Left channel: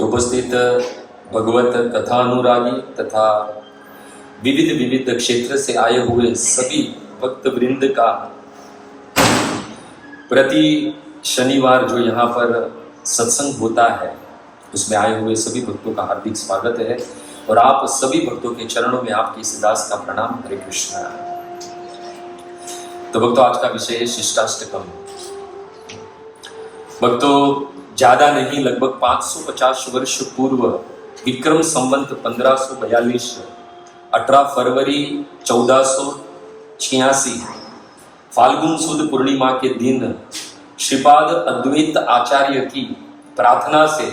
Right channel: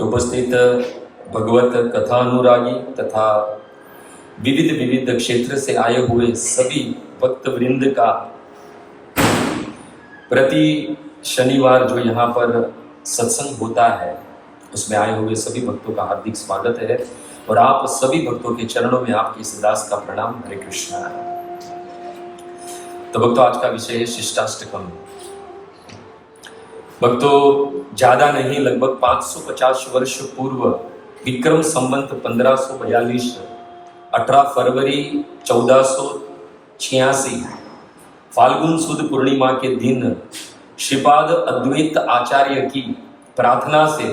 तो उपस्थित भगवत कथा अनुरागी तथा विविध विविध क्षेत्र से आए हुए सभी भक्त वृंद का प्रति शनिवार जो यहाँ पर सत्संग होता है उसमें आए हुए सभी भक्तों का हार्दिक स्वागत है और आप सभी भक्तों के चरणों में आपके इस दास का प्रणाम। हरे कृष्णा। तो भक्तों, आज का विषय है शिष्टाष्टकम। भक्तों, ज्यादा नहीं, लगभग 550 वर्ष पूर्व विक्रम संवत 1542 18 फरवरी 1486 फाल्गुन सुद पूर्णिमा के दिन श्रीपाद अद्वैत आचार्य की प्रार्थना से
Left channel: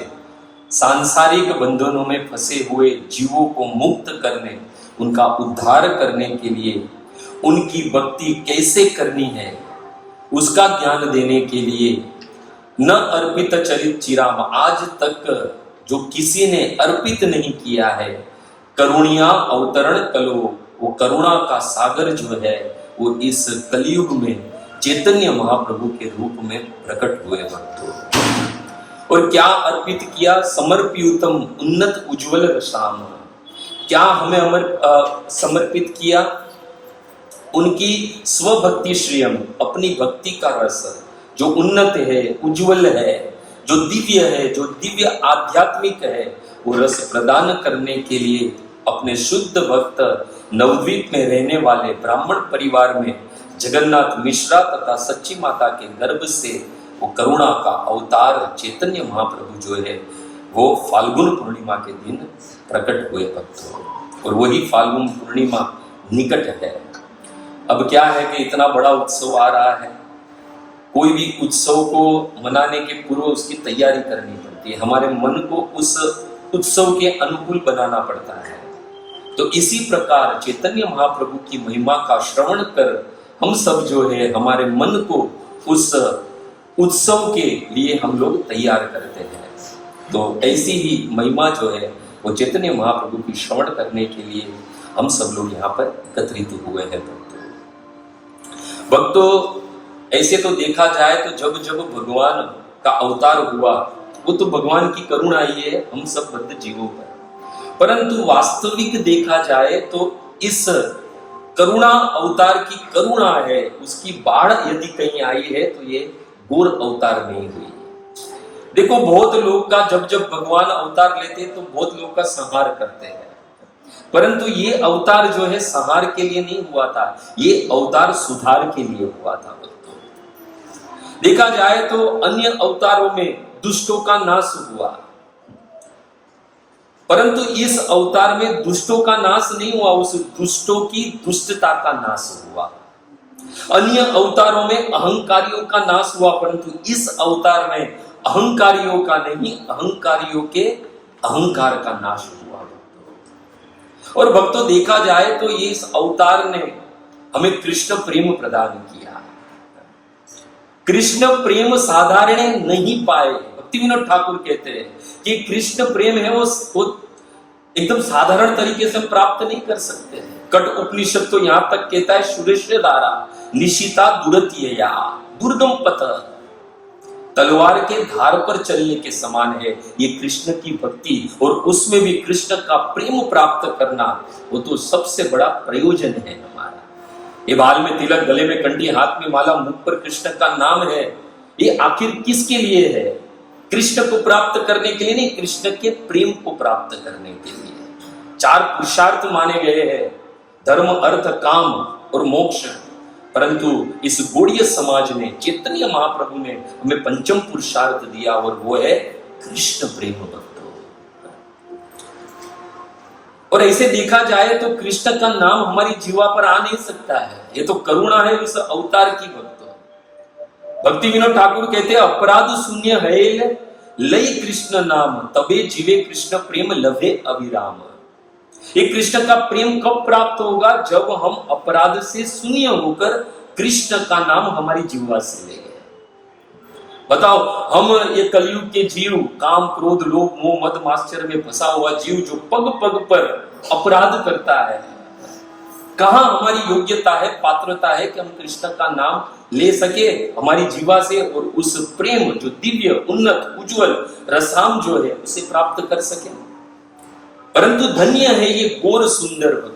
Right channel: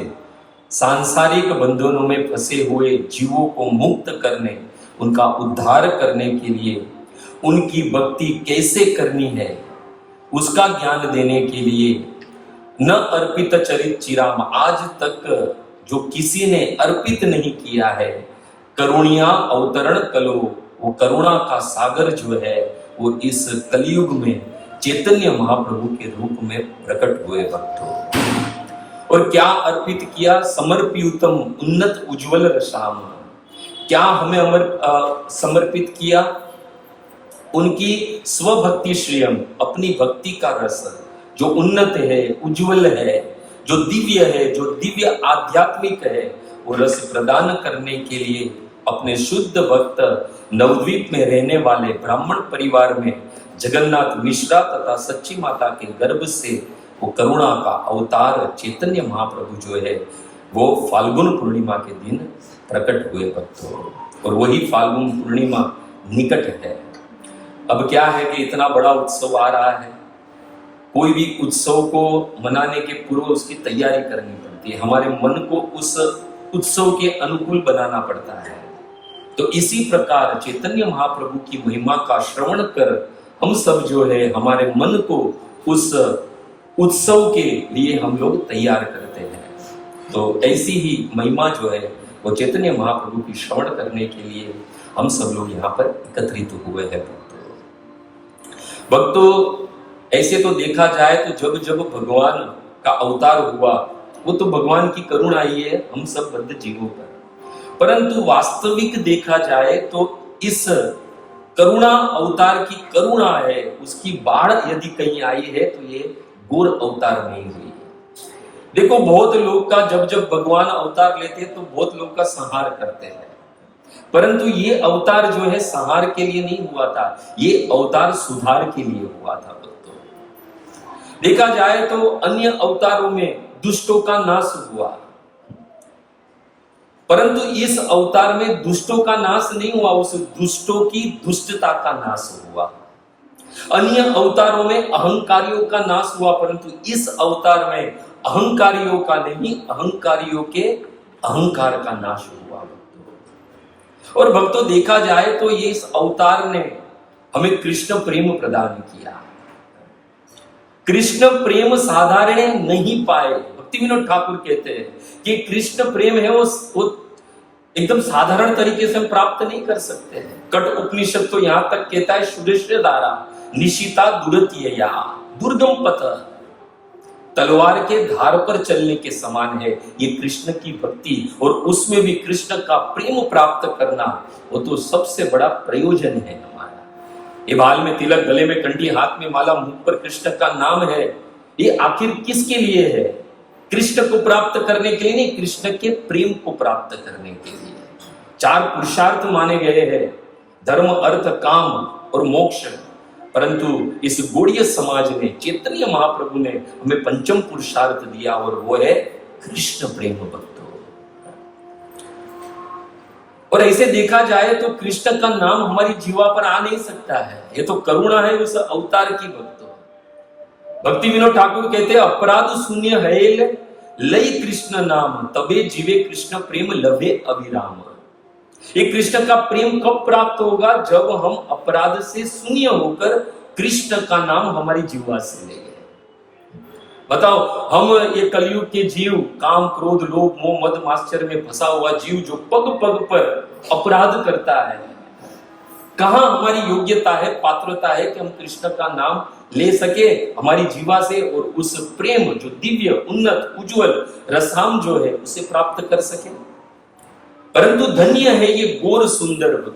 सांसारिक बंधनों में फंसे हुए जीवों को मुक्त करने, उनका उद्धार करने के लिए उनकी भक्ति कैसे करनी है उसका ज्ञान देने के लिए न अर्पित चरित चिराम, आज तक जो किसी ने अर्पित नहीं किया है, करुणिया अवतरण कलो, वो करुणा का सागर जो है वो इस कलयुग में चैतन्य महाप्रभु के रूप में प्रकट हुए भक्तों। और क्या अर्पित किया? समर्पितम उन्नत उज्ज्वल रसाम। क्या हमें समर्पित किया? उनकी स्वभक्ति श्रियम, अपनी भक्ति का रस जो उन्नत है, उज्ज्वल है, जो दिव्य है, जो दिव्य आध्यात्मिक है, वो रस प्रदान करने के लिए अपने शुद्ध भक्त नवद्वीप में रहने वाले ब्राह्मण परिवार में जगन्नाथ मिश्रा तथा सच्ची माता के गर्भ से वो करुणा का अवतार चैतन्य महाप्रभु जो है वो फाल्गुन पूर्णिमा के दिन प्रकट हुए भक्तों। और वही फाल्गुन पूर्णिमा निकट है। अब क्या है कि इतना बड़ा उत्सव आ रहा है, कोई भी उत्सव को मनाने के पूर्व उसकी तैयारी करनी पड़ती है, हमारे मन को उस उत्सव के अनुकूल बनाना पड़ता है। तो इसी प्रकार चैतन्य महाप्रभु की महिमा का श्रवण कर हम सब जो है हमारे मन को उस उत्सव के लिए हम लोग तैयार करते हैं। तो ऐसी ही महिमा जो है वो चैतन्य महाप्रभु की श्रवण करने के लिए हम सब लोग यहाँ पर एकत्रित हुए हैं भक्तों। ऐसे तो देखा जाए तो जब जब भगवान का अवतार हुआ वो तो भगवान की करुणा ही है हम सब बद्ध जीवों पर, परंतु वास्तविक देखा जाए तो इस करुणा अवतार की करुणा है, उसकी बाढ़ यदि कहीं आई है तो ये गौर अवतार नहीं हुई। देखो, बहुत लोग का जब जब भगवान अवतार लेते तो बहुत लोग का संहार करते हैं, परंतु ये अवतार जो है संहार के लिए नहीं हुआ था, ये अवतार सुधार के लिए हुआ था। देखा जाए तो अन्य अवतारों में दुष्टों का नाश हुआ, परंतु इस अवतार में दुष्टों का नाश नहीं हुआ, उस दुष्टों की दुष्टता का नाश हुआ। अन्य अवतारों में अहंकारियों का नाश हुआ, परंतु इस अवतार में अहंकारियों का नहीं, अहंकारियों के अहंकार का नाश हुआ भक्तों। और भक्तों, देखा जाए तो ये इस अवतार ने हमें कृष्ण प्रेम प्रदान किया। कृष्ण प्रेम साधारण नहीं पाए। भक्ति विनोद ठाकुर कहते हैं कि कृष्ण प्रेम है वो एकदम साधारण तरीके से हम प्राप्त नहीं कर सकते हैं। कट उपनिषद तो यहां तक कहता है सुरेश्वर धारा निशिता दुरतिया, दुर्गम पथ, तलवार के धार पर चलने के समान है ये कृष्ण की भक्ति। और उसमें भी कृष्ण का प्रेम प्राप्त करना वो तो सबसे बड़ा प्रयोजन है हमारा। ये बाल में तिलक, गले में कंठी, हाथ में माला, मुख पर कृष्ण का नाम है, ये आखिर किसके लिए है? कृष्ण को प्राप्त करने के लिए नहीं, कृष्ण के प्रेम को प्राप्त करने के लिए। 4 पुरुषार्थ माने गए हैं, धर्म, अर्थ, काम और मोक्ष, परंतु इस गौड़ीय समाज ने, चैतन्य महाप्रभु ने हमें पंचम पुरुषार्थ दिया और वो है कृष्ण प्रेम भक्तों। और ऐसे देखा जाए तो कृष्ण का नाम हमारी जीवा पर आ नहीं सकता है, ये तो करुणा है उस अवतार की भक्तों। भक्ति विनोद ठाकुर कहते हैं अपराध शून्य है लई कृष्ण नाम, तबे जीवे कृष्ण प्रेम लभे अविराम। ये कृष्ण का प्रेम कब प्राप्त होगा? जब हम अपराध से शून्य होकर कृष्ण का नाम हमारी जीवा से ले गए। बताओ, हम ये कलयुग के जीव, काम, क्रोध, लोभ, मोह, मद, माश्चर्य में फंसा हुआ जीव जो पग पग पर अपराध करता है, कहां हमारी योग्यता है, पात्रता है कि हम कृष्ण का नाम ले सके हमारी जीवा से, और उस प्रेम जो दिव्य उन्नत उज्जवल रसाम जो है उसे प्राप्त कर सके। परंतु धन्य है ये गौर सुंदर भक्त,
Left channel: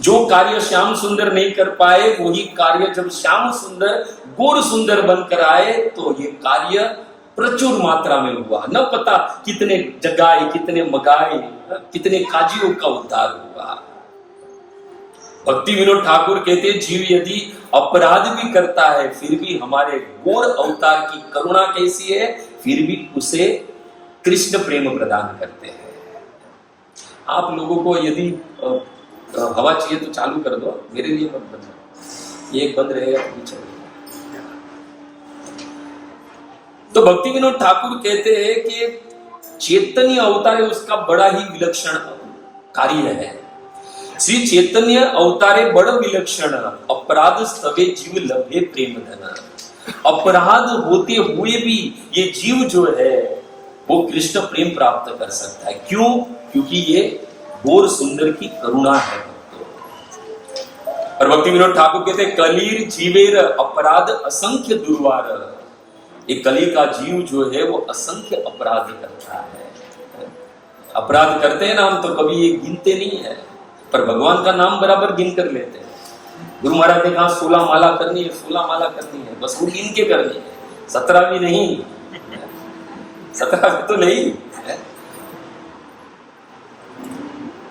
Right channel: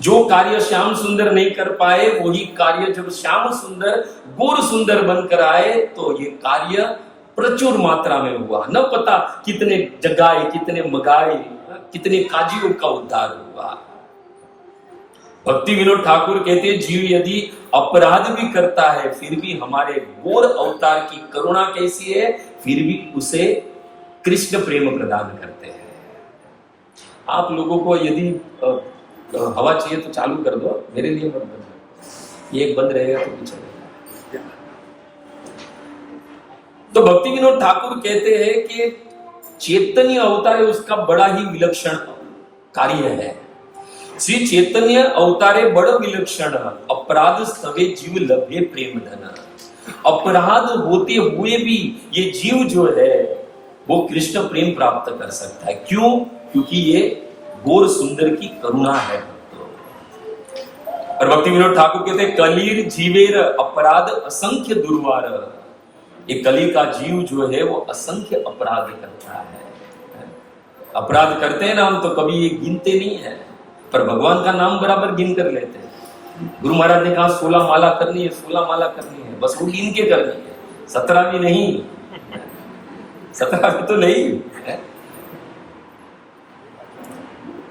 जो कार्य श्याम सुंदर नहीं कर पाए वही कार्य जब श्याम सुंदर गौर सुंदर बनकर आए तो ये कार्य प्रचुर मात्रा में हुआ। न पता कितने जगाए, कितने मगाए, कितने काजियों का उद्धार हुआ। भक्ति विनोद ठाकुर कहते जीव यदि अपराध भी करता है फिर भी हमारे गौर अवतार की करुणा कैसी है, फिर भी उसे कृष्ण प्रेम प्रदान करते हैं। आप लोगों को यदि हवा चाहिए तो चालू कर दो, मेरे लिए मत बंद, ये बंद रहेगा तो भी चलेगा। तो भक्ति विनोद ठाकुर कहते हैं कि चैतन्य अवतार उसका बड़ा ही विलक्षण कार्य है। श्री चैतन्य अवतारे बड़ विलक्षण, अपराध स्तवे जीव लभे प्रेम धन। अपराध होते हुए भी ये जीव जो है वो कृष्ण प्रेम प्राप्त कर सकता है। क्यों? क्योंकि ये गौर सुंदर की करुणा है। और भक्ति विनोद ठाकुर कहते कलीर जीवेर अपराध असंख्य दुर्वार। ये कली का जीव जो है वो असंख्य अपराध करता है। अपराध करते हैं ना हम तो कभी ये गिनते नहीं है, पर भगवान का नाम बराबर गिन कर लेते हैं। गुरु महाराज ने कहा 16 माला करनी है, 16 माला करनी है, बस वो गिन के करनी है, 17 भी नहीं, 17 भी तो नहीं।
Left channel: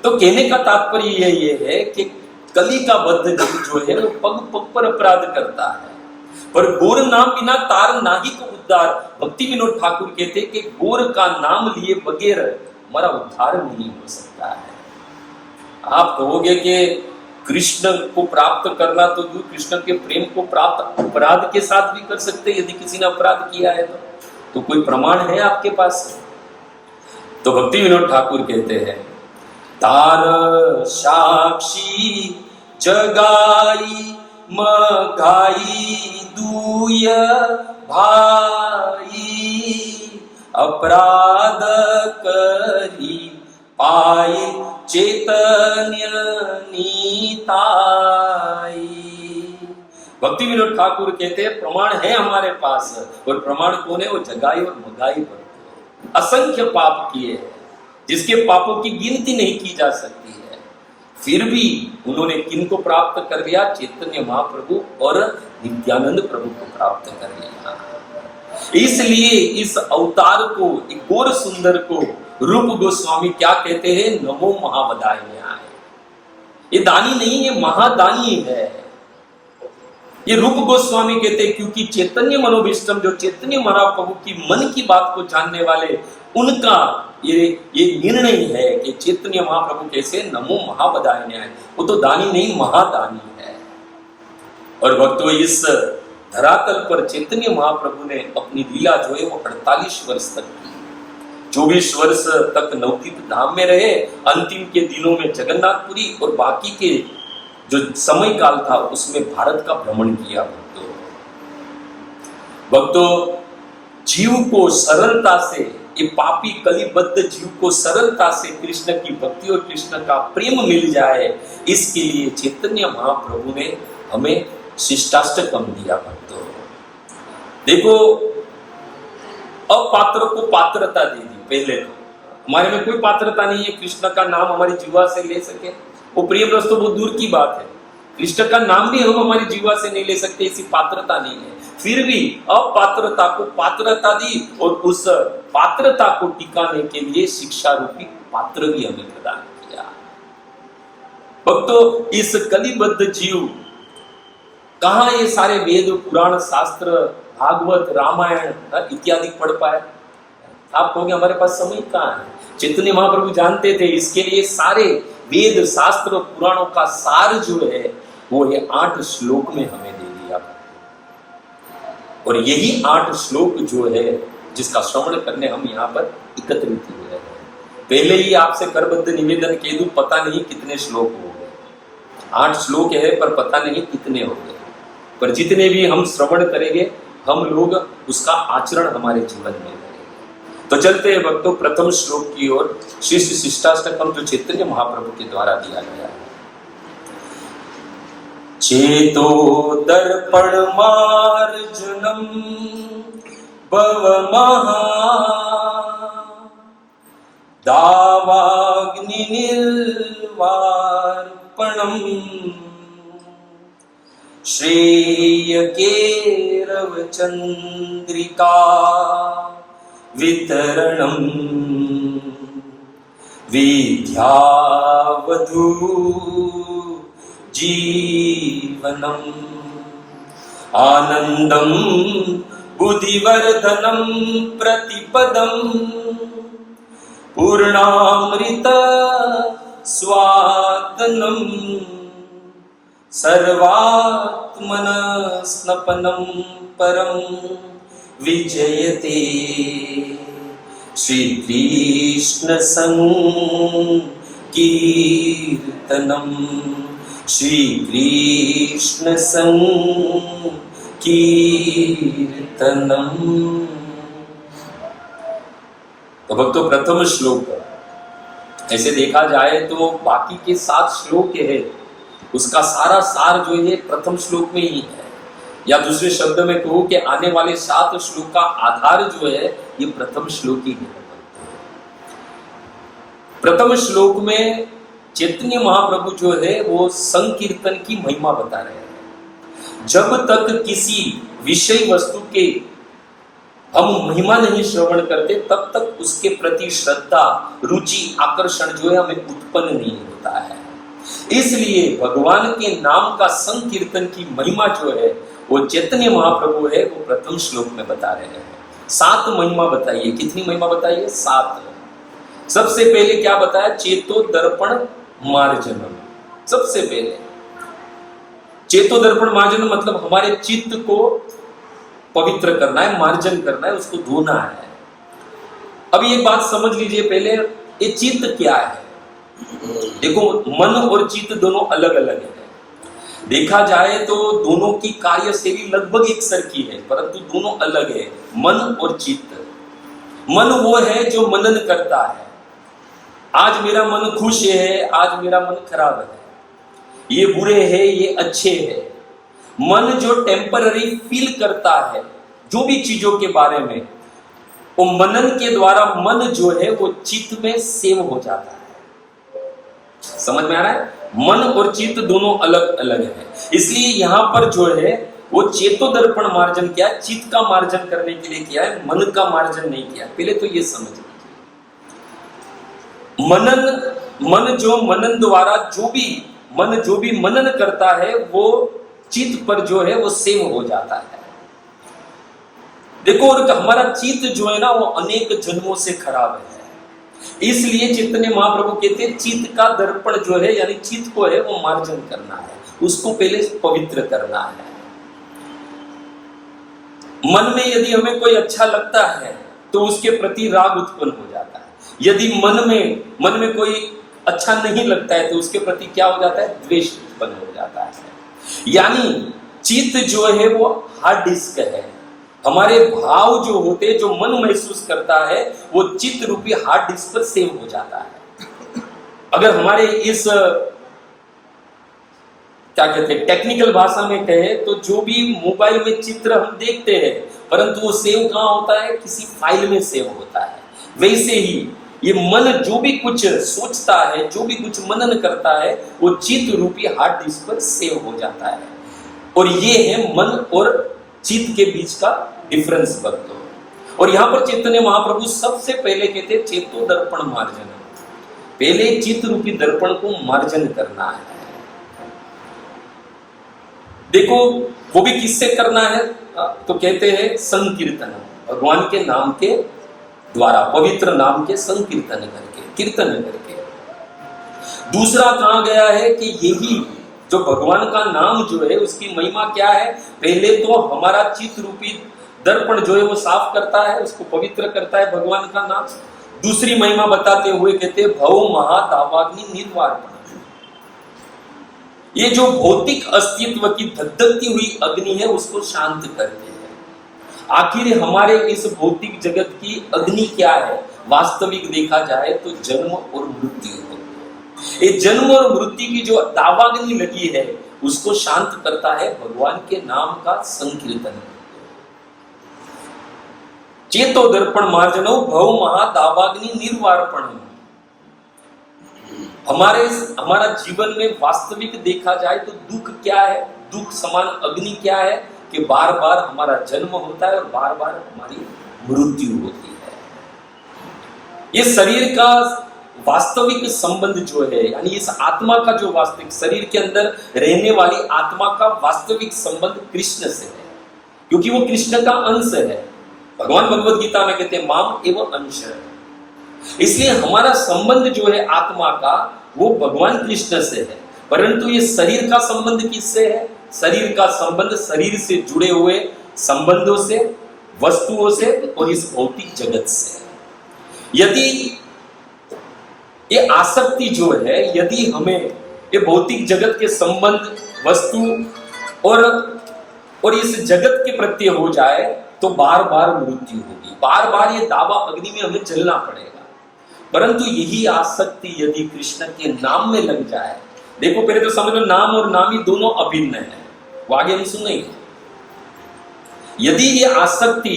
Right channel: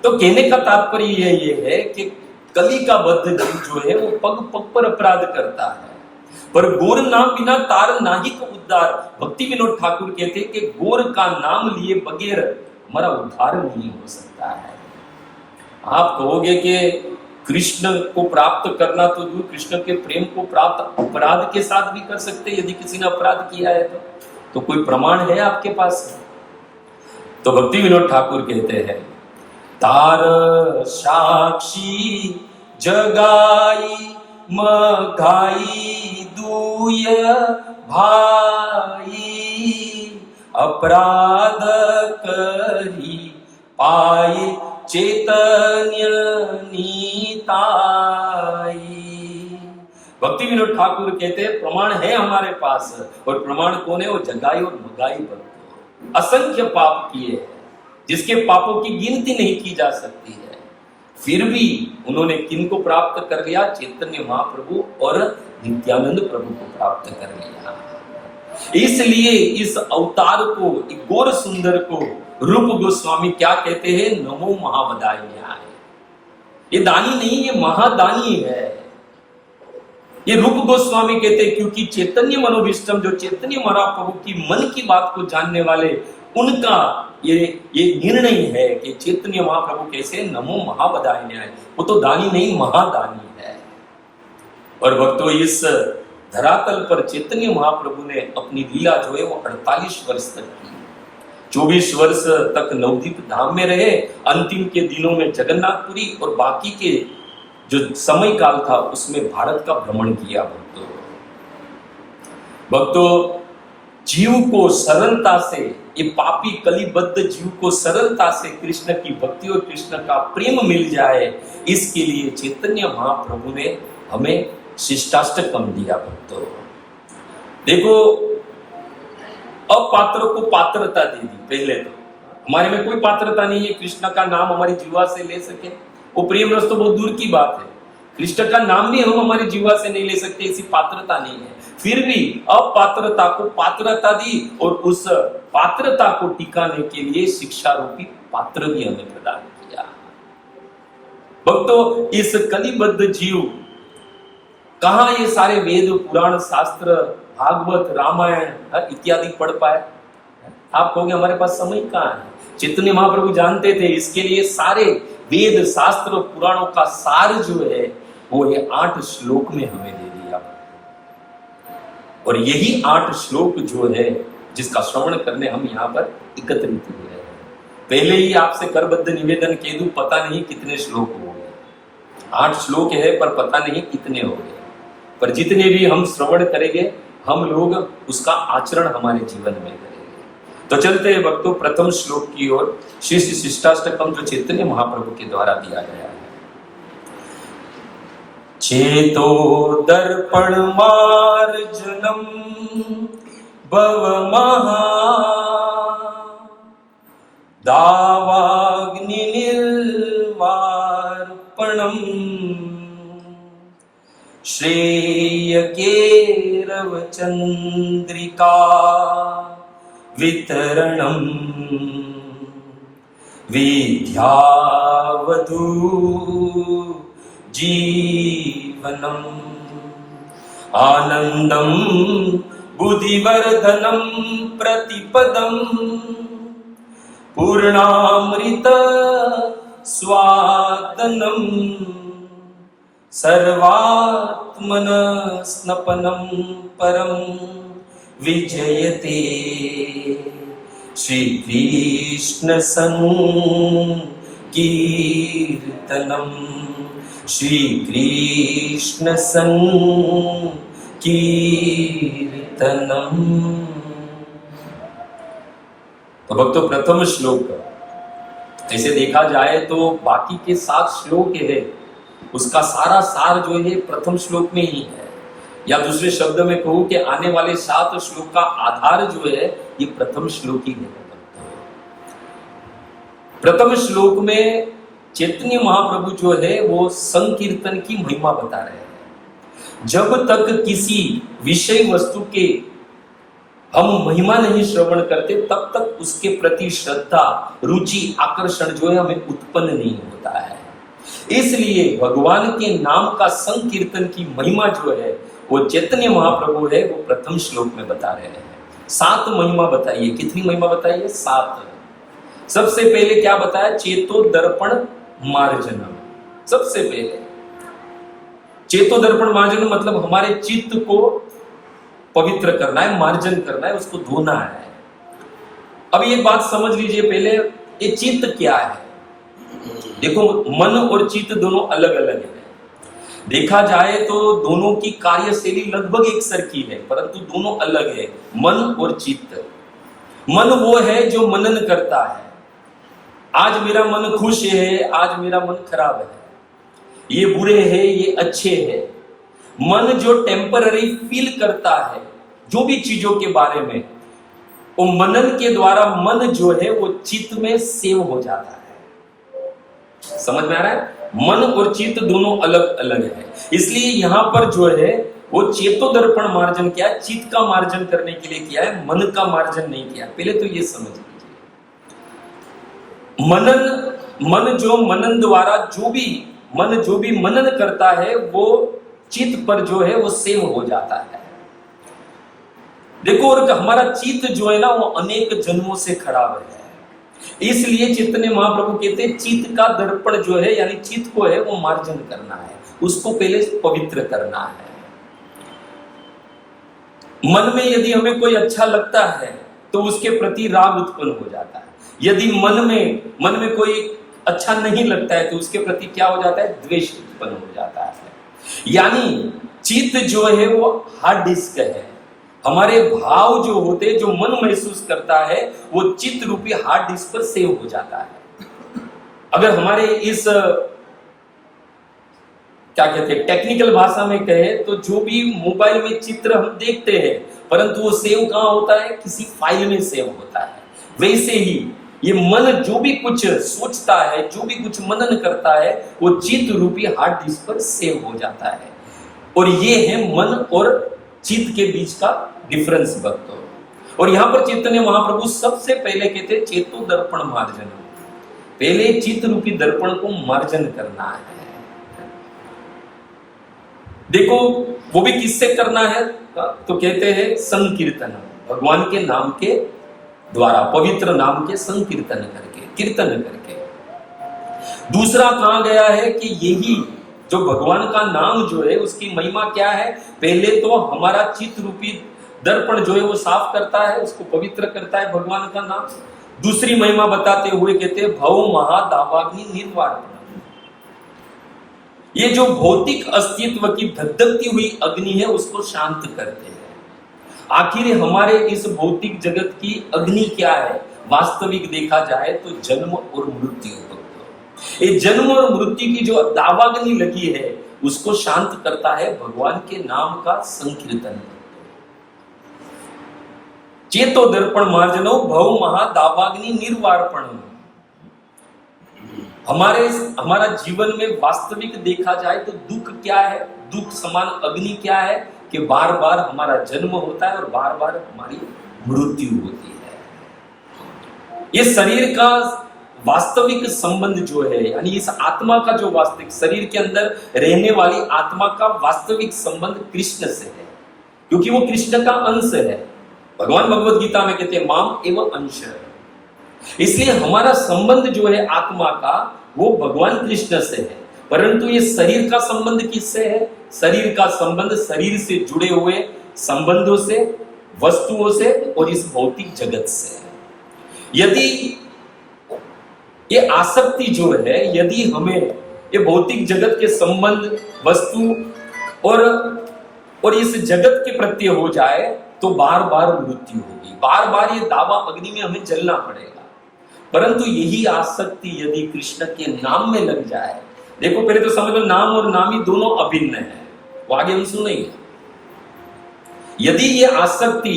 तो कहने का तात्पर्य ये है कि कली का बद्ध जीव जो है वो पग पग पर अपराध करता है, पर गौर नाम बिना तार नाही को उद्धार। भक्ति विनोद ठाकुर कहते कि गौर का नाम लिए बगैर हमारा उद्धार नहीं हो सकता है। आप कहोगे कि कृष्ण को प्राप्त करना तो दूर, कृष्ण के प्रेम को प्राप्त अपराध के साथ भी कर सकते, यदि किसी ने अपराध किया है तो कोई प्रमाण है आपके पास? तो भक्ति विनोद ठाकुर कहते हैं तार साक्षी जगाई मघाई दूय भाई, अपराध करी पाई चैतन्य नीताई। भक्ति विनोद ठाकुर कहते हैं प्रमाण है हमारे पास, और प्रमाण कौन है? वो जगाई और मगाई भक्त, असंख्य पाप किए, जिसके पापों की गिनती नहीं की जा सकती है, फिर भी उन्होंने किन को प्राप्त कर लिया? चैतन्य महाप्रभु और नित्यानंद प्रभु को प्राप्त कर लिया। इसलिए इस अवतार को, एक गौर सुंदर को रूप गोस्वामी क्या कहते हैं? नमो महावदान्याय। ये दानी नहीं, ये महादानी है। ये रूप गोस्वामी कहते हैं क्योंकि चैतन्य मनोभिष्टम, जो चैतन्य महाप्रभु की मन की बात को जानने वाले, उनका ये निर्णय है कि चैतन्य महाप्रभु कैसे नमो महावदान्याय। वो तो दानी नहीं, महादानी है। और भक्तों, इस धरातल पर चैतन्य महाप्रभु ने अपनी लीला जो है वो 48 वर्ष तक की। 24 वर्ष तक नवदीप धाम में रहे, अंतिम के दिनों में जगन्नाथपुरी, और बाकी के जो समय काल था उसमें भारत का भ्रमण किया। भक्तों, जीव को सरलता से, ये पापी कलिबद्ध जीव को सरलता से कृष्ण की भक्ति और कृष्ण का प्रेम मिल जाए, इसके लिए चैतन्य महाप्रभु ने हमें शिष्टाष्टकम दिया। भक्तों देखो, अपात्र को पात्रता दे दी। पहले तो हमारे में कोई पात्रता नहीं है कृष्ण का नाम हमारी जीवा से ले सके, वो प्रेम रस तो बहुत दूर की बात है। कृष्ण का नाम भी हम हमारी जीवा से नहीं ले सकते, ऐसी पात्रता नहीं है। फिर भी अपात्रता को पात्रता दी, और उस पात्रता को टिकाने के लिए शिक्षा रूपी पात्र भी हमें प्रदान किया। भक्तों, इस कलिबद्ध जीव कहां ये सारे वेद पुराण शास्त्र भागवत रामायण इत्यादि पढ़ पाए? आप कहोगे हमारे पास समय कहां है। चैतन्य महाप्रभु जानते थे, इसके लिए सारे वेद शास्त्र पुराणों का सार जो है वो ये 8 श्लोक में हमें दे दिया। और यही 8 श्लोक जो है जिसका श्रवण करने हम यहाँ पर एकत्रित हुए हैं। पहले ही आपसे करबद्ध निवेदन कह दूं, पता नहीं कितने श्लोक हो गए। 8 श्लोक है पर पता नहीं कितने हो गए, पर जितने भी हम श्रवण करेंगे हम लोग उसका आचरण हमारे जीवन में करेंगे। तो चलते हैं भक्तों प्रथम श्लोक की ओर। शिष्य शिष्टाष्टकम जो चैतन्य महाप्रभु के द्वारा दिया गया है। चेतो दर्पण मार्जनम भव महा दावाग्नि निर्वार्पणम श्रेयकेरव चंद्रिका वितरणम विद्यावधू जीवनम आनंदम बुद्धिवर्धनम प्रतिपदम पूर्णामृत स्वादनम सर्वात्मन स्नपनम परम विजयते श्री कृष्ण संकीर्तनम श्री कृष्ण संकीर्तनम। तो भक्तों, प्रथम श्लोक ऐसे देखा जाए तो बाकी के 7 श्लोक है उसका सारा सार जो है प्रथम श्लोक में ही है, या दूसरे शब्द में कहूं कि आने वाले 7 श्लोक का आधार जो है ये प्रथम श्लोक ही है। प्रथम श्लोक में चैतन्य महाप्रभु जो है वो संकीर्तन की महिमा बता रहे हैं। जब तक किसी विषय वस्तु के हम महिमा नहीं श्रवण करते तब तक उसके प्रति श्रद्धा, रुचि, आकर्षण जो है हमें उत्पन्न नहीं होता है। इसलिए भगवान के नाम का संकीर्तन की महिमा जो है वो चैतन्य महाप्रभु है वो प्रथम श्लोक में बता रहे हैं। 7 महिमा बताइए। कितनी महिमा बताइए? 7। सबसे पहले क्या बताया? चेतो दर्पण मार्जनम। सबसे पहले चेतो दर्पण मार्जनम मतलब हमारे चित्त को पवित्र करना है, मार्जन करना है, उसको धोना है। अब ये बात समझ लीजिए पहले, ये चित्त क्या है? देखो, मन और चित्त दोनों अलग अलग है। देखा जाए तो दोनों की कार्यशैली लगभग एक सरखी है, परंतु दोनों अलग है, मन और चित्त। मन वो है जो मनन करता है, आज मेरा मन खुश है, आज मेरा मन खराब है, ये बुरे हैं, ये अच्छे हैं। मन जो टेम्पररी फील करता है जो भी चीजों के बारे में, वो मनन के द्वारा मन जो है वो चित्त में सेव हो जाता है। समझ में आ रहा है? मन और चित्त दोनों अलग अलग है। इसलिए यहां पर जो है वो चेतो दर्पण मार्जन क्या है? चित्त का मार्जन करने के लिए किया है, मन का मार्जन नहीं किया। पहले तो ये समझ लीजिए। मन जो मनन द्वारा जो भी मनन करता है वो चित्त पर जो है वो सेव हो जाता है। देखो, और हमारा चित्त जो है ना वो अनेक जन्मों से खराब है। इसलिए चैतन्य महाप्रभु कहते हैं चित्त का दर्पण जो है यानी चित्त को है वो मार्जन करना है, उसको पहले पवित्र करना है। मन में यदि हमें कोई अच्छा लगता है तो उसके प्रति राग उत्पन्न हो जाता है। यदि मन में कोई अच्छा नहीं लगता है तो उसके प्रति क्या हो जाता है? द्वेष उत्पन्न हो जाता है। यानी चित्त जो है वो हार्ड डिस्क है। हमारे भाव जो होते हैं, जो मन महसूस करता है, वो चित्त रूपी हार्ड डिस्क पर सेव हो जाता है। अगर हमारे इस क्या कहते हैं टेक्निकल भाषा में कहे तो जो भी मोबाइल में चित्र हम देखते हैं परंतु वो सेव कहां होता है? किसी फाइल में सेव होता है। वैसे ही ये मन जो भी कुछ सोचता है, जो भी कुछ मनन करता है, वो चित्त रूपी हार्ड डिस्क पर सेव हो जाता है। और ये है मन और चित्त के बीच का डिफरेंस भक्तों। और यहां पर चैतन्य महाप्रभु सबसे पहले कहते हैं चेतो दर्पण मार्जन। पहले चित्त रूपी दर्पण को मार्जन करना है। देखो, वो भी किससे करना है? तो कहते हैं संकीर्तन, भगवान के नाम के द्वारा, पवित्र नाम के संकीर्तन करके, कीर्तन करके। दूसरा कहा गया है कि यही जो भगवान का नाम जो है उसकी महिमा क्या है? पहले तो हमारा चित्त रूपी दर्पण जो है वो साफ करता है, उसको पवित्र करता है भगवान का नाम। दूसरी महिमा बताते हुए कहते हैं भव महादावाग्नि निर्वापन। ये जो भौतिक अस्तित्व की धधकती हुई अग्नि है उसको शांत करते हैं। आखिर हमारे इस भौतिक जगत की अग्नि क्या है? वास्तविक देखा जाए तो जन्म और मृत्यु। ये जन्म और मृत्यु की जो दावाग्नि लगी है उसको शांत करता है भगवान के नाम का संकीर्तन। चेतो दर्पण मार्जनो भव महादावाग्नि निर्वापणम। हमारा जीवन में वास्तविक देखा जाए तो दुख क्या है, दुख समान अग्नि क्या है कि बार बार हमारा जन्म होता है और बार बार हमारी मृत्यु होती है। ये शरीर का वास्तविक संबंध जो है, यानी इस आत्मा का जो वास्तविक शरीर के अंदर रहने वाली आत्मा का वास्तविक संबंध कृष्ण से है, क्योंकि वो कृष्ण का अंश है। भगवान भगवद गीता में कहते हैं माम एवं अंश। इसलिए हमारा संबंध जो है आत्मा का वो भगवान कृष्ण से है। परंतु ये शरीर का संबंध किससे है? शरीर का संबंध शरीर से जुड़े हुए संबंधों से, वस्तुओं से और इस भौतिक जगत से। यदि ये आसक्ति जो है, यदि हमें ये भौतिक जगत के संबंध, वस्तु और इस जगत के प्रति हो जाए तो बार बार मृत्यु होगी, बार बार ये दावा अग्नि में हमें जलना पड़ेगा। परंतु यही आसक्ति यदि कृष्ण के नाम में लग जाए, देखो पहले तो समझ लो नाम और नामी दोनों अभिन्न है, वो आगे हम सुनेंगे। यदि ये आसक्ति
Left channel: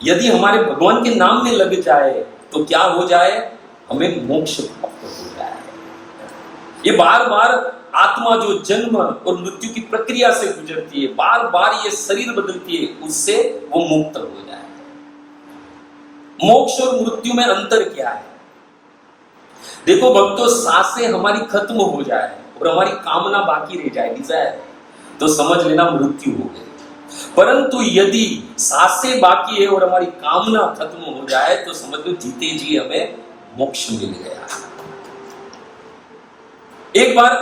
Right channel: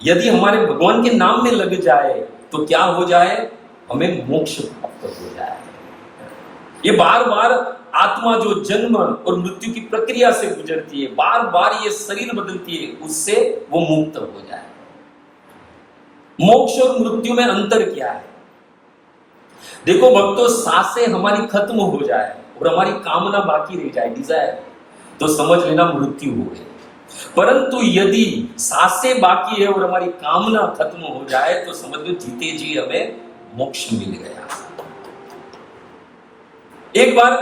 यदि हमारे भगवान के नाम में लग जाए तो क्या हो जाए? हमें मोक्ष प्राप्त हो जाए। ये बार बार आत्मा जो जन्म और मृत्यु की प्रक्रिया से गुजरती है, बार बार ये शरीर बदलती है, उससे वो मुक्त हो जाए। मोक्ष और मृत्यु में अंतर क्या है? देखो भक्तों, सांसें हमारी खत्म हो जाए और हमारी कामना बाकी रह जाए, डिजायर, तो समझ लेना मृत्यु हो गई। परंतु यदि सांसें बाकी है और हमारी कामना खत्म हो जाए तो समझ लो जीते जी हमें मोक्ष मिल गया। एक बार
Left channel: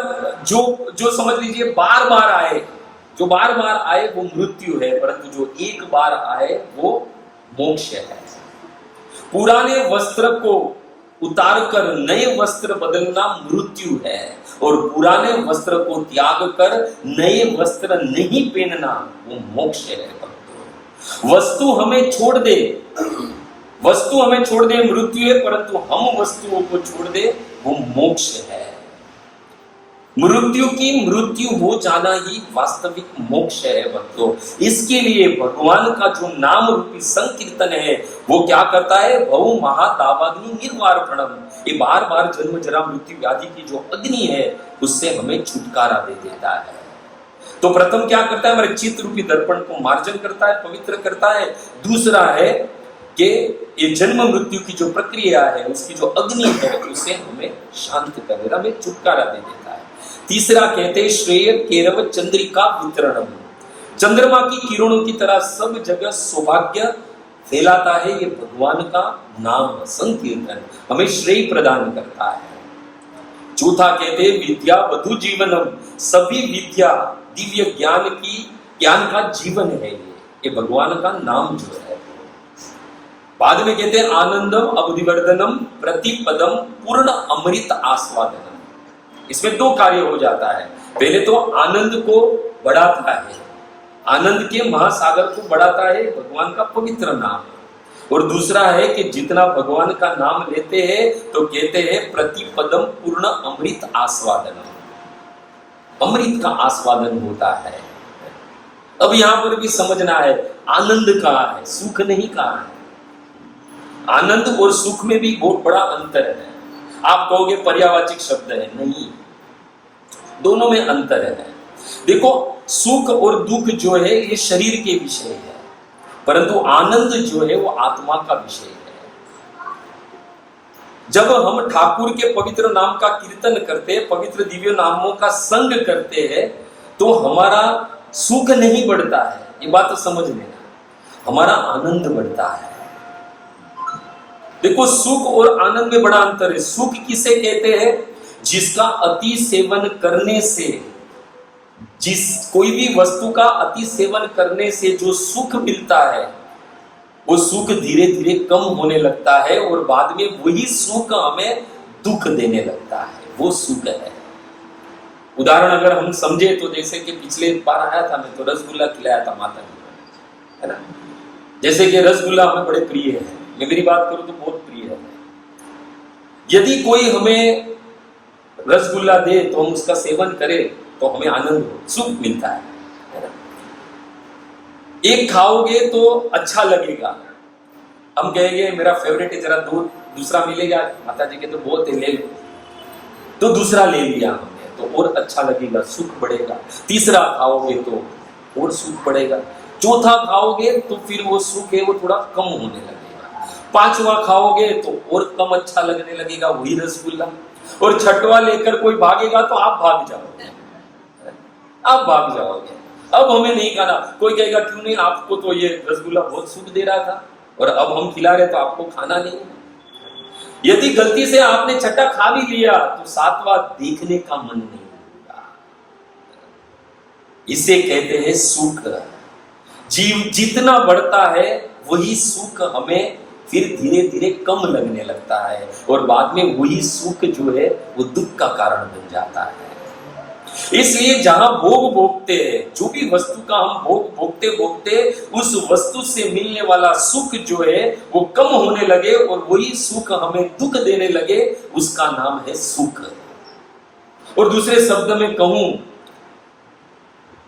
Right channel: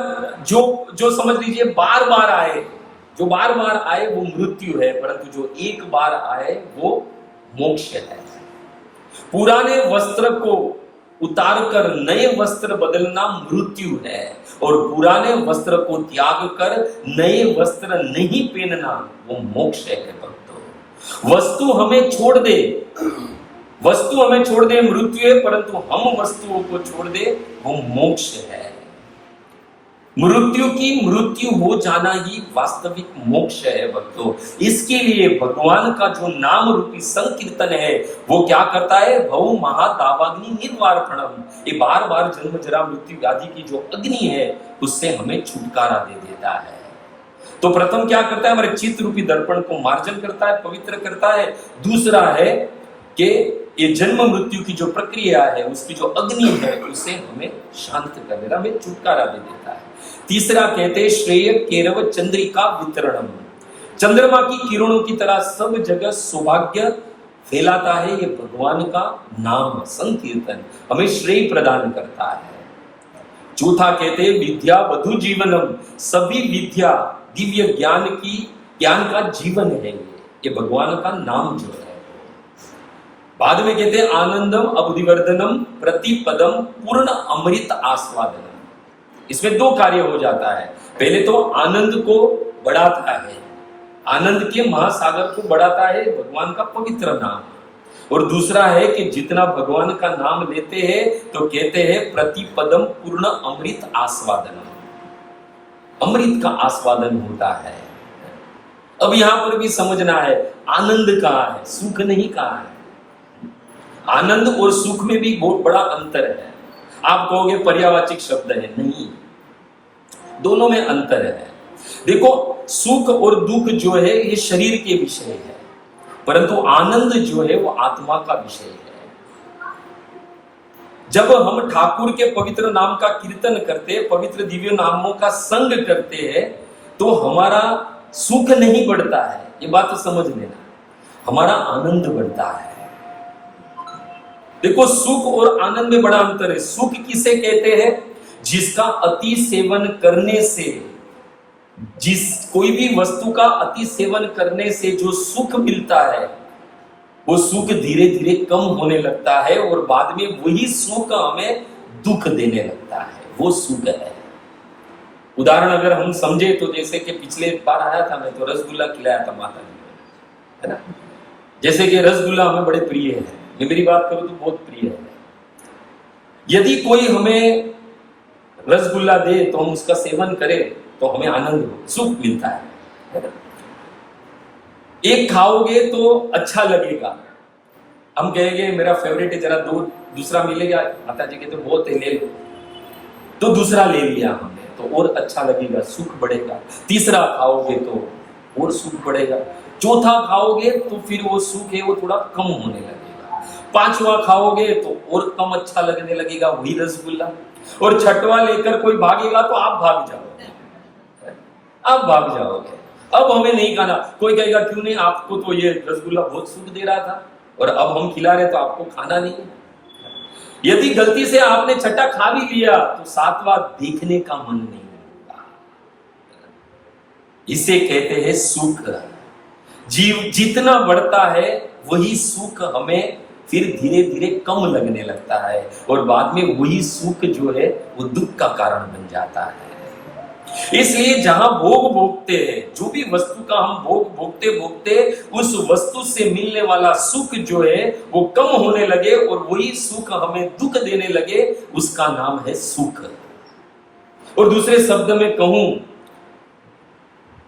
जो समझ लीजिए बार बार आए, जो बार बार आए वो मृत्यु है, परंतु जो एक बार आए वो मोक्ष है। पुराने वस्त्र को उतारकर नए वस्त्र बदलना मृत्यु है, और पुराने वस्त्र को त्याग कर नए वस्त्र नहीं पहनना वो मोक्ष है। भक्तों, वस्तु हमें छोड़ दे, वस्तु हमें छोड़ दे मृत्यु है, परंतु हम वस्तुओं को छोड़ दे वो मोक्ष है। मृत्यु की मृत्यु हो जाना ही वास्तविक मोक्ष है भक्तों। इसके लिए भगवान का जो नाम रूपी संकीर्तन है वो क्या करता है? भव महातापाग्नि निर्वापणम। ये बार बार जन्म जरा मृत्यु व्याधि की जो अग्नि है उससे हमें छुटकारा दे देता है। तो प्रथम क्या करता है? हमारे चित्त रूपी दर्पण को मार्जन करता है, पवित्र करता है। दूसरा है कि ये जन्म मृत्यु की जो प्रक्रिया है उसकी जो अग्नि है उसे हमें शांत कर देता, हमें छुटकारा दे देता है। तीसरा कहते श्रेय केरव चंद्रिका वितरणम। चंद्रमा की किरणों की तरह सब जगह सौभाग्य फैलाता है ये भगवान का नाम संकीर्तन, हमें श्रेय प्रदान करता है। चौथा कहते विद्या वधु जीवनम। सभी विद्या दिव्य ज्ञान का जीवन है ये भगवान का नाम जो है। बाद में कहते आनंदम अबुधिवर्धनम प्रतिपदम पूर्ण अमृत आस्वादनम। इसमें दो कार्य हो जाता है। पहले तो आनंद को बढ़ाता है, आनंद के महासागर को बढ़ाता है भगवान का पवित्र नाम, और दूसरा है कि जितना भगवान का नाम लेते हैं तो कहते हैं प्रतिपदम पूर्ण अमृत आस्वादन, अमृत का आस्वादन होता है। अब यहां पर भी समझना है आनंद कहां है, सुख नहीं कहां है। आनंद और सुख में भी बहुत बड़ा अंतर है। आप कहोगे पर्यावाचिक शब्द है, नहीं, दोनों में अंतर है। देखो सुख और दुख जो है ये शरीर के विषय है, परंतु आनंद जो है वो आत्मा का विषय है। जब हम ठाकुर के पवित्र नाम का कीर्तन करते, पवित्र दिव्य नामों का संग करते हैं तो हमारा सुख नहीं बढ़ता है, ये बात तो समझ लेना, हमारा आनंद बढ़ता है। देखो सुख और आनंद में बड़ा अंतर है। सुख किसे कहते हैं? जिसका अति सेवन करने से, कोई भी वस्तु का अति सेवन करने से जो सुख मिलता है वो सुख धीरे धीरे कम होने लगता है और बाद में वही सुख हमें दुख देने लगता है, वो सुख है। उदाहरण अगर हम समझे तो जैसे कि पिछले बार आया था मैं तो रसगुल्ला खिलाया था माता जी को, है ना। जैसे कि रसगुल्ला हमें बड़े प्रिय है, ये मेरी बात करूं तो बहुत प्रिय है। यदि कोई हमें रसगुल्ला दे तो हम उसका सेवन करें तो तो हमें आनंद सुख मिलता है ना? एक खाओगे तो अच्छा लगेगा, हम कहेंगे मेरा फेवरेट है, जरा दो दूसरा मिलेगा, माता जी के तो बहुत है, ले लो, तो दूसरा ले लिया हमने तो और अच्छा लगेगा, सुख बढ़ेगा। तीसरा खाओगे तो और सुख बढ़ेगा। चौथा खाओगे तो फिर वो सुख है वो थोड़ा कम होने लगेगा। पांचवा खाओगे तो और कम अच्छा लगने लगेगा, वही रसगुल्ला। और छठवा लेकर कोई भागेगा तो आप भाग जाओगे, आप भाग जाओगे, अब हमें नहीं खाना। कोई कहेगा क्यों नहीं, आपको तो ये रसगुल्ला बहुत सुख दे रहा था और अब हम खिला रहे तो आपको खाना नहीं है। यदि गलती से आपने छठा खा भी लिया तो सातवां देखने का मन नहीं होगा। इसे कहते हैं सुख। जीव जितना बढ़ता है वही सुख हमें फिर धीरे धीरे कम लगने लगता है और बाद में वही सुख जो है वो दुख का कारण बन जाता है। इसलिए जहां भोग भोगते हैं, जो भी वस्तु का हम भोग भोगते भोगते उस वस्तु से मिलने वाला सुख जो है वो कम होने लगे और वही सुख हमें दुख देने लगे, उसका नाम है सुख। और दूसरे शब्द में कहूं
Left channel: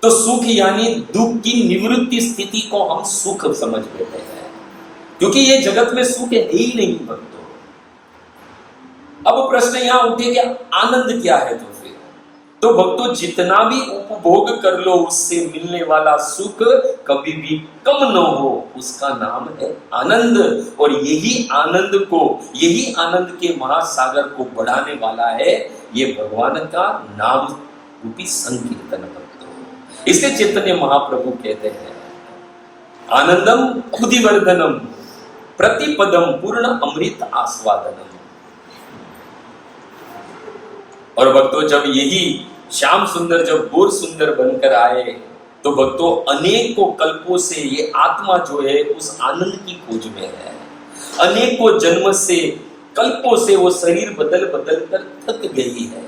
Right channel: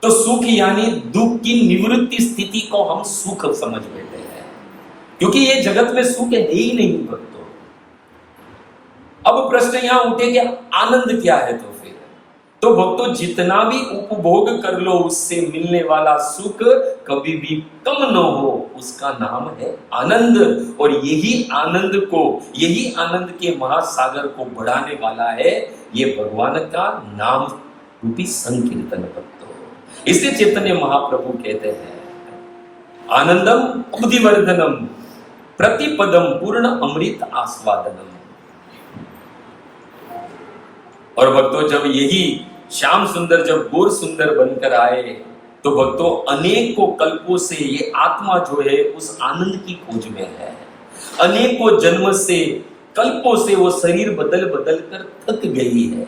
तो सुख यानी दुख की निवृत्ति स्थिति को हम सुख समझ बैठे हैं, क्योंकि ये जगत में सुख है ही नहीं भक्तों। अब प्रश्न यहां उठे कि आनंद क्या है? तो भक्तों जितना भी उपभोग कर लो उससे मिलने वाला सुख कभी भी कम न हो, उसका नाम है आनंद। और यही आनंद को, यही आनंद के महासागर को बढ़ाने वाला है ये भगवान का नाम रूपी संकीर्तन भक्तों। इसे चैतन्य महाप्रभु कहते हैं आनंदम बुद्धिवर्धनम प्रतिपदम पूर्ण अमृत आस्वादनम। और भक्तों जब यही श्याम सुंदर जब गौर सुंदर बनकर आए तो भक्तों अनेकों कल्पों से ये आत्मा जो है उस आनंद की खोज में है। अनेकों जन्म से, कल्पों से वो शरीर बदल बदल कर थक गई है।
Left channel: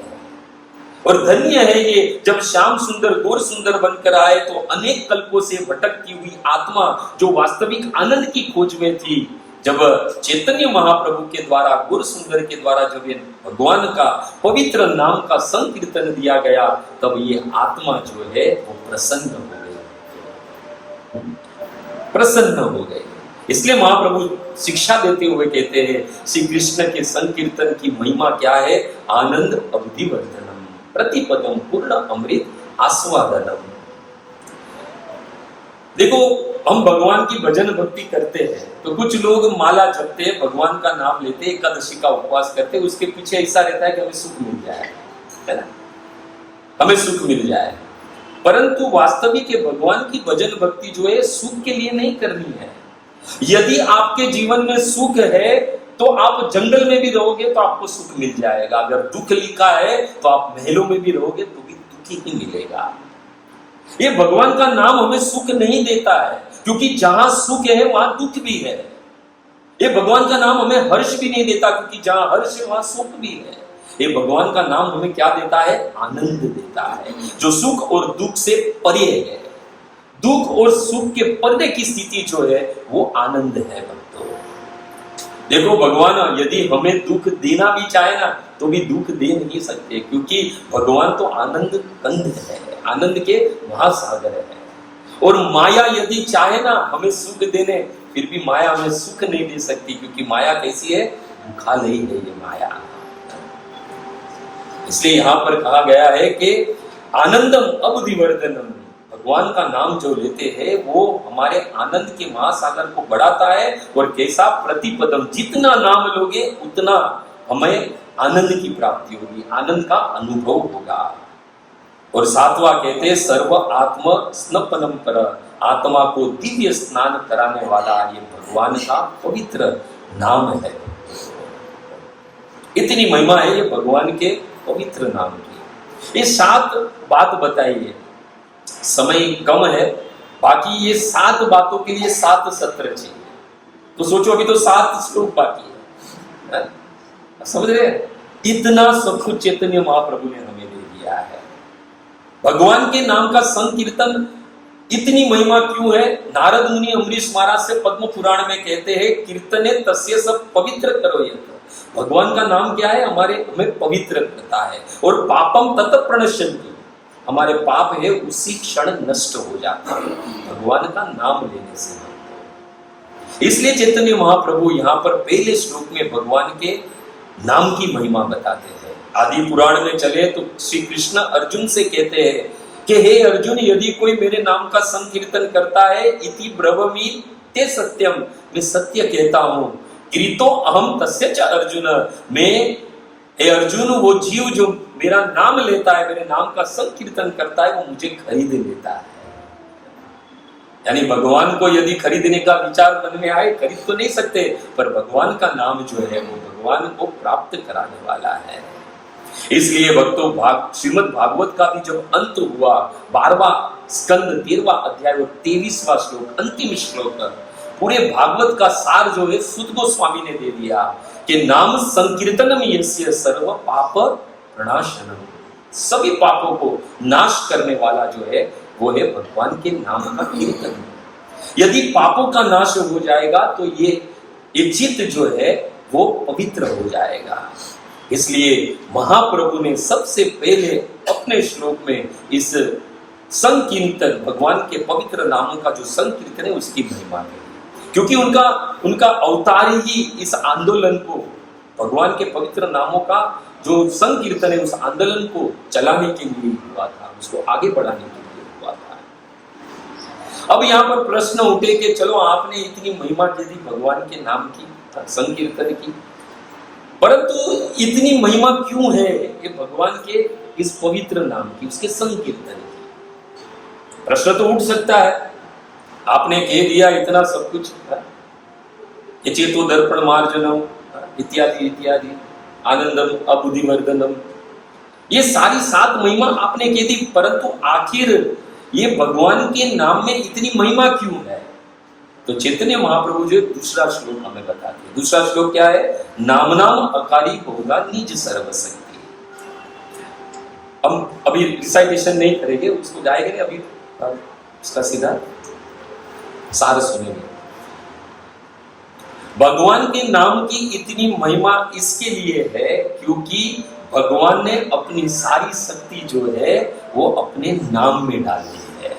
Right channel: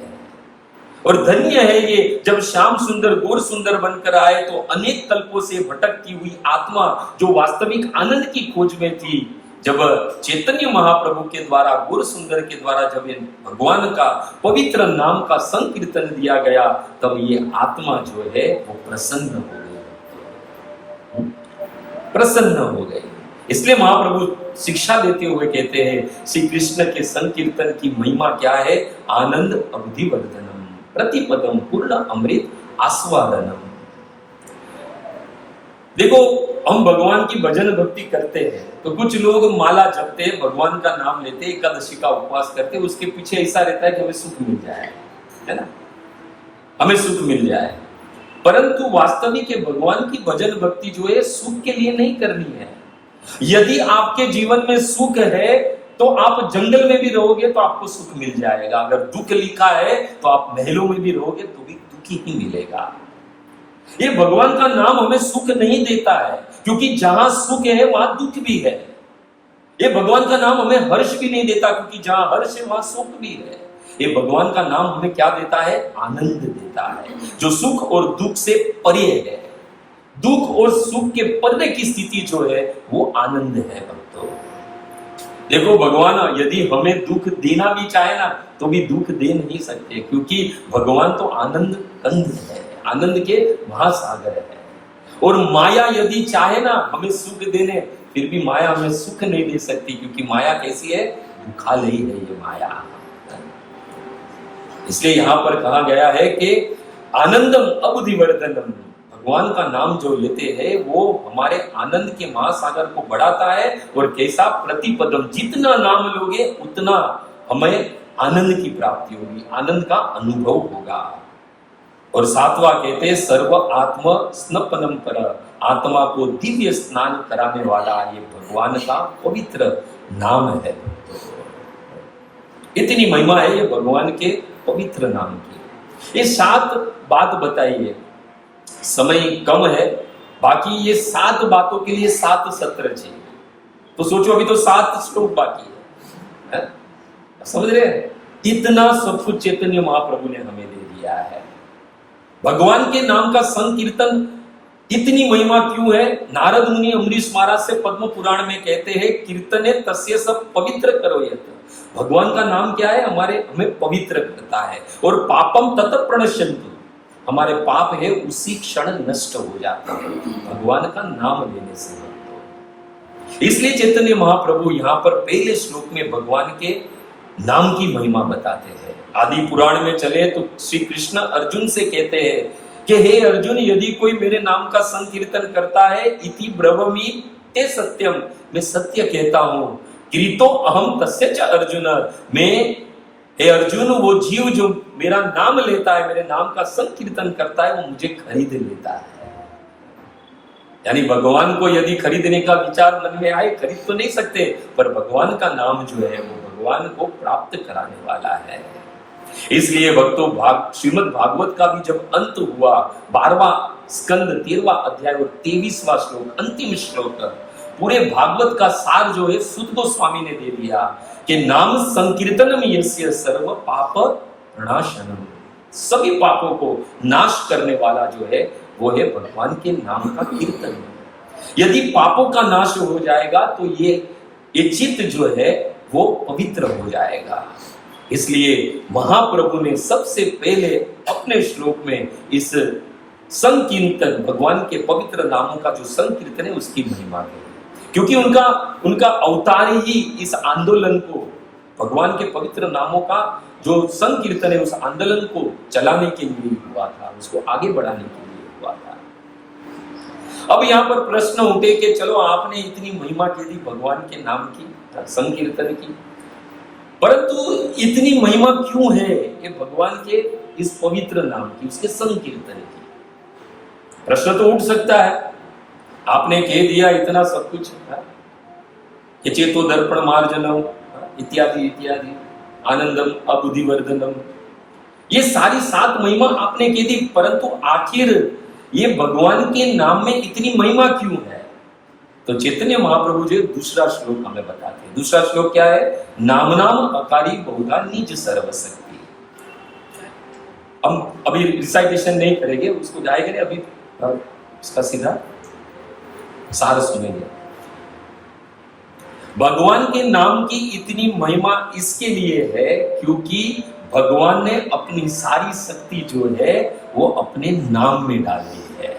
और धन्य है ये जब श्याम सुंदर गौर सुंदर बनकर आए तो अनेक कल्पों से भटकती हुई आत्मा जो वास्तविक आनंद की खोज में थी, जब चैतन्य महाप्रभु के द्वारा, गौर सुंदर के द्वारा जब ये भगवान का पवित्र नाम का संकीर्तन दिया गया तब ये आत्मा जो है वो प्रसन्न हो गई, प्रसन्न हो गई। इसलिए महाप्रभु शिक्षा देते हुए कहते हैं श्री कृष्ण के संकीर्तन की महिमा क्या है? आनंद अवधिवर्धनम प्रतिपदम पूर्ण अमृत आस्वादनम। देखो हम भगवान की भजन भक्ति करते हैं तो कुछ लोग माला जपते हैं, भगवान का नाम लेते, एकादशी का उपवास करते, उसके पीछे ऐसा रहता है कि हमें सुख मिल जाए, है ना, हमें सुख मिल जाए। परंतु वास्तविक भगवान की भजन भक्ति जो है सुख के लिए नहीं करनी है। यदि आपके जीवन में सुख है तो आप जंगल में भी रहोगे तो आपको सुख मिल जाएगा। अगर दुख लिखा है तो आप महलों में भी रहोगे तो भी दुखी ही मिलेगा। ये भगवान का नाम हमें सुख नहीं देता है, क्योंकि जहां सुख है वहां दुख भी है। ये भगवान का नाम हमें हर्ष भी नहीं देता, क्योंकि जहां हर्ष है वहां सुख भी है। ये भगवान का नाम हमें क्या देता है? आनंद देता है, जो सुख और दुख से परे है। दुख और सुख के परे की स्थिति जो है वो आनंद है भक्तों। देखो भगवान यदि हमें दुख देना भी चाहे ना तो भी दुख दे नहीं सकते, क्योंकि भगवान तो आनंद कंद है, आनंद के महासागर है। और माया यदि चाहे ना हमें सुख देने, फिर भी माया हमें सुख नहीं दे सकती, क्योंकि माया कैसी है? दुखालयी है ये माया। इसलिए यहां पर कहा गया है कि आनंदम अवधिवर्धनम, भगवान का नाम जो लेते हैं वो हमारे आनंद के महासागर को बढ़ाता है। और कैसा? प्रतिपदम, जितना नाम लोगे उतना हमें आनंद की प्राप्ति होगी, आनंद का अनुभव होगा। और सातवां कहते हैं सर्व आत्म स्नपनम कर, आत्मा को दिव्य स्नान कराने वाला ये भगवान का पवित्र नाम है। इतनी महिमा है ये भगवान के पवित्र नाम की। ये 7 बात बताइए, समय कम है, बाकी ये 7 बातों के लिए 7 सत्र चाहिए। तो सोचो अभी तो 7 श्लोक बाकी है, समझ रहे हैं? इतना सब कुछ चैतन्य महाप्रभु ने हमें दे दिया है। भगवान के नाम का संकीर्तन इतनी महिमा क्यों है? नारद मुनि अम्बरीश महाराज से पद्म पुराण में कहते हैं कीर्तने तस्य सब पवित्र करो यत। भगवान का नाम क्या है? हमें पवित्र करता है। और पापम तत प्रणश्यन्तु, हमारे पाप है उसी क्षण नष्ट हो जाता है भगवान का नाम लेने से। इसलिए चैतन्य महाप्रभु यहाँ पर पहले श्लोक में भगवान के नाम की महिमा बताते हैं। आदि पुराण में चले तो श्री कृष्ण अर्जुन से कहते हैं कि हे अर्जुन, यदि कोई मेरे नाम का संकीर्तन करता है इति ब्रवमी ते सत्यम, मैं सत्य कहता हूं, कृतो अहम तस्य च अर्जुन, मैं हे अर्जुन वो जीव जो मेरा नाम लेता है, मेरे नाम का संकीर्तन करता है, वो मुझे खरीद लेता है। यानी भगवान को यदि खरीदने का विचार मन में आए, खरीद तो नहीं सकते, पर भगवान का नाम जो है वो भगवान को प्राप्त कराने वाला है। इसलिए भक्तों, श्रीमद् भागवत का भी जब अंत हुआ, 12वां स्कंद 13वां अध्याय और 23वां श्लोक, अंतिम श्लोक, पूरे भागवत का सार जो है सुत गोस्वामी ने दे दिया कि नाम संकीर्तनम यस्य सर्व पाप प्रणाशनम, सभी पापों को नाश करने वाला जो है वो है भगवान के नाम का कीर्तन। यदि पापों का नाश हो जाएगा तो ये चित्त जो है वो पवित्र हो जाएगा। इसलिए महाप्रभु ने सबसे पहले अपने श्लोक में इस संकीर्तन, भगवान के पवित्र नामों का जो संकीर्तन है उसकी महिमा है, क्योंकि उनका अवतार ही इस आंदोलन को, भगवान के पवित्र नामों का जो संकीर्तन है उस आंदोलन को चलाने के लिए हुआ था, उसको आगे बढ़ाने के लिए हुआ था। अब यहाँ पर प्रश्न उठे कि चलो आपने इतनी महिमा दे दी भगवान के नाम की, संकीर्तन की, परंतु इतनी महिमा क्यों है ये भगवान के इस पवित्र नाम की, उसके संकीर्तन की? प्रश्न तो उठ सकता है। आपने कह दिया इतना सब कुछ, चेतो दर्पण मार्जनम इत्यादि इत्यादि, आनंदम अबुद्धिवर्धनम, ये सारी 7 महिमा आपने कह दी, परंतु आखिर ये भगवान के नाम में इतनी महिमा क्यों है? तो चैतन्य महाप्रभु जो दूसरा श्लोक हमें बताते हैं। दूसरा श्लोक क्या है? नाम नाम अकारी बहुधा निज सर्वशक्ति। हम अभी रिसाइटेशन नहीं करेंगे, उसको जाएंगे, अभी उसका सीधा सार सुनेंगे। भगवान के नाम की इतनी महिमा इसके लिए है क्योंकि भगवान ने अपनी सारी शक्ति जो है वो अपने नाम में डाली है।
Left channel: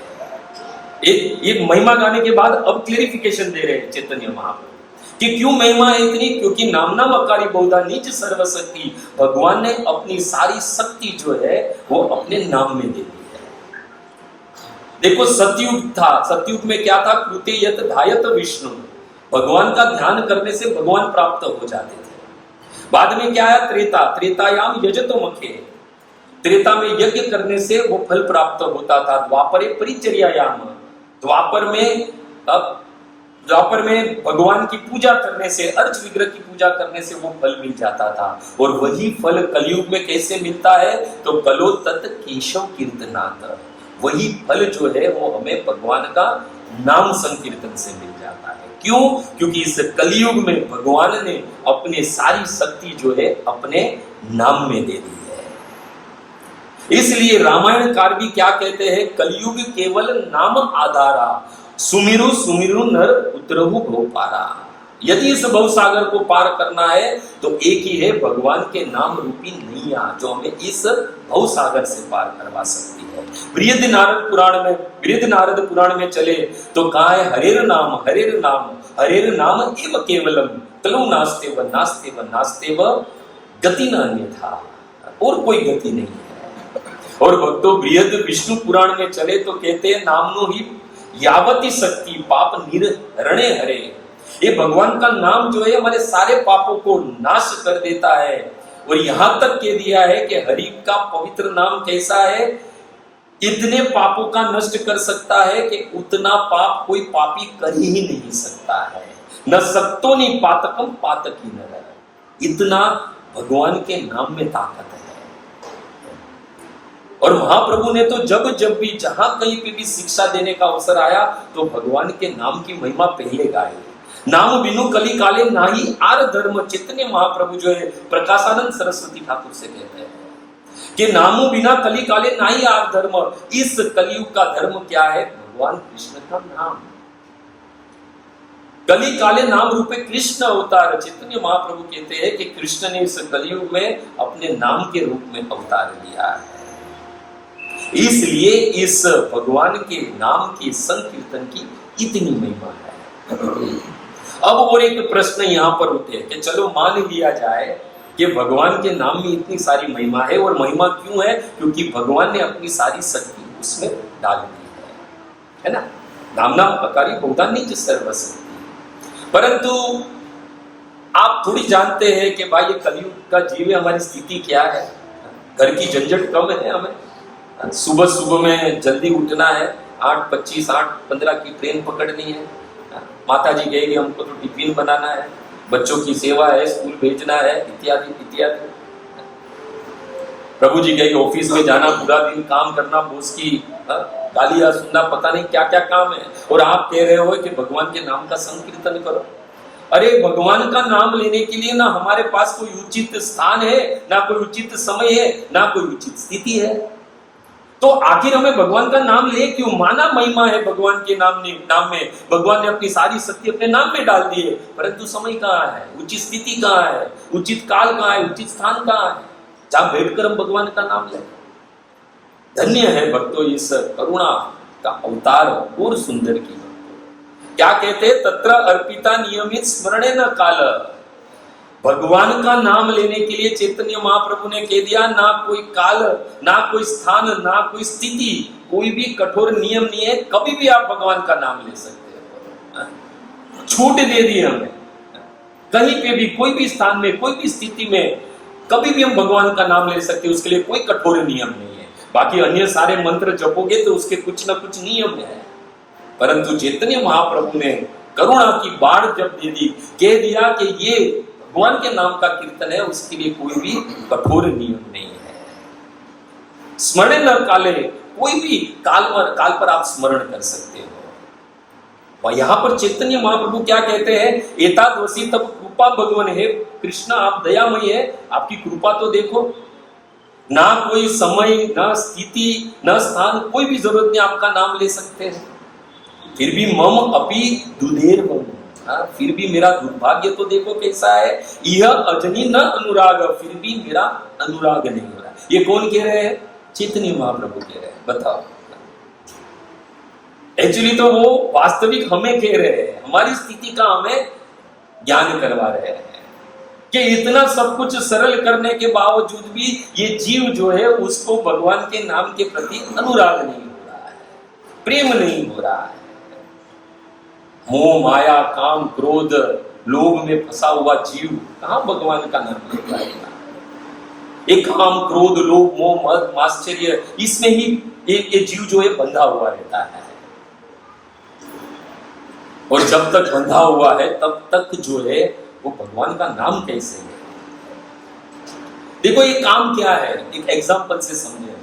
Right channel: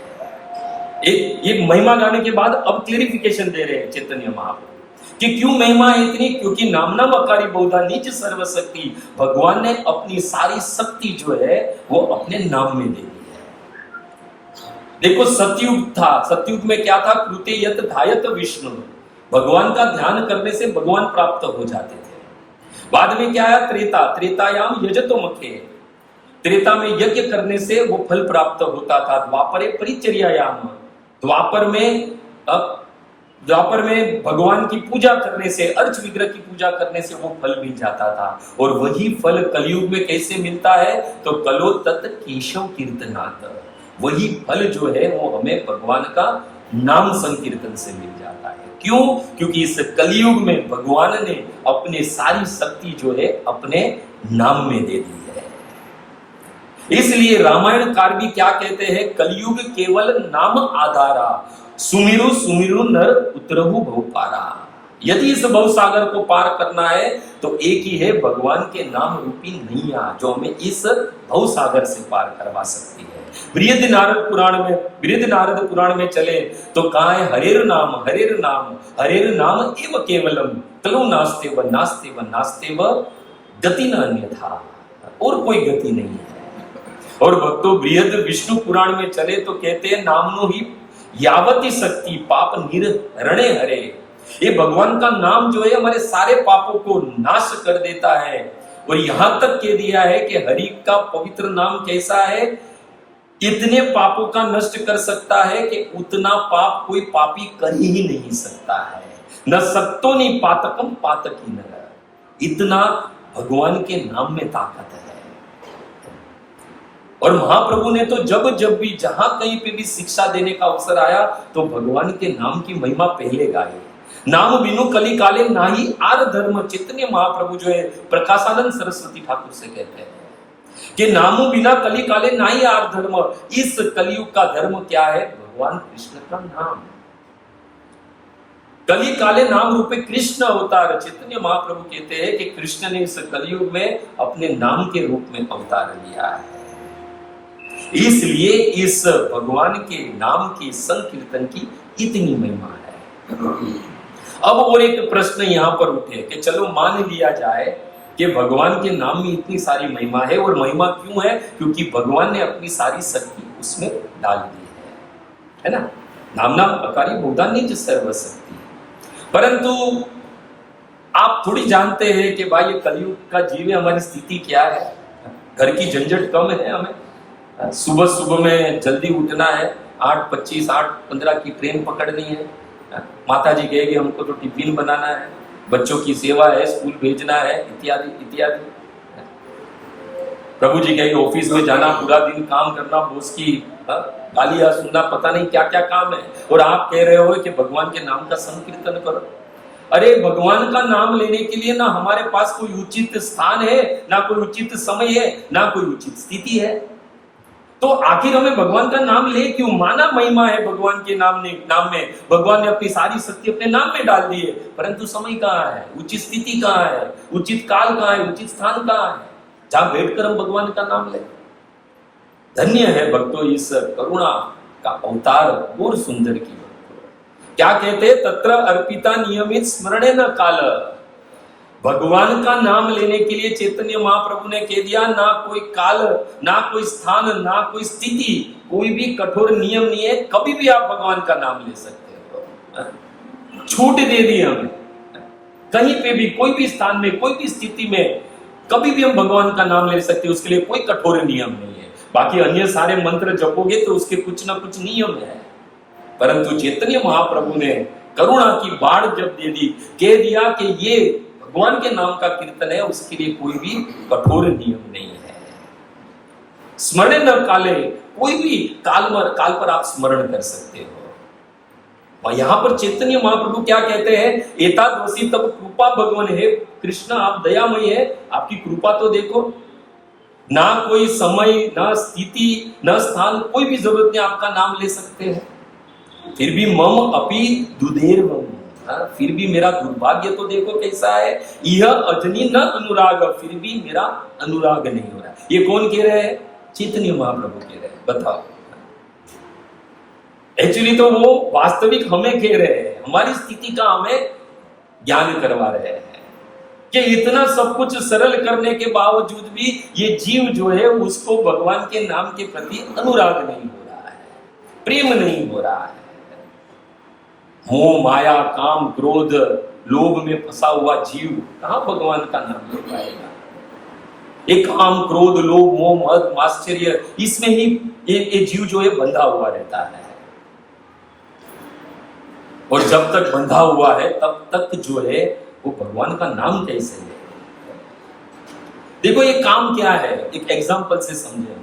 ये महिमा गाने के बाद अब क्लेरिफिकेशन दे रहे हैं चैतन्य महाप्रभु कि क्यों महिमा है इतनी, क्योंकि नाम नाम अकारी बहुधा निज सर्वशक्ति, भगवान ने अपनी सारी शक्ति जो है वो अपने नाम में दे दी है। देखो सतयुग था, सतयुग में क्या था? कृते यत धायत विष्णु, भगवान का ध्यान करने से भगवान प्राप्त हो जाते थे। बाद में क्या है? त्रेता, त्रेतायाम यजतो मखे, त्रेता में यज्ञ करने से वो फल प्राप्त होता था। द्वापरे परिचर्यायाम, द्वापर में भगवान की पूजा करने से, अर्च विग्रह की पूजा करने से वो फल मिल जाता था। और वही फल कलयुग में कैसे मिलता है? तो कलो तत् केशव कीर्तनात्, वही फल जो है वो हमें भगवान का नाम संकीर्तन से मिल जाता है। क्यों? क्योंकि इस कलयुग में भगवान ने अपने सारी शक्ति जो है अपने नाम में दे दी है। इसलिए रामायणकार भी क्या कहते हैं? कलयुग केवल नाम आधारा, सुमिरु सुमिरु नर उतरहु भव पारा। यदि इस भवसागर को पार करना है तो एक ही है, भगवान के नाम रूपी नैया जो हमें इस भवसागर से पार करवा सकती है। बृहद नारद पुराण में चले तो कहा है हरेर नाम हरेर नाम एव केवलम, कलु नास्ते व गति न अन्यथा, और कोई गति नहीं है। और भक्तों बृहद विष्णु पुराण में चले तो कहते हैं नामनो ही यावती शक्ति पाप निरणे हरे, ये भगवान का नाम जो है हमारे सारे पापों को नाश कर देता है। और यहां तक कह दिया है कि हरि का पवित्र नाम कैसा है, इतने पापों का नष्ट कर सकता है कि उतना पाप कोई पापी कर ही नहीं सकता है। न सक्तो नि पातकम पातकी नर, इतना भगवान के नाम में ताकत है। और महाप्रभु ने तो जब भी जहां कहीं पे भी शिक्षा देने का अवसर आया तो भगवान के नाम की महिमा पहले गाई। नाम बिनु कली काले नाही आर धर्म, चैतन्य महाप्रभु जो है प्रकाशानंद सरस्वती ठाकुर से कहते हैं कि नामु बिना कली काले नाही आर धर्म। इस कलयुग का धर्म क्या है? भगवान कृष्ण का नाम। कली काले नाम रूपे कृष्ण अवतार, चैतन्य महाप्रभु कहते हैं कि कृष्ण ने इस कलयुग में अपने नाम के रूप में अवतार लिया है। इसलिए इस भगवान के नाम के संकीर्तन की इतनी महिमा है। अब और एक प्रश्न यहां पर उठे कि चलो मान लिया जाए कि भगवान के नाम में इतनी सारी महिमा है, और महिमा क्यों है? क्योंकि भगवान ने अपनी सारी शक्ति उसमें डाल दी है ना। नामना अकारी बहुधा निज सर्वशक्ति। परंतु आप थोड़ी जानते हैं कि भाई ये कलयुग का जीव है, हमारी स्थिति क्या है। घर की झंझट कम है, हमें सुबह सुबह में जल्दी उठना है, 8:25 8:15 की ट्रेन पकड़नी है, माता जी कहेगी हमको तो टिफिन बनाना है, बच्चों की सेवा है, स्कूल भेजना है, इत्यादि इत्यादि। प्रभु जी कहेगी ऑफिस में जाना, पूरा दिन काम करना, बॉस की गालियां सुनना, पता नहीं क्या क्या काम है, और आप कह रहे हो कि भगवान के नाम का संकीर्तन करो। अरे भगवान का नाम लेने के लिए ना हमारे पास कोई उचित स्थान है, ना कोई उचित समय है, ना कोई उचित स्थिति है। तो आखिर हमें भगवान का नाम ले क्यों? माना महिमा है भगवान के नाम में, भगवान ने अपनी सारी शक्ति अपने नाम में डाल दी है, परंतु समय कहाँ है, उचित स्थिति कहाँ है, उचित काल कहाँ है, उचित स्थान कहाँ है जहां बैठकर हम भगवान का नाम लें। धन्य है भक्तों इस करुणा का अवतार और सुंदर की। क्या कहते? तत्र अर्पिता नियमित स्मरणे न काल। भगवान का नाम लेने के लिए चैतन्य महाप्रभु ने कह दिया, ना कोई काल, ना कोई स्थान, ना कोई स्थिति, कोई भी कठोर नियम नहीं है, कभी भी आप भगवान का नाम ले सकते हो। छूट दे दी हमें, कहीं पे भी, कोई भी स्थान में, कोई भी स्थिति में, कभी भी हम भगवान का नाम ले सकते हैं। उसके लिए कोई कठोर नियम नहीं है। बाकी अन्य सारे मंत्र जपोगे तो उसके कुछ ना कुछ नियम है, परंतु चैतन्य महाप्रभु ने करुणा की बाढ़ जब दे दी, कह दिया कि ये भगवान के नाम का कीर्तन है, उसके लिए कोई भी कठोर नियम नहीं है। स्मरण न काले, कोई भी काल पर आप स्मरण कर सकते हो। और यहां पर चैतन्य महाप्रभु क्या कहते हैं? एतादृशी तब कृपा भगवान है कृष्ण, आप दयामय है, आपकी कृपा तो देखो। ना कोई समय, ना स्थिति, ना स्थान, कोई भी जरूरत नहीं, आपका नाम ले सकते हैं। फिर भी मम अपि दुधेर, फिर भी मेरा दुर्भाग्य तो देखो कैसा है। यह अजनी न अनुराग, फिर भी मेरा अनुराग नहीं हो रहा। ये कौन कह रहे हैं? चैतन्य महाप्रभु कह रहे हैं। बताओ, एक्चुअली तो वो वास्तविक हमें कह रहे हैं, हमारी स्थिति का हमें ज्ञान करवा रहे हैं कि इतना सब कुछ सरल करने के बावजूद भी ये जीव जो है उसको भगवान के नाम के प्रति अनुराग नहीं हो रहा है, प्रेम नहीं हो रहा है। मोह माया काम क्रोध लोभ में फंसा हुआ जीव कहां भगवान का नाम ले पाएगा? एक काम क्रोध लोभ मोह मद माश्चर्य, इसमें ही ये जीव जो है बंधा हुआ रहता है। और जब तक बंधा हुआ है तब तक जो है वो भगवान का नाम कैसे है? देखो ये काम क्या है, एक एग्जांपल से समझे।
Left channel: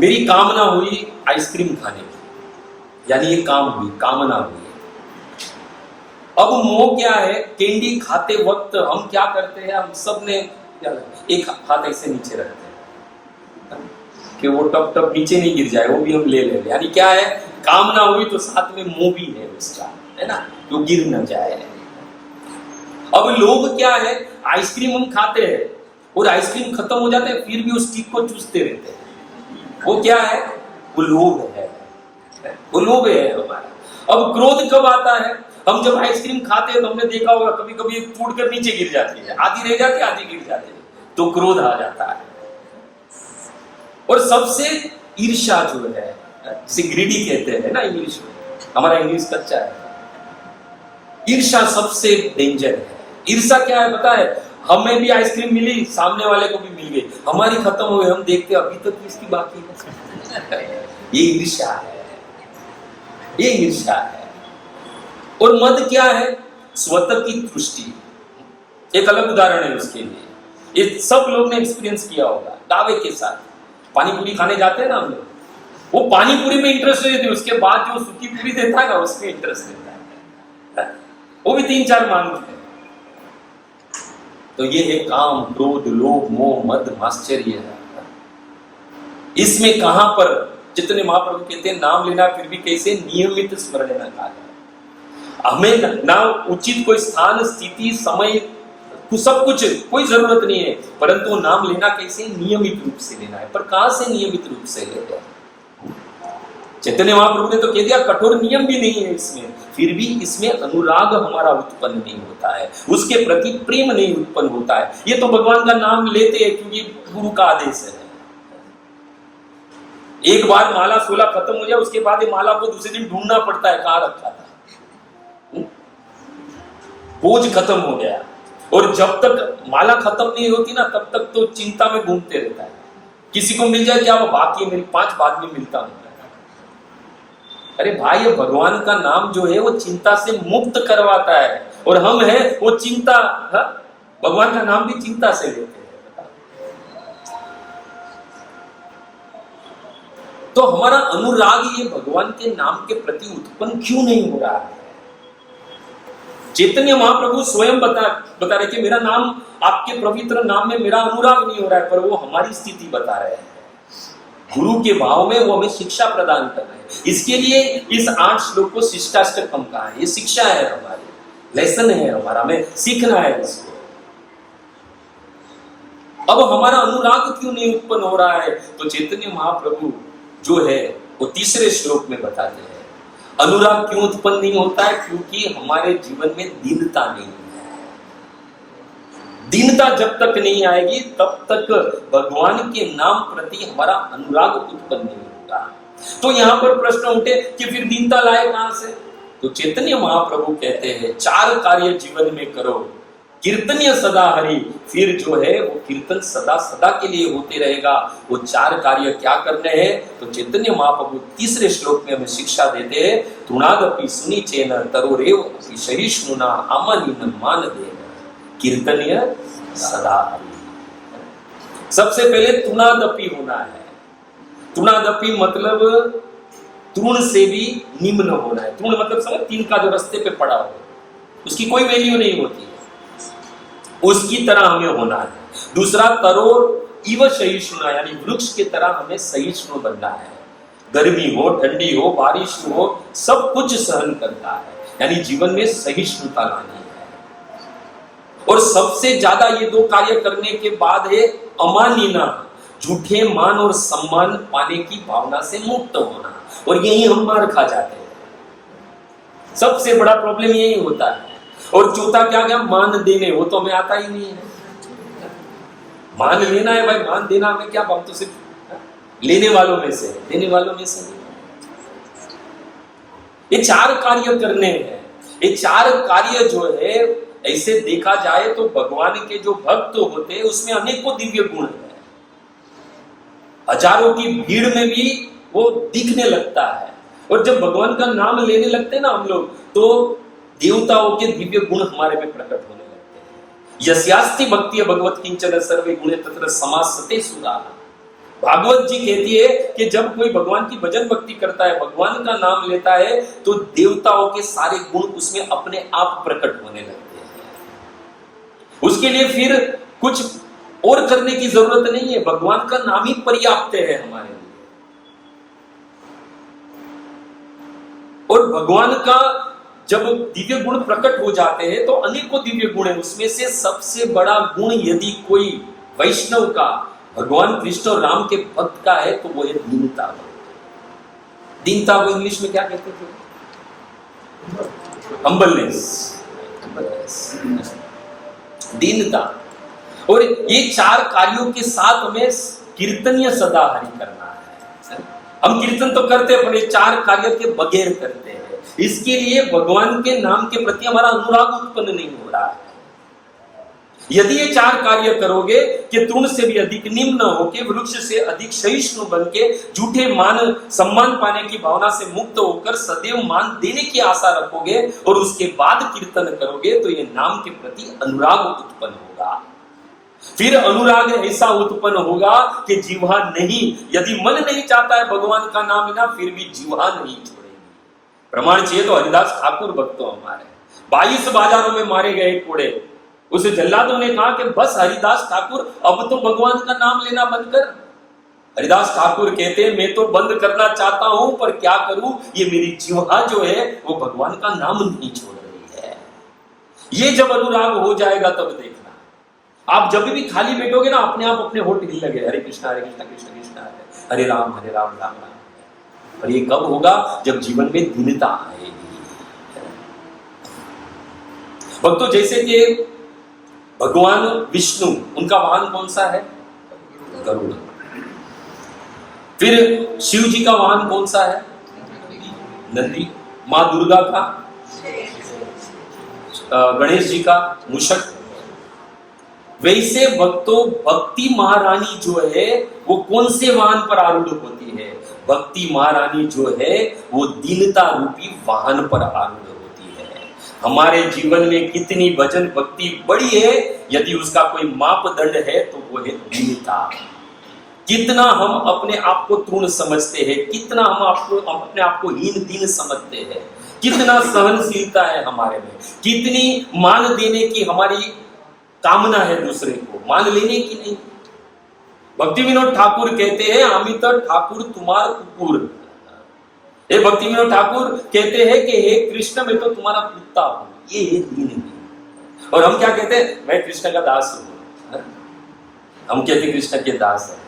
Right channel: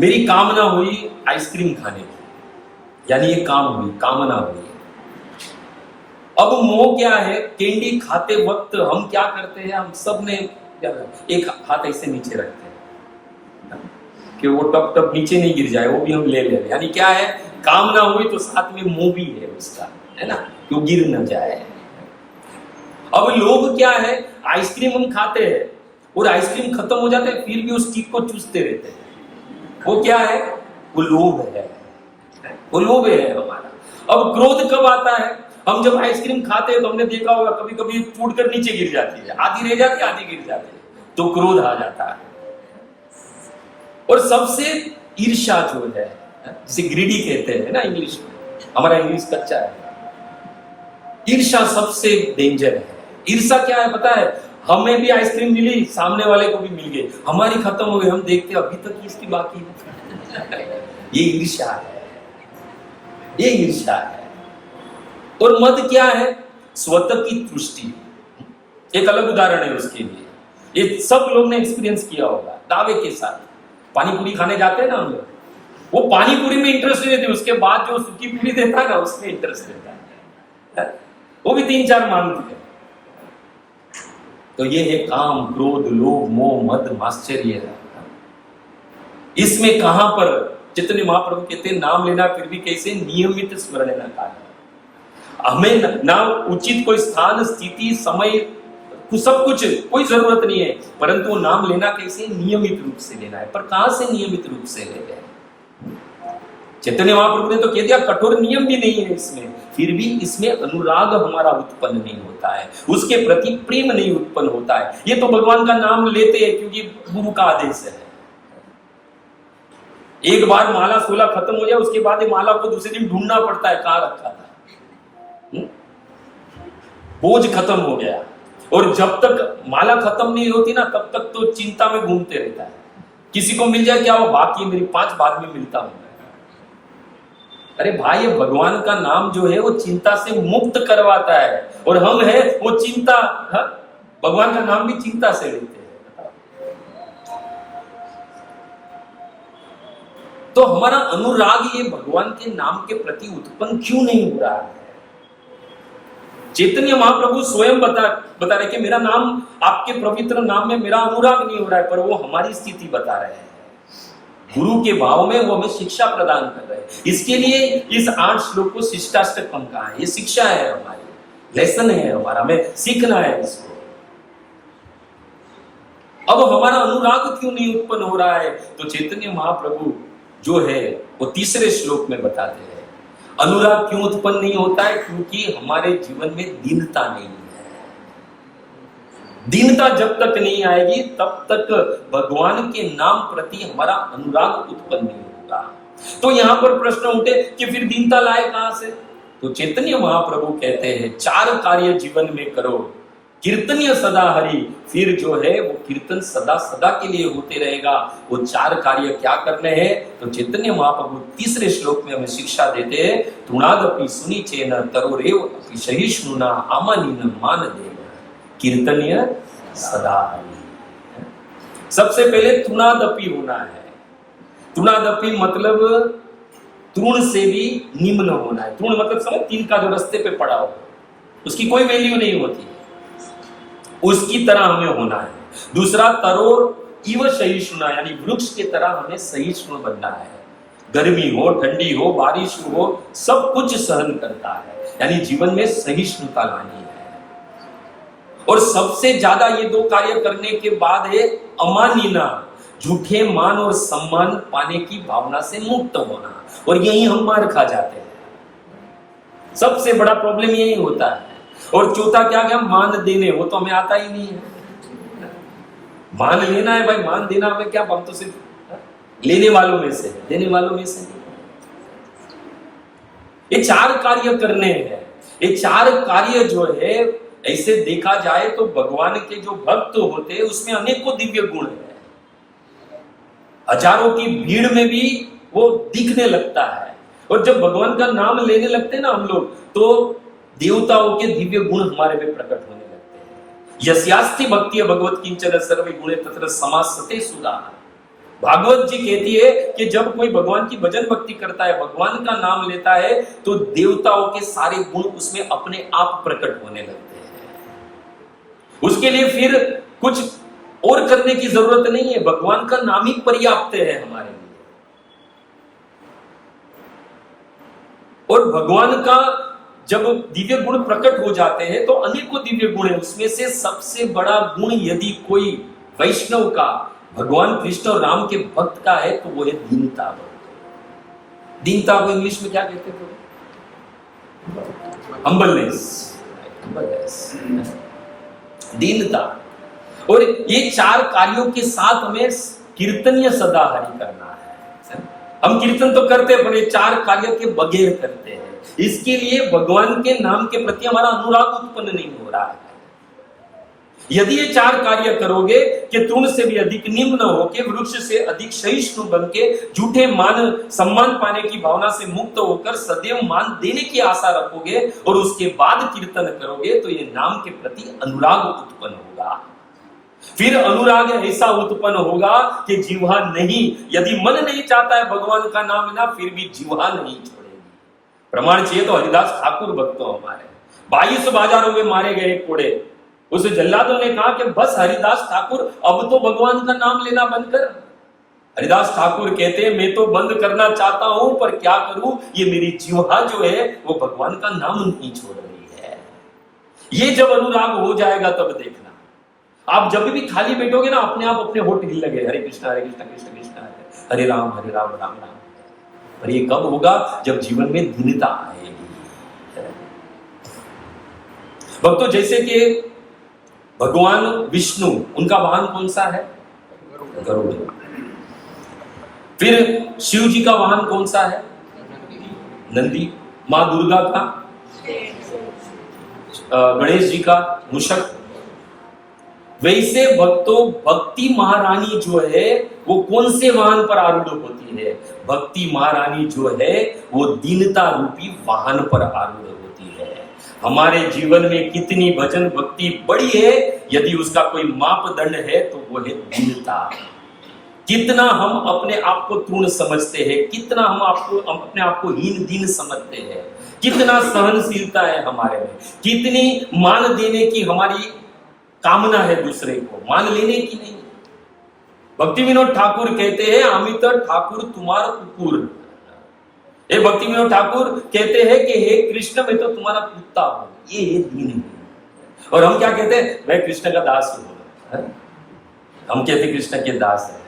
मेरी कामना हुई आइसक्रीम खाने की, यानी ये काम हुई, कामना हुई। अब मोह क्या है? कैंडी खाते वक्त हम क्या करते हैं? हम सब ने क्या, एक हाथ ऐसे नीचे रखते हैं कि वो टप टप नीचे नहीं गिर जाए, वो भी हम ले ले। यानी क्या है? कामना हुई तो साथ में मोह भी है उसका, है ना, क्यों गिर न जाए। अब लोग क्या है? आइसक्रीम हम खाते हैं और आइसक्रीम खत्म हो जाता है, फिर भी उस टिप को चूसते रहते हैं। वो क्या है? वो लोभ है, वो लोभ है हमारा। अब क्रोध कब आता है? हम जब आइसक्रीम खाते हैं तो हमने देखा होगा कभी कभी टूट कर नीचे गिर जाती है, आधी रह जाती है, आधी गिर जाती है, तो क्रोध आ जाता है। और सबसे ईर्ष्या जो है, जिसे ग्रीडी कहते हैं ना इंग्लिश में, हमारा इंग्लिश कच्चा है। ईर्ष्या सबसे डेंजर है। ईर्ष्या क्या है पता है? हमें भी आइसक्रीम मिली, सामने वाले को भी मिल गई, हमारी खत्म हो गई, हम देखते अभी तक तो इसकी बाकी है। ये ईर्ष्या है, ये ईर्ष्या है। और मद क्या है? स्वतः की तुष्टि। एक अलग उदाहरण है उसके लिए, ये सब लोग ने एक्सपीरियंस किया होगा दावे के साथ। पानी पूरी खाने जाते हैं ना हम लोग, वो पानी पूरी में इंटरेस्ट नहीं देते, उसके बाद जो सूखी पूरी देता है ना उसमें इंटरेस्ट देता है, वो भी 3-4 मांगते हैं। तो ये है काम क्रोध लोभ मोह मद माश्चर्य। इसमें कहां पर जितने महाप्रभु कहते हैं नाम लेना फिर भी कैसे? नियमित स्मरण न काल। हमें ना उचित कोई स्थान स्थिति समय सब कुछ, कोई जरूरत नहीं है, परंतु नाम लेना कैसे, नियमित रूप से लेना है। पर कहां से नियमित रूप से लेंगे? चैतन्य महाप्रभु ने तो कह दिया कठोर नियम भी नहीं है इसमें, फिर भी इसमें अनुराग हमारा उत्पन्न नहीं होता है, उसके प्रति प्रेम नहीं उत्पन्न होता है। ये तो भगवान का नाम लेते हैं क्योंकि गुरु का आदेश है। एक बार माला सोला खत्म हो जाए, उसके बाद ये माला को दूसरे दिन ढूंढना पड़ता है, कहां रखा था, बोझ खत्म हो गया। और जब तक माला खत्म नहीं होती ना, तब तक तो चिंता में घूमते रहता है। किसी को मिल जाए क्या हो, बाकी मेरी 5 बाद में मिलता हूं। अरे भाई, ये भगवान का नाम जो है वो चिंता से मुक्त करवाता है, और हम है वो चिंता, भगवान का नाम भी चिंता से लेते हैं। तो हमारा अनुराग ये भगवान के नाम के प्रति उत्पन्न क्यों नहीं हो रहा है? चैतन्य महाप्रभु स्वयं बता रहे कि मेरा नाम, आपके पवित्र नाम में मेरा अनुराग नहीं हो रहा है, पर वो हमारी स्थिति बता रहे हैं। गुरु के भाव में वो हमें शिक्षा प्रदान कर रहे हैं। इसके लिए इस 8 श्लोक को शिष्टाष्टकम कहा है। ये शिक्षा है हमारी, लेसन है हमारा, हमें सीखना है इसको। अब हमारा अनुराग क्यों नहीं उत्पन्न हो रहा है? तो चैतन्य महाप्रभु जो है वो 3रे श्लोक में बताते हैं अनुराग क्यों उत्पन्न नहीं होता है, क्योंकि हमारे जीवन में दीनता नहीं है। दीनता जब तक नहीं आएगी तब तक भगवान के नाम प्रति हमारा अनुराग उत्पन्न नहीं होगा। तो यहां पर प्रश्न उठे कि फिर दीनता लाए कहां से? तो चैतन्य महाप्रभु कहते हैं 4 कार्य जीवन में करो, कीर्तनीय सदा हरि, फिर जो है वो कीर्तन सदा सदा के लिए होते रहेगा। वो 4 कार्य क्या करने हैं? तो चैतन्य महाप्रभु 3रे श्लोक में हमें शिक्षा देते हैं, तुणादपि सुनी चेन तरुरेव सहिष्णुना आमानीन मान देव कीर्तनीय सदा हरि। सबसे पहले तुणादपि होना है। तुणादपि मतलब तृण से भी निम्न होना है। तृण मतलब समझ, तीन का जो रास्ते पे पड़ा हो, उसकी कोई वैल्यू नहीं होती है, उसकी तरह हमें होना है। दूसरा, तरोर इव सहिष्णुना, यानी वृक्ष की तरह हमें सहिष्णु बनना है। गर्मी हो, ठंडी हो, बारिश हो, सब कुछ सहन करता है, यानी जीवन में सहिष्णुता लानी है। और सबसे ज्यादा ये 2 कार्य करने के बाद है अमानीना, झूठे मान और सम्मान पाने की भावना से मुक्त होना। और यही हम मार खा जाते हैं, सबसे बड़ा प्रॉब्लम यही होता है। और चौथा क्या, मान देने, वो तो हमें आता ही नहीं है। मान लेना है भाई, मान देना हमें क्या, हम तो सिर्फ लेने वालों में से, देने वालों में से नहीं। ये 4 कार्य करने हैं। ये 4 कार्य जो है, ऐसे देखा जाए तो भगवान के जो भक्त होते हैं उसमें अनेकों दिव्य गुण है। हजारों की भीड़ में भी वो दिखने लगता है। और जब भगवान का नाम लेने लगते हैं ना हम लोग, तो देवताओं के दिव्य गुण हमारे में प्रकट होने लगते हैं। यस्यास्ति भक्ति भगवत किंचन सर्वे गुणे तत्र समासते सुधा। भागवत जी कहती है कि जब कोई भगवान की भजन भक्ति करता है, भगवान का नाम लेता है, तो देवताओं के सारे गुण उसमें अपने आप प्रकट होने लगते हैं। उसके लिए फिर कुछ और करने की जरूरत नहीं है, भगवान का नाम ही पर्याप्त है हमारे लिए। और भगवान का जब दिव्य गुण प्रकट हो जाते हैं तो अनेकों दिव्य गुण है। उसमें से सबसे बड़ा गुण यदि कोई वैष्णव का, भगवान कृष्ण और राम के भक्त का है, तो वो है दीनता। दीनता को इंग्लिश में क्या कहते थे? हम्बलनेस, दीनता। और ये 4 कार्यों के साथ में कीर्तनीय सदा हरि करना है। हम कीर्तन तो करते हैं, पर ये 4 कार्य के बगैर करते हैं। इसके लिए भगवान के नाम के प्रति हमारा अनुराग उत्पन्न नहीं हो रहा है। यदि ये 4 कार्य करोगे कि तुम से भी अधिक निम्न होके, वृक्ष से अधिक सहिष्णु बन के, झूठे मान सम्मान पाने की भावना से मुक्त होकर सदैव मान देने की आशा रखोगे और उसके बाद कीर्तन करोगे, तो ये नाम के प्रति अनुराग उत्पन्न होगा। फिर अनुराग ऐसा उत्पन्न होगा कि जिह्वा नहीं, यदि मन नहीं चाहता है भगवान का नाम लेना, फिर भी जिह्वा नहीं छोड़ेगी। प्रमाण चाहिए तो हरिदास ठाकुर भक्त हमारे 22 बाजारों में मारे गए कोड़े, उसे जल्लादों ने कहा कि बस हरिदास ठाकुर, अब तो भगवान का नाम लेना बंद कर। हरिदास ठाकुर कहते हैं, मैं तो बंद करना चाहता हूं, पर क्या करूं, ये मेरी जिह्वा जो है वो भगवान का नाम नहीं छोड़ रही है। ये जब अनुराग हो जाएगा तब देखना, आप जब भी खाली बैठोगे ना, अपने आप अपने होठ हिल लगे, हरे कृष्णा कृष्ण कृष्ण हरे राम राम राम। और ये कब होगा? जब जीवन में दीनता आएगी। भक्तों, जैसे कि भगवान विष्णु, उनका वाहन कौन सा है? गरुड़। फिर शिव जी का वाहन कौन सा है? नंदी। मां दुर्गा का, गणेश जी का मूषक। वैसे भक्तों, भक्ति महारानी जो है वो कौन से वाहन पर आरूढ़ होती है? भक्ति महारानी जो है वो दीनता रूपी वाहन पर आरूढ़ होती है। हमारे जीवन में कितनी भजन भक्ति बड़ी है, यदि उसका कोई मापदंड है तो वो है दीनता। कितना हम अपने आप को तृण समझते हैं, कितना हम अपने आप को हीन दीन समझते हैं, कितना सहनशीलता है हमारे में, कितनी मान देने की हमारी कामना है दूसरे को, मान लेने की नहीं। भक्ति विनोद ठाकुर कहते हैं, अमित ठाकुर तुम्हारा कुकुर। ये भक्ति विनोद ठाकुर कहते हैं कि हे कृष्ण, मैं तो तुम्हारा कुत्ता हूं। ये है दीन। और हम क्या कहते हैं? मैं कृष्ण का दास हूं। हम कहते कृष्ण के दास है।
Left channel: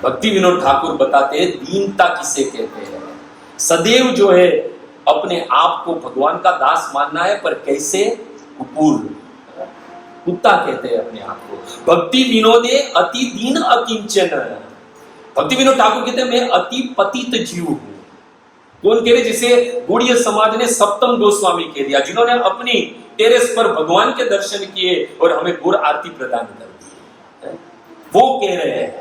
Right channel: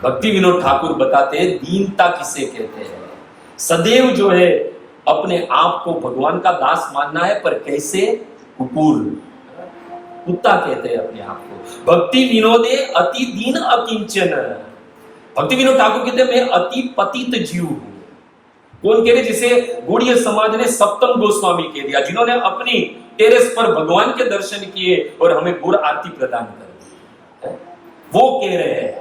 भक्ति विनोद ठाकुर बताते हैं दीनता किसे कहते हैं। सदैव जो है अपने आप को भगवान का दास मानना है, पर कैसे? कुकुर, कुत्ता कहते हैं अपने आप को। भक्ति विनोदे अति दीन अकिंचन। भक्ति विनोद ठाकुर कहते हैं मैं अति पतित जीव हूं। कौन कह रहे? जिसे गौड़ीय समाज ने सप्तम गोस्वामी कह दिया, जिन्होंने अपनी टेरेस पर भगवान के दर्शन किए और हमें गुर आरती प्रदान कर दी, वो कह रहे हैं।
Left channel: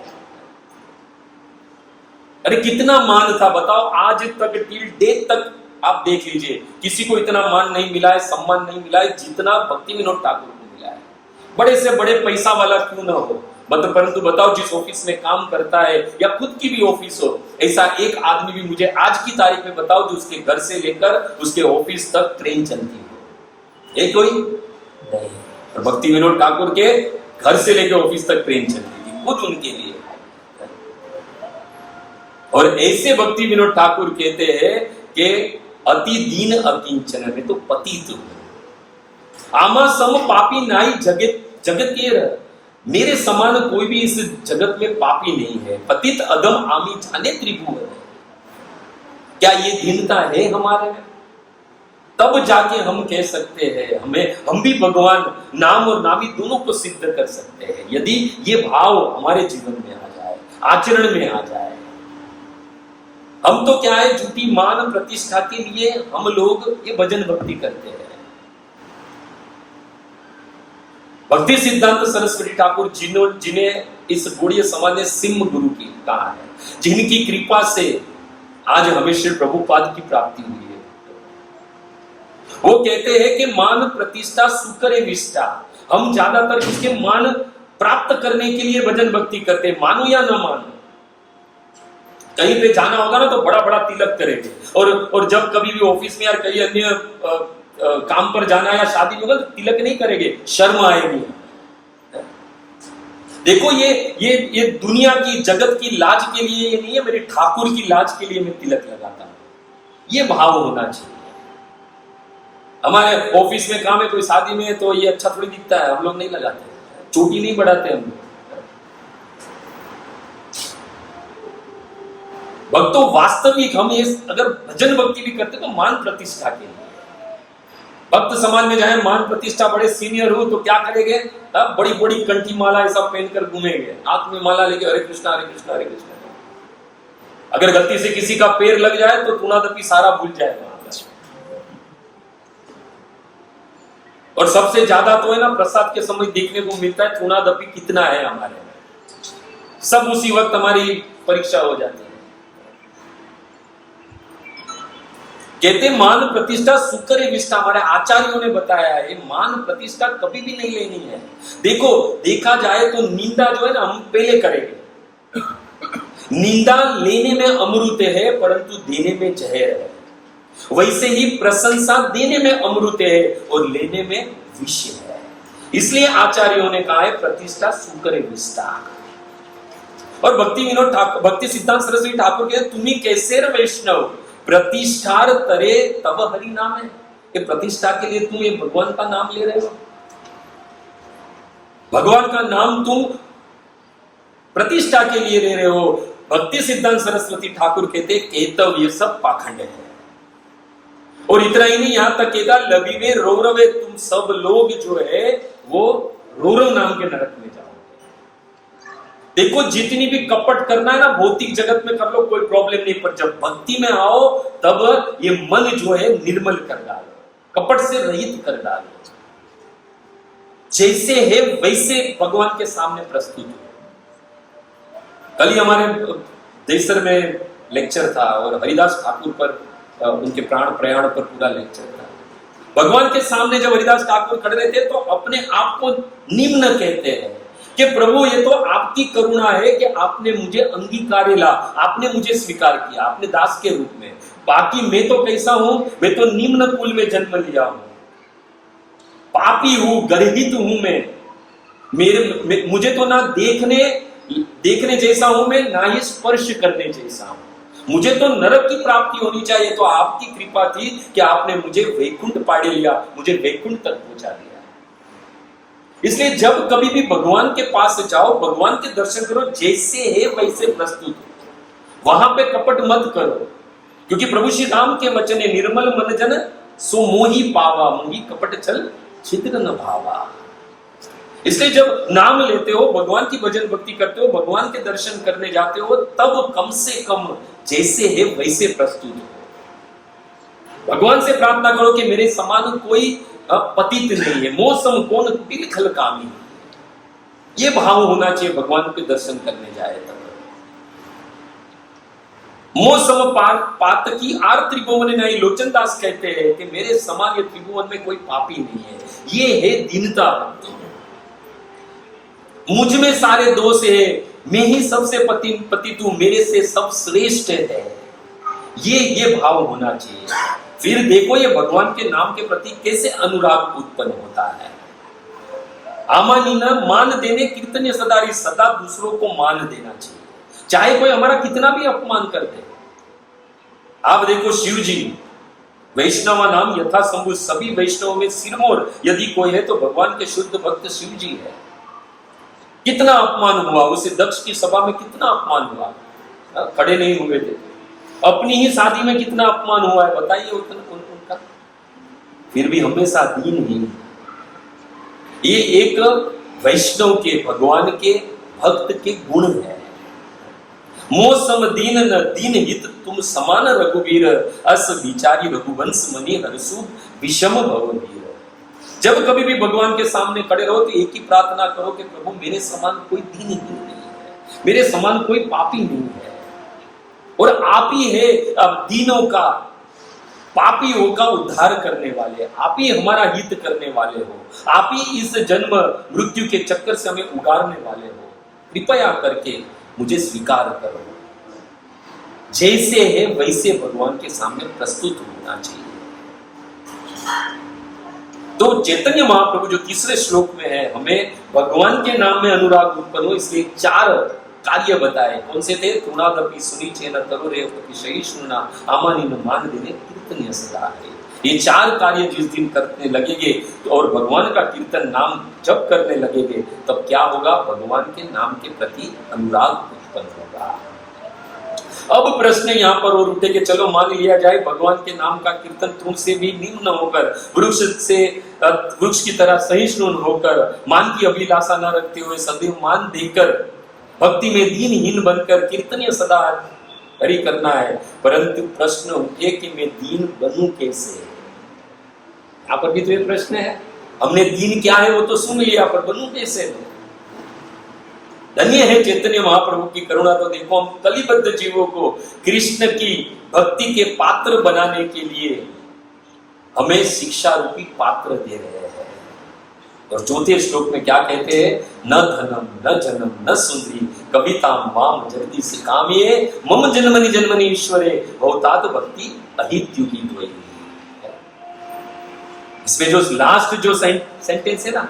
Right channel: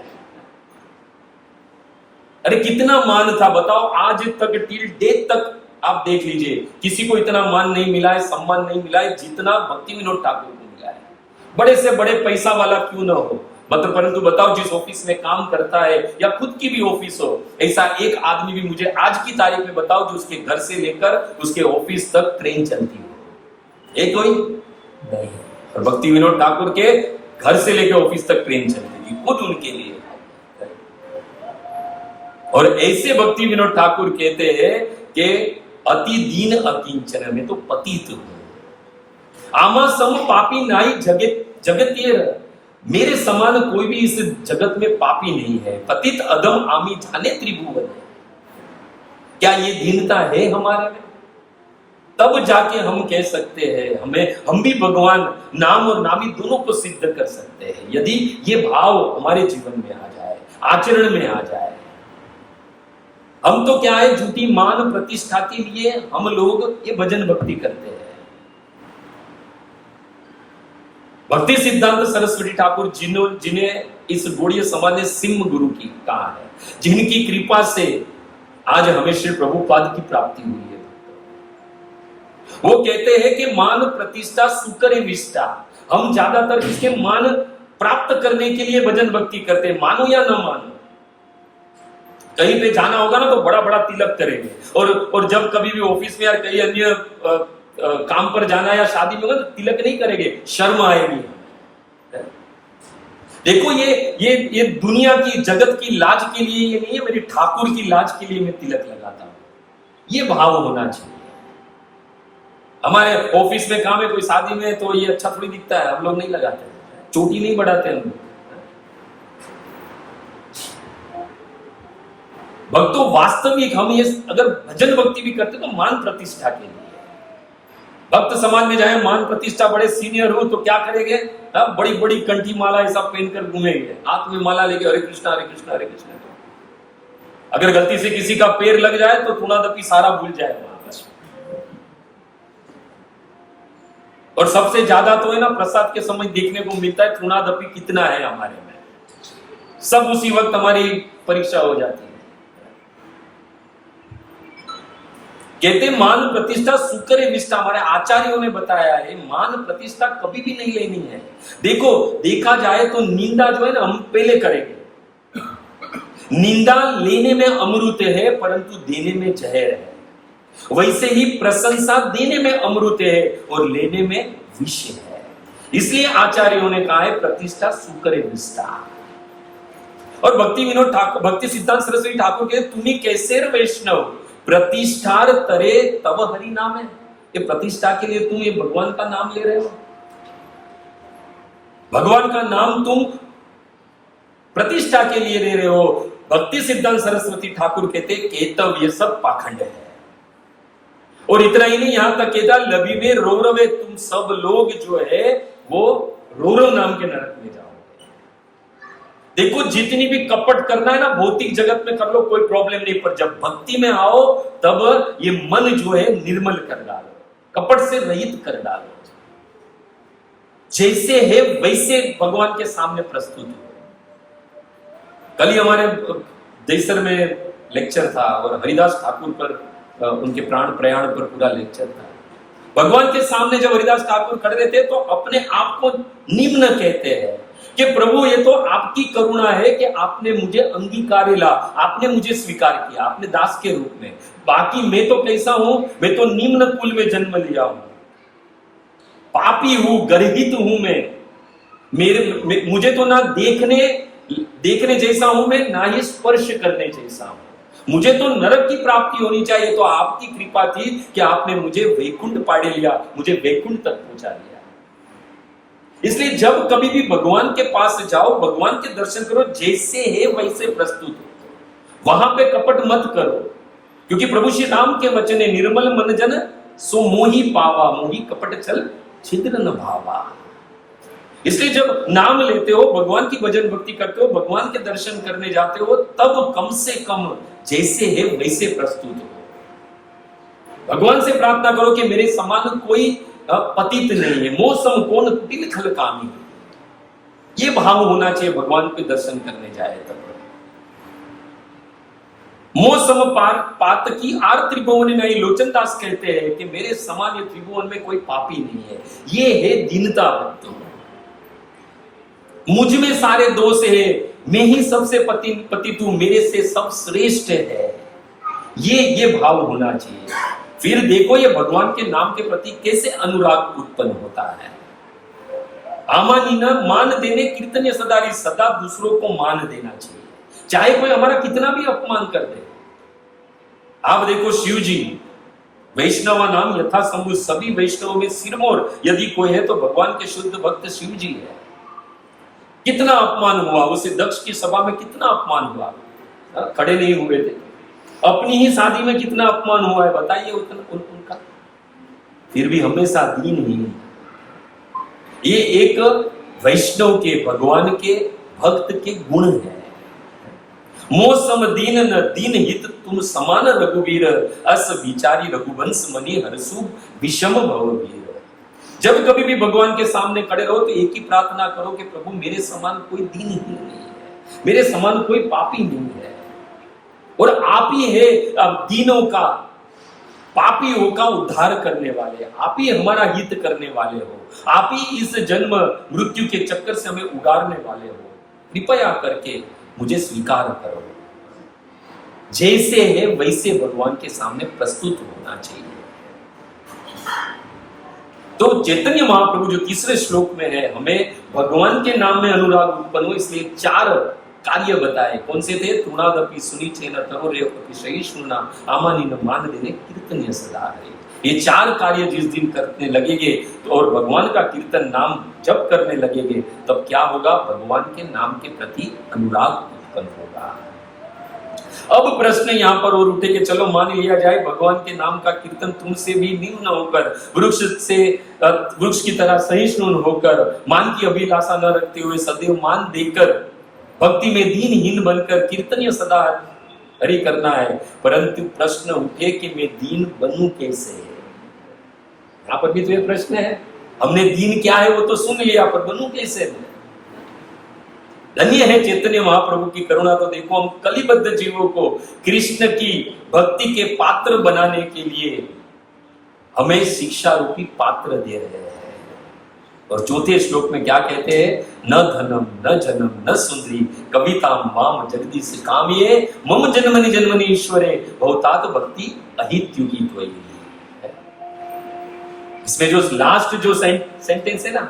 अरे कितना मान था बताओ, आज तक टिल डेट तक आप देख लीजिए, किसी को इतना मान नहीं मिला है, सम्मान नहीं मिला है जितना भक्ति विनोद ठाकुर को मिला है। बड़े से बड़े पैसा वाला क्यों ना हो, मतलब परंतु बताओ जिस ऑफिस में काम करता है या खुद की भी ऑफिस हो, ऐसा एक आदमी भी मुझे आज की तारीख में बताओ जो उसके घर से लेकर उसके ऑफिस तक ट्रेन चलती हो। एक कोई नहीं। और भक्ति विनोद ठाकुर के घर से लेकर ऑफिस तक ट्रेन चलती थी खुद उनके लिए। और ऐसे भक्ति विनोद ठाकुर कहते हैं कि अति दीन अकिंचन, में तो पतित हूं। आमा सम पापी नाई जगत जगत के, मेरे समान कोई भी इस जगत में पापी नहीं है। पतित अदम आमी जाने त्रिभुवन। क्या ये दीनता है हमारे में? तब जाके हम कह सकते हैं हम भी भगवान नाम और नामी दोनों को सिद्ध कर सकते हैं, यदि ये भाव हमारे जीवन में आ जाए, आचरण में आ जाए। हम तो क्या है, झूठी मान प्रतिष्ठा के लिए हम लोग ये भजन भक्ति करते हैं। भक्ति सिद्धांत सरस्वती ठाकुर जिन्हें इस गौड़ीय समाज ने सिंह गुरु की कहा है, जिनकी कृपा से आज हमें श्री प्रभुपाद की प्राप्ति हुई है, वो कहते हैं कि मान प्रतिष्ठा सुकरे विष्ठा। हम ज्यादातर इसके मान प्राप्त करने के लिए भजन भक्ति करते हैं, मानो या ना मानो। कहीं पे जाना होगा ना तो बड़ा बड़ा तिलक करेंगे, और जब कभी भी ऑफिस में या कहीं अन्य काम पर जाना या शादी में होगा तो तिलक नहीं करेंगे, शर्म आएगी। देखो ये दुनिया की जगत की लाज के लिए ये नहीं है, मेरे ठाकुर की लाज के लिए मैं तिलक लगाता हूं। ये भाव होना चाहिए। हमारे ऑफिस में काम है, कोई शादी में, तो ये अच्छा थोड़ी दिखता है, हम लोग नहीं लगाते, चोटी नहीं बढ़ाते हम लोग। भक्तों वास्तविक हम ये अगर भजन भक्ति भी करते तो मान प्रतिष्ठा के लिए। भक्त समाज में जाए, मान प्रतिष्ठा बड़े सीनियर हो तो क्या करेंगे, बड़ी बड़ी कंठी माला ऐसा पहनकर घूमेंगे, हाथ में माला लेके हरे कृष्णा हरे कृष्णा हरे कृष्णा। अगर गलती से किसी का पैर लग जाए तो तुनादपी सारा भूल जाएगा। और सबसे ज्यादा तो है ना प्रसाद के समय देखने को मिलता है तुनादपी कितना है हमारे में, सब उसी वक्त हमारी परीक्षा हो जाती है। कहते मान प्रतिष्ठा सुकर विष्ठा, हमारे आचार्यों ने बताया है मान प्रतिष्ठा कभी भी नहीं लेनी है। देखो देखा जाए तो निंदा जो है ना हम पहले करेंगे। निंदा लेने में अमृत है परंतु देने में जहर है, वैसे ही प्रशंसा देने में अमृत है और लेने में विष है। इसलिए आचार्यों ने कहा है प्रतिष्ठा सुकर विष्ठा। और भक्ति विनोद ठाकुर, भक्ति सिद्धांत सरस्वती ठाकुर के तुम्ही कैसे वैष्णव प्रतिष्ठार तरे तब हरि नाम है। ये प्रतिष्ठा के लिए तुम ये भगवान का नाम ले रहे हो। भगवान का नाम तुम प्रतिष्ठा के लिए ले रहे हो। भक्ति सिद्धांत सरस्वती ठाकुर कहते केतव ये सब पाखंड है। और इतना ही नहीं, यहां तक कहता लबीवे रौरवे तुम सब लोग जो है वो रौरव नाम के नरक में जाओगे। देखो जितनी भी कपट करना है ना भौतिक जगत में कर लो, कोई प्रॉब्लम नहीं, पर जब भक्ति में आओ तब ये मन जो है निर्मल कर डालो, कपट से रहित कर डालो। जैसे है वैसे भगवान के सामने प्रस्तुत हो। कल ही हमारे देसर में लेक्चर था और हरिदास ठाकुर पर उनके प्राण प्रयाण पर पूरा लेक्चर था। भगवान के सामने जब हरिदास ठाकुर खड़े रहते तो अपने आप को निम्न कहते हैं कि प्रभु ये तो आपकी करुणा है कि आपने मुझे अंगीकार ला, आपने मुझे स्वीकार किया, आपने दास के रूप में। बाकी मैं तो कैसा हूं, मैं तो निम्न कुल में जन्म लिया हूं, पापी हूं, गर्हित हूं मैं। मुझे तो ना देखने जैसा हूं मैं, ना ही स्पर्श करने जैसा हूं। मुझे तो नरक की प्राप्ति होनी चाहिए, तो आपकी कृपा थी कि आपने मुझे वैकुंठ पाड़े लिया, मुझे वैकुंठ तक पहुंचा दिया। इसलिए जब कभी भी भगवान के पास जाओ, भगवान के दर्शन करो, जैसे है वैसे प्रस्तुत हो, वहां पे कपट मत करो। क्योंकि प्रभु श्री राम के वचन है, निर्मल मन जन सो मोही पावा, मोही कपट चल छिद्र न भावा। इसलिए जब नाम लेते हो, भगवान की भजन भक्ति करते हो, भगवान के दर्शन करने जाते हो, तब कम से कम जैसे है वैसे प्रस्तुत हो। भगवान से प्रार्थना करो कि मेरे समान कोई पतित नहीं है, मौसम कौन कुटिल खल कामी, ये भाव होना चाहिए भगवान के दर्शन करने जाए तब। मौसम पात की आर त्रिभुवन नहीं, लोचन दास कहते हैं कि मेरे समान ये त्रिभुवन में कोई पापी नहीं है। ये है दीनता भक्ति। मुझ में सारे दोष है, मैं ही सबसे पतित हूं, मेरे से सब श्रेष्ठ है, ये भाव होना चाहिए। फिर देखो ये भगवान के नाम के प्रति कैसे अनुराग उत्पन्न होता है। आमानी न मान देने कीर्तन्य सदारी, सदा दूसरों को मान देना चाहिए, चाहे कोई हमारा कितना भी अपमान कर दे। आप देखो शिव जी, वैष्णव नाम यथा शंभु, सभी वैष्णव में सिरमौर यदि कोई है तो भगवान के शुद्ध भक्त शिव जी है। कितना अपमान हुआ उसे, दक्ष की सभा में कितना अपमान हुआ, खड़े नहीं हुए थे। अपनी ही शादी में कितना अपमान हुआ है बताइए उनका। फिर भी हमेशा दीनहीन। ये एक वैष्णव के, भगवान के भक्त के गुण है। मोसम दीन न दीन हित तुम समान रघुवीर, अस विचारी रघुवंश मनी हरसु विषम भववीर। जब कभी भी भगवान के सामने खड़े रहो तो एक ही प्रार्थना करो कि प्रभु मेरे समान कोई दीनहीन नहीं है, मेरे समान कोई पापी नहीं है, और आप ही है अब दीनों का, पापियों का उद्धार करने वाले, आप ही हमारा हित करने वाले हो, आप ही इस जन्म मृत्यु के चक्कर से हमें उगारने वाले हो। कृपया करके मुझे स्वीकार करो। जैसे है वैसे भगवान के सामने प्रस्तुत होना चाहिए। तो चैतन्य महाप्रभु जो तीसरे श्लोक में है, हमें भगवान के नाम में अनुराग उत्पन्न हो, इसलिए 4 कार्य बताए। कौन से थे? तृणादपि सुनीचे न तरोरे प्रतिशयी सुनना, आमानी न मान देने कीर्तन्य सदा है। ये 4 कार्य जिस दिन करने लगेंगे तो और भगवान का कीर्तन नाम जब करने लगेंगे तब क्या होगा? भगवान के नाम के प्रति अनुराग उत्पन्न होगा। अब प्रश्न यहाँ पर और उठे कि चलो मान लिया जाए भगवान के नाम का कीर्तन तुमसे भी निम्न होकर, वृक्ष की तरह सहिष्णु होकर, मान की अभिलाषा न रखते हुए सदैव मान देकर, भक्ति में दीनहीन बनकर कीर्तनीय सदा हरि करना है। परंतु प्रश्न उठे कि मैं दीन बनूं कैसे? यहाँ पर भी तो ये प्रश्न है। हमने दीन क्या है वो तो सुन लिया, पर बनूं कैसे? धन्य है चैतन्य महाप्रभु की करुणा। तो देखो हम कलिबद्ध जीवों को कृष्ण की भक्ति के पात्र बनाने के लिए हमें शिक्षा रूपी पात्र दे रहे हैं। और चौथे श्लोक में क्या कहते हैं? न धनम न जनम न सुंदरी कविता माम जगदीश कामिये, मम जन्मनि जन्मनि ईश्वरे भवतात भक्ति अहित्युगी त्वयि। इसमें जो लास्ट जो सेंटेंस है ना,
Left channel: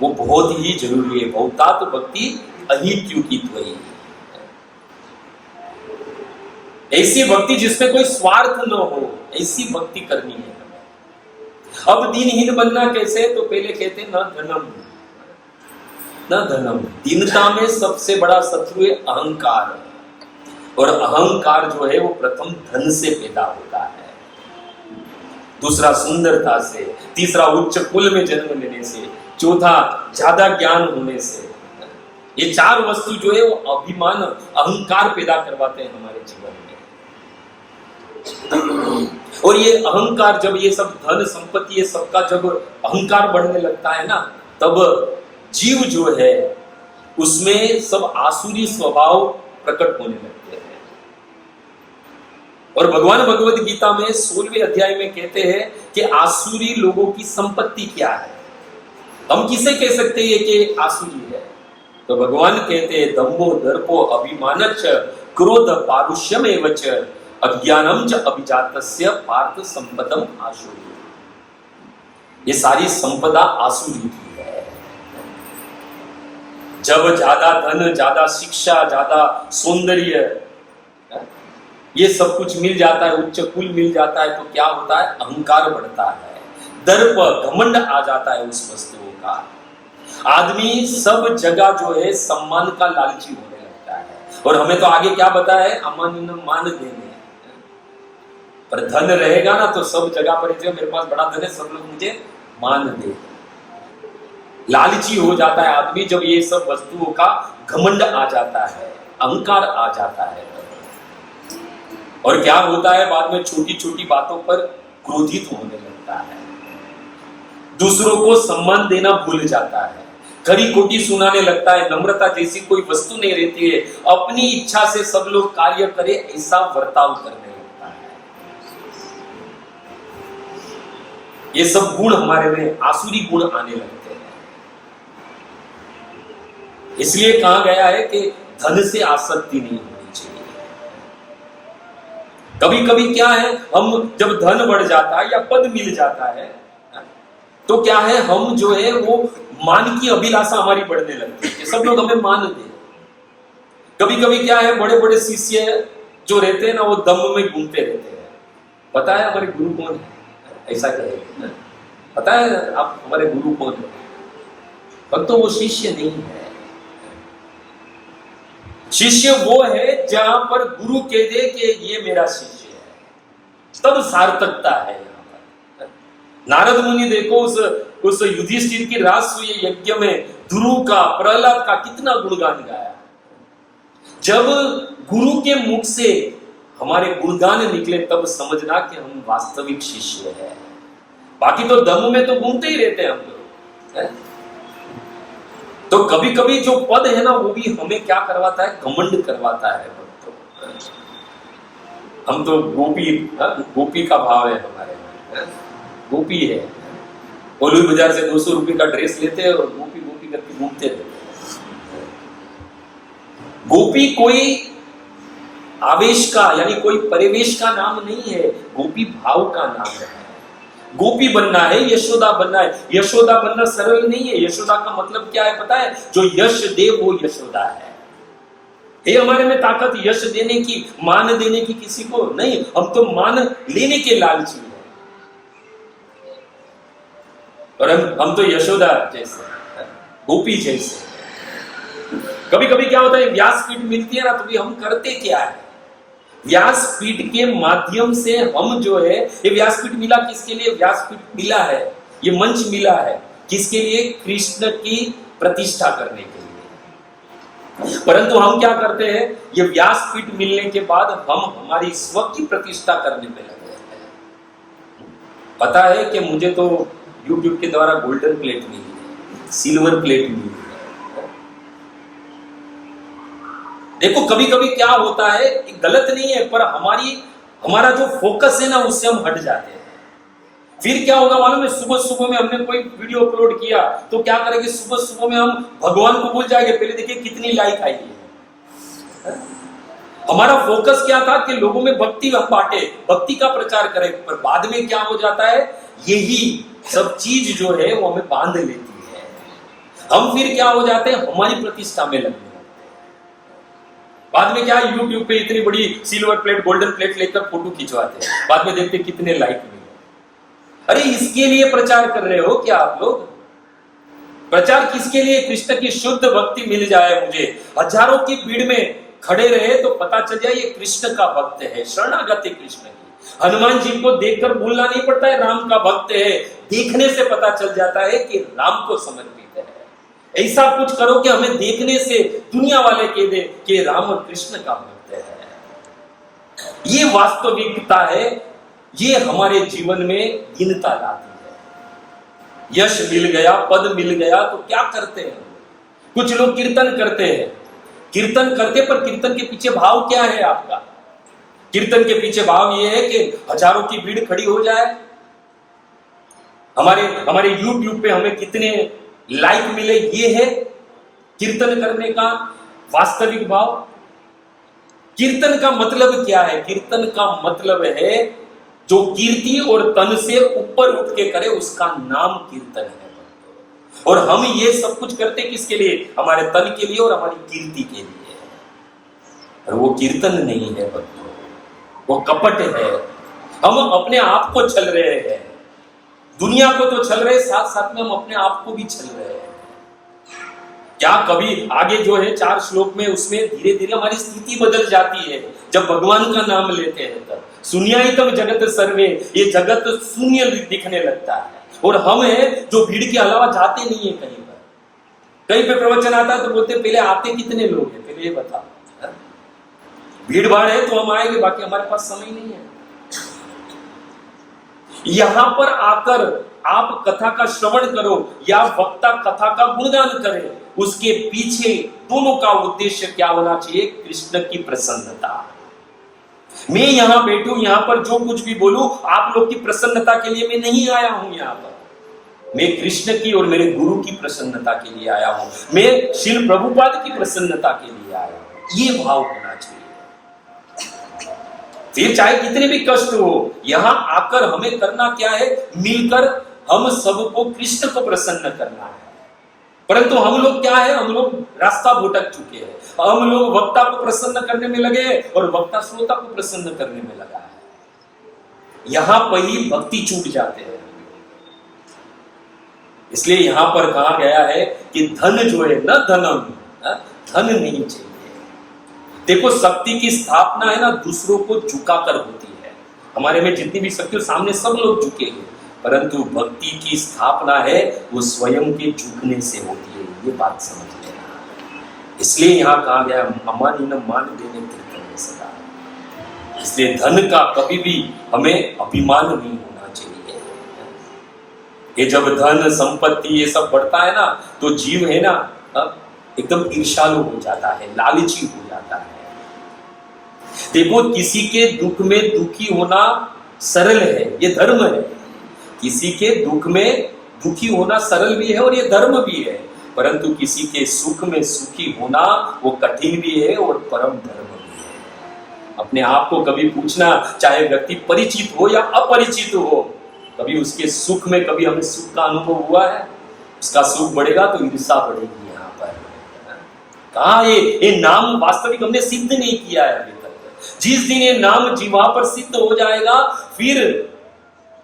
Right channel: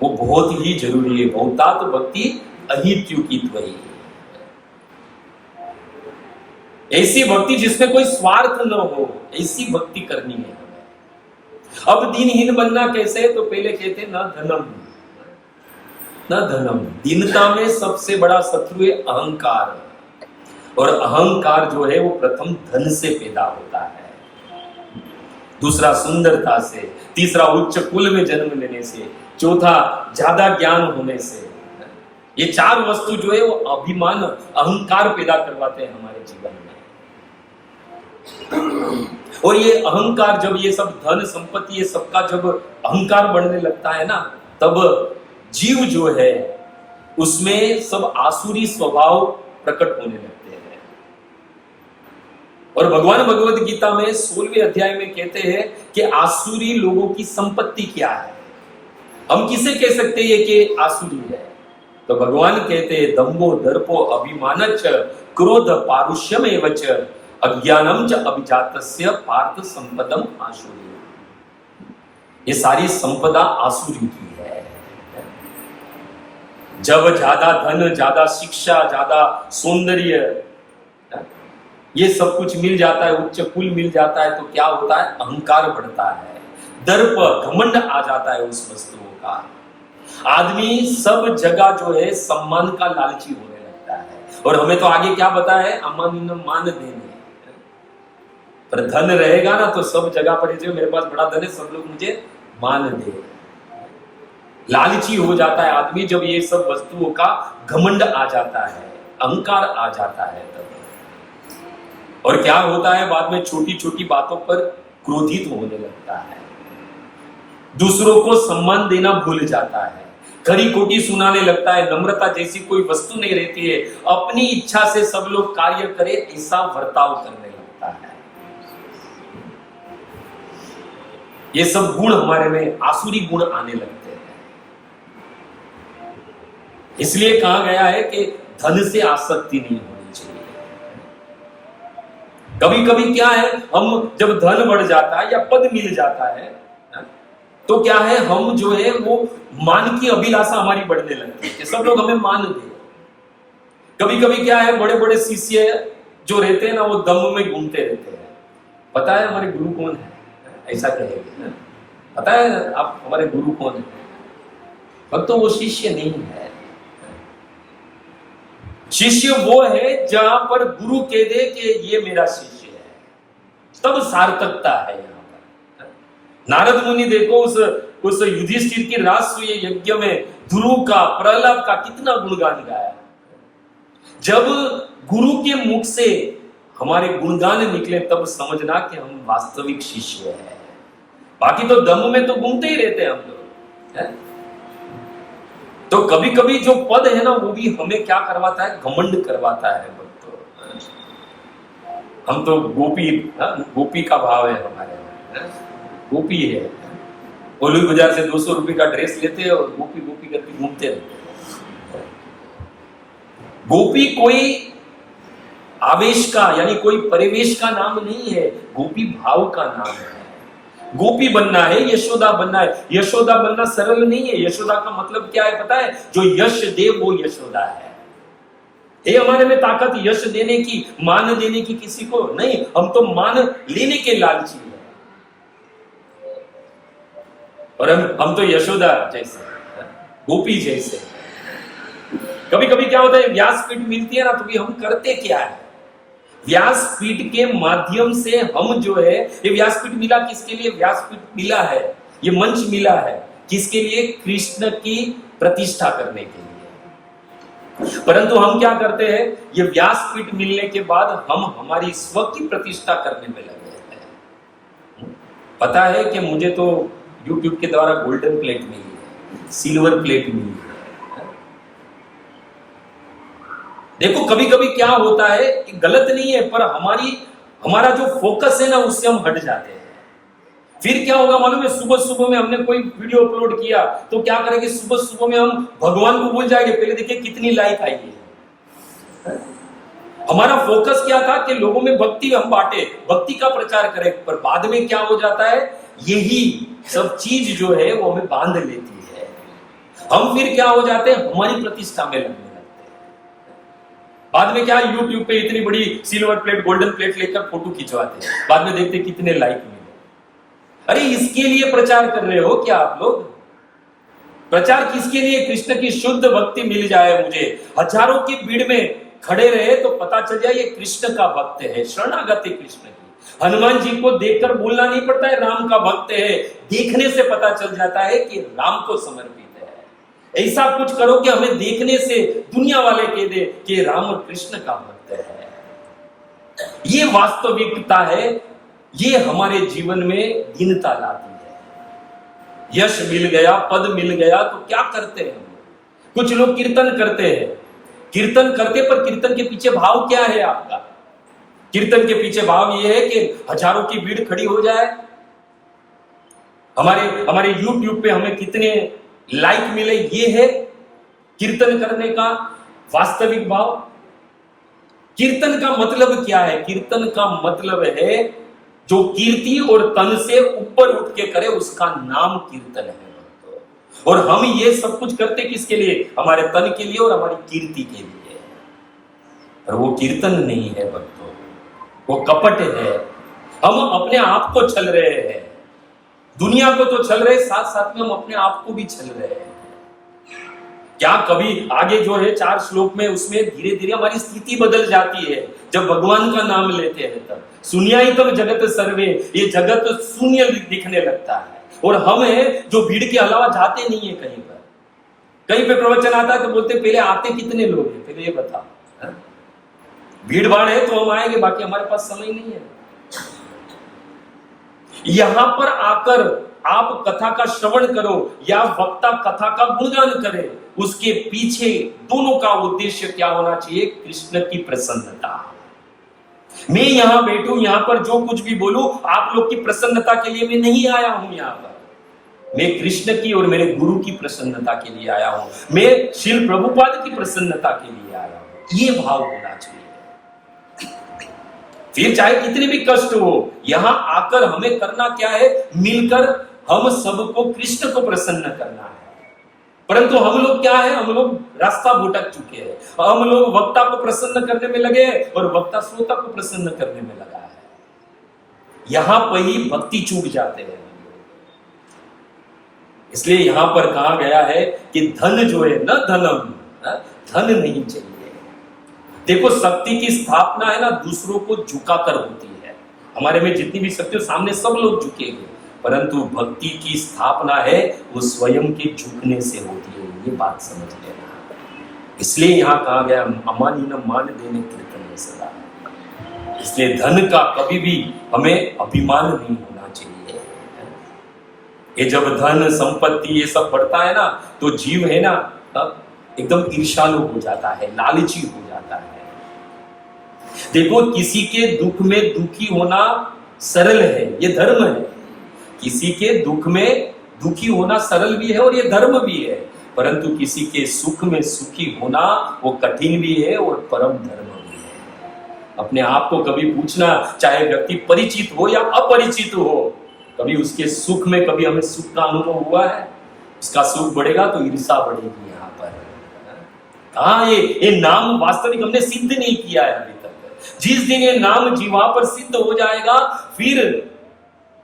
वो बहुत ही जरूरी है। भवतात भक्ति अहित्युगी त्वयि। ऐसी भक्ति जिसमें कोई स्वार्थ न हो, ऐसी भक्ति करनी है। अब दीनहीन बनना कैसे? तो पहले कहते न धनम, न धनम। दीनता में सबसे बड़ा शत्रु है अहंकार, और अहंकार जो है वो प्रथम धन से पैदा होता है, दूसरा सुंदरता से, तीसरा उच्च कुल में जन्म लेने से, चौथा ज्यादा ज्ञान होने से। ये चार वस्तु जो है वो अभिमान, अहंकार पैदा करवाते हैं हमारे जीवन में। और ये अहंकार, जब ये सब धन संपत्ति ये सबका जब अहंकार बढ़ने लगता है ना, तब जीव जो है उसमें सब आसुरी स्वभाव प्रकट होने लगते हैं। और भगवान भगवद गीता में 16वें अध्याय में कहते हैं कि आसुरी लोगों की संपत्ति क्या है। हम किसे कह सकते हैं कि आसुरी है? तो भगवान कहते हैं दंभो दर्पो अभिमानश्च क्रोध पारुष्यमेव च अज्ञानम च अभिजातस्य पार्थ संपदम आसुरी। ये सारी संपदा आसुरी की है। जब ज्यादा धन, ज्यादा शिक्षा, ज्यादा सौंदर्य, ये सब कुछ मिल जाता है, उच्च कुल मिल जाता है, तो क्या होता है? अहंकार बढ़ता है, दर्प घमंड आ जाता है उस वस्तुओं का। आदमी सब जगह जो है सम्मान का लालची होने लगता है। और हमें तो आगे क्या बताया है? अमान मान देने। पर धन रहेगा ना तो सब जगह पर जो मेरे पास बड़ा धन है, सब लोग मुझे मान दे। लालची हो जाता है आदमी जब ये सब वस्तुओं का घमंड आ जाता है, अहंकार आ जाता है। और क्या होता है? बाद में छोटी छोटी बातों पर क्रोधित होने लगता है, दूसरों को सम्मान देना भूल जाता है, खरी खोटी सुनाने लगता है, नम्रता जैसी कोई वस्तु नहीं रहती है, अपनी इच्छा से सब लोग कार्य करे ऐसा बर्ताव करने लगता है। ये सब गुण हमारे में आसुरी गुण आने लगते हैं। इसलिए कहा गया है कि धन से आसक्ति नहीं होनी चाहिए। कभी कभी क्या है, हम जब धन बढ़ जाता है या पद मिल जाता है तो क्या है, हम जो है वो मान की अभिलाषा हमारी बढ़ने लगती है कि सब लोग हमें मान दे। कभी कभी क्या है, बड़े बड़े शिष्य जो रहते हैं ना वो दम में घूमते रहते हैं। पता है हमारे गुरु कौन है? ऐसा कहेगा, पता है आप हमारे गुरु कौन है? पर तो वो शिष्य नहीं है। शिष्य वो है जहां पर गुरु कह दे कि ये मेरा शिष्य है, तब सार्थकता है। नारद मुनि देखो उस युधिष्ठिर की राजसूय यज्ञ में ध्रुव का, प्रहलाद का कितना गुणगान गाया। जब गुरु के मुख से हमारे गुणगान निकले तब समझना कि हम वास्तविक शिष्य हैं। बाकी तो दम में तो घूमते ही रहते हैं हम लोग। तो कभी कभी जो पद है ना वो भी हमें क्या करवाता है? घमंड करवाता है। हम तो गोपी का भाव है हमारे में, गोपी है। ओलू बाजार से 200 रुपए का ड्रेस लेते हैं और गोपी गोपी करके घूमते रहते हैं। गोपी कोई आवेश का यानी कोई परिवेश का नाम नहीं है, गोपी भाव का नाम है। गोपी बनना है, यशोदा बनना है। यशोदा बनना सरल नहीं है। यशोदा का मतलब क्या है पता है? जो यश दे वो यशोदा है। ये हमारे में ताकत यश देने की, मान देने की किसी को नहीं। हम तो मान लेने के लालची है। और हम तो यशोदा जैसे, गोपी जैसे। कभी कभी क्या होता है, व्यासपीठ मिलती है ना तो भी हम करते क्या है? व्यासपीठ के माध्यम से हम जो है, ये व्यासपीठ मिला किसके लिए? व्यासपीठ मिला है, ये मंच मिला है किसके लिए? कृष्ण की प्रतिष्ठा करने के लिए। परंतु हम क्या करते हैं, ये व्यासपीठ मिलने के बाद हम हमारी स्व की प्रतिष्ठा करने में लगे रहते हैं। पता है कि मुझे तो YouTube के द्वारा गोल्डन प्लेट मिली है, सिल्वर प्लेट मिली है। देखो कभी कभी क्या होता है, गलत नहीं है, पर हमारा जो फोकस है ना उससे हम हट जाते हैं। फिर क्या होगा मालूम है? सुबह सुबह में हमने कोई वीडियो अपलोड किया तो क्या करेंगे, सुबह सुबह में हम भगवान को भूल जाएंगे। पहले देखिए कितनी लाइक आई है। हमारा फोकस क्या था कि लोगों में भक्ति हम बांटे, भक्ति का प्रचार करें। पर बाद में क्या हो जाता है, यही सब चीज जो है वो हमें बांध लेती है। हम फिर क्या हो जाते हैं, हमारी प्रतिष्ठा में लगने लगते हैं। बाद में क्या, यूट्यूब पे इतनी बड़ी सिल्वर प्लेट, गोल्डन प्लेट लेकर फोटो खिंचवाते हैं, बाद में देखते कितने लाइक मिले। अरे इसके लिए प्रचार कर रहे हो क्या आप लोग? प्रचार किसके लिए? कृष्ण की शुद्ध भक्ति मिल जाए मुझे, हजारों की भीड़ में खड़े रहे तो पता चल जाए ये कृष्ण का भक्त है, शरणागत है कृष्ण की। हनुमान जी को देखकर बोलना नहीं पड़ता है राम का भक्त है, देखने से पता चल जाता है कि राम को समर्पित है। ऐसा कुछ करो कि हमें देखने से दुनिया वाले कह दे कि राम और कृष्ण का भक्त है। ये वास्तविकता है, ये हमारे जीवन में दीनता लाती है। यश मिल गया, पद मिल गया तो क्या करते हैं? कुछ लोग कीर्तन करते हैं, कीर्तन करते, पर कीर्तन के पीछे भाव क्या है आपका? कीर्तन के पीछे भाव ये है कि हजारों की भीड़ खड़ी हो जाए, हमारे YouTube पे हमें कितने लाइक मिले, ये है कीर्तन करने का वास्तविक भाव? कीर्तन का मतलब क्या है? कीर्तन का मतलब है जो कीर्ति और तन से ऊपर उठ के करे उसका नाम कीर्तन है। और हम ये सब कुछ करते किसके लिए? हमारे तन के लिए और हमारी कीर्ति के लिए। पर वो कीर्तन नहीं है भक्तों, वो कपट है। हम अपने आप को छल रहे हैं, दुनिया को तो छल रहे, साथ साथ में हम अपने आप को भी छल रहे हैं। क्या कभी आगे जो है 4 श्लोक में, उसमें धीरे धीरे हमारी स्थिति बदल जाती है जब भगवान का नाम लेते हैं तब। शून्यायतम जगत सर्वे, ये जगत शून्य दिखने लगता है। और हम हैं जो भीड़ के अलावा जाते नहीं है कहीं पर। कहीं पे प्रवचन आता है तो बोलते पहले आते कितने लोग हैं, पहले ये बता। भीड़ भाड़ है तो हम आएंगे, बाकी हमारे पास समय नहीं है। यहां पर आकर आप कथा का श्रवण करो या वक्ता कथा का गुणगान करे, उसके पीछे दोनों का उद्देश्य क्या होना चाहिए? कृष्ण की प्रसन्नता। मैं यहां बैठूं, यहां पर जो कुछ भी बोलूं, आप लोग की प्रसन्नता के लिए मैं नहीं आया हूं यहां पर। मैं कृष्ण की और मेरे गुरु की प्रसन्नता के लिए आया हूं, मैं श्रील प्रभुपाद की प्रसन्नता के लिए आया हूं। ये भाव होना चाहिए। फिर चाहे कितने भी कष्ट हो, यहां आकर हमें करना क्या है? मिलकर हम सबको कृष्ण को प्रसन्न करना है। परंतु हम लोग क्या है? हम लोग रास्ता भटक चुके हैं। हम लोग वक्ता को प्रसन्न करने में लगे और वक्ता श्रोता को प्रसन्न करने में लगा है। यहां पर ही भक्ति चूक जाते हैं। इसलिए यहां पर कहा गया है कि धन जो है न धनम, धन नहीं चाहिए। देखो शक्ति की स्थापना है ना दूसरों को झुकाकर होती है। हमारे में जितनी भी शक्ति हो सामने सब लोग झुकेंगे, परंतु भक्ति की स्थापना है वो स्वयं के झुकने से होती है। ये बात समझ लेना। इसलिए यहां कहा गया अमानी न मान देने कीर्तन में सदा। इसलिए धन का कभी भी हमें अभिमान नहीं होना चाहिए। ये जब धन संपत्ति ये सब बढ़ता है ना तो जीव है ना एकदम ईर्ष्यालु हो जाता है, लालची हो जाता है। देखो किसी के दुख में दुखी होना सरल है, ये धर्म है। किसी के दुख में दुखी होना सरल भी है और ये धर्म भी है, परंतु किसी के सुख में सुखी होना वो कठिन भी है और परम धर्म भी है। अपने आप को कभी पूछना, चाहे व्यक्ति परिचित हो या अपरिचित हो, कभी उसके सुख में कभी हमें सुख का अनुभव हुआ है? उसका सुख बढ़ेगा तो ईर्ष्या बढ़ेगी। यहाँ पर कहा ये नाम वास्तविक हमने सिद्ध नहीं किया है अभी तक। जिस दिन ये नाम जीवा पर सिद्ध हो जाएगा, फिर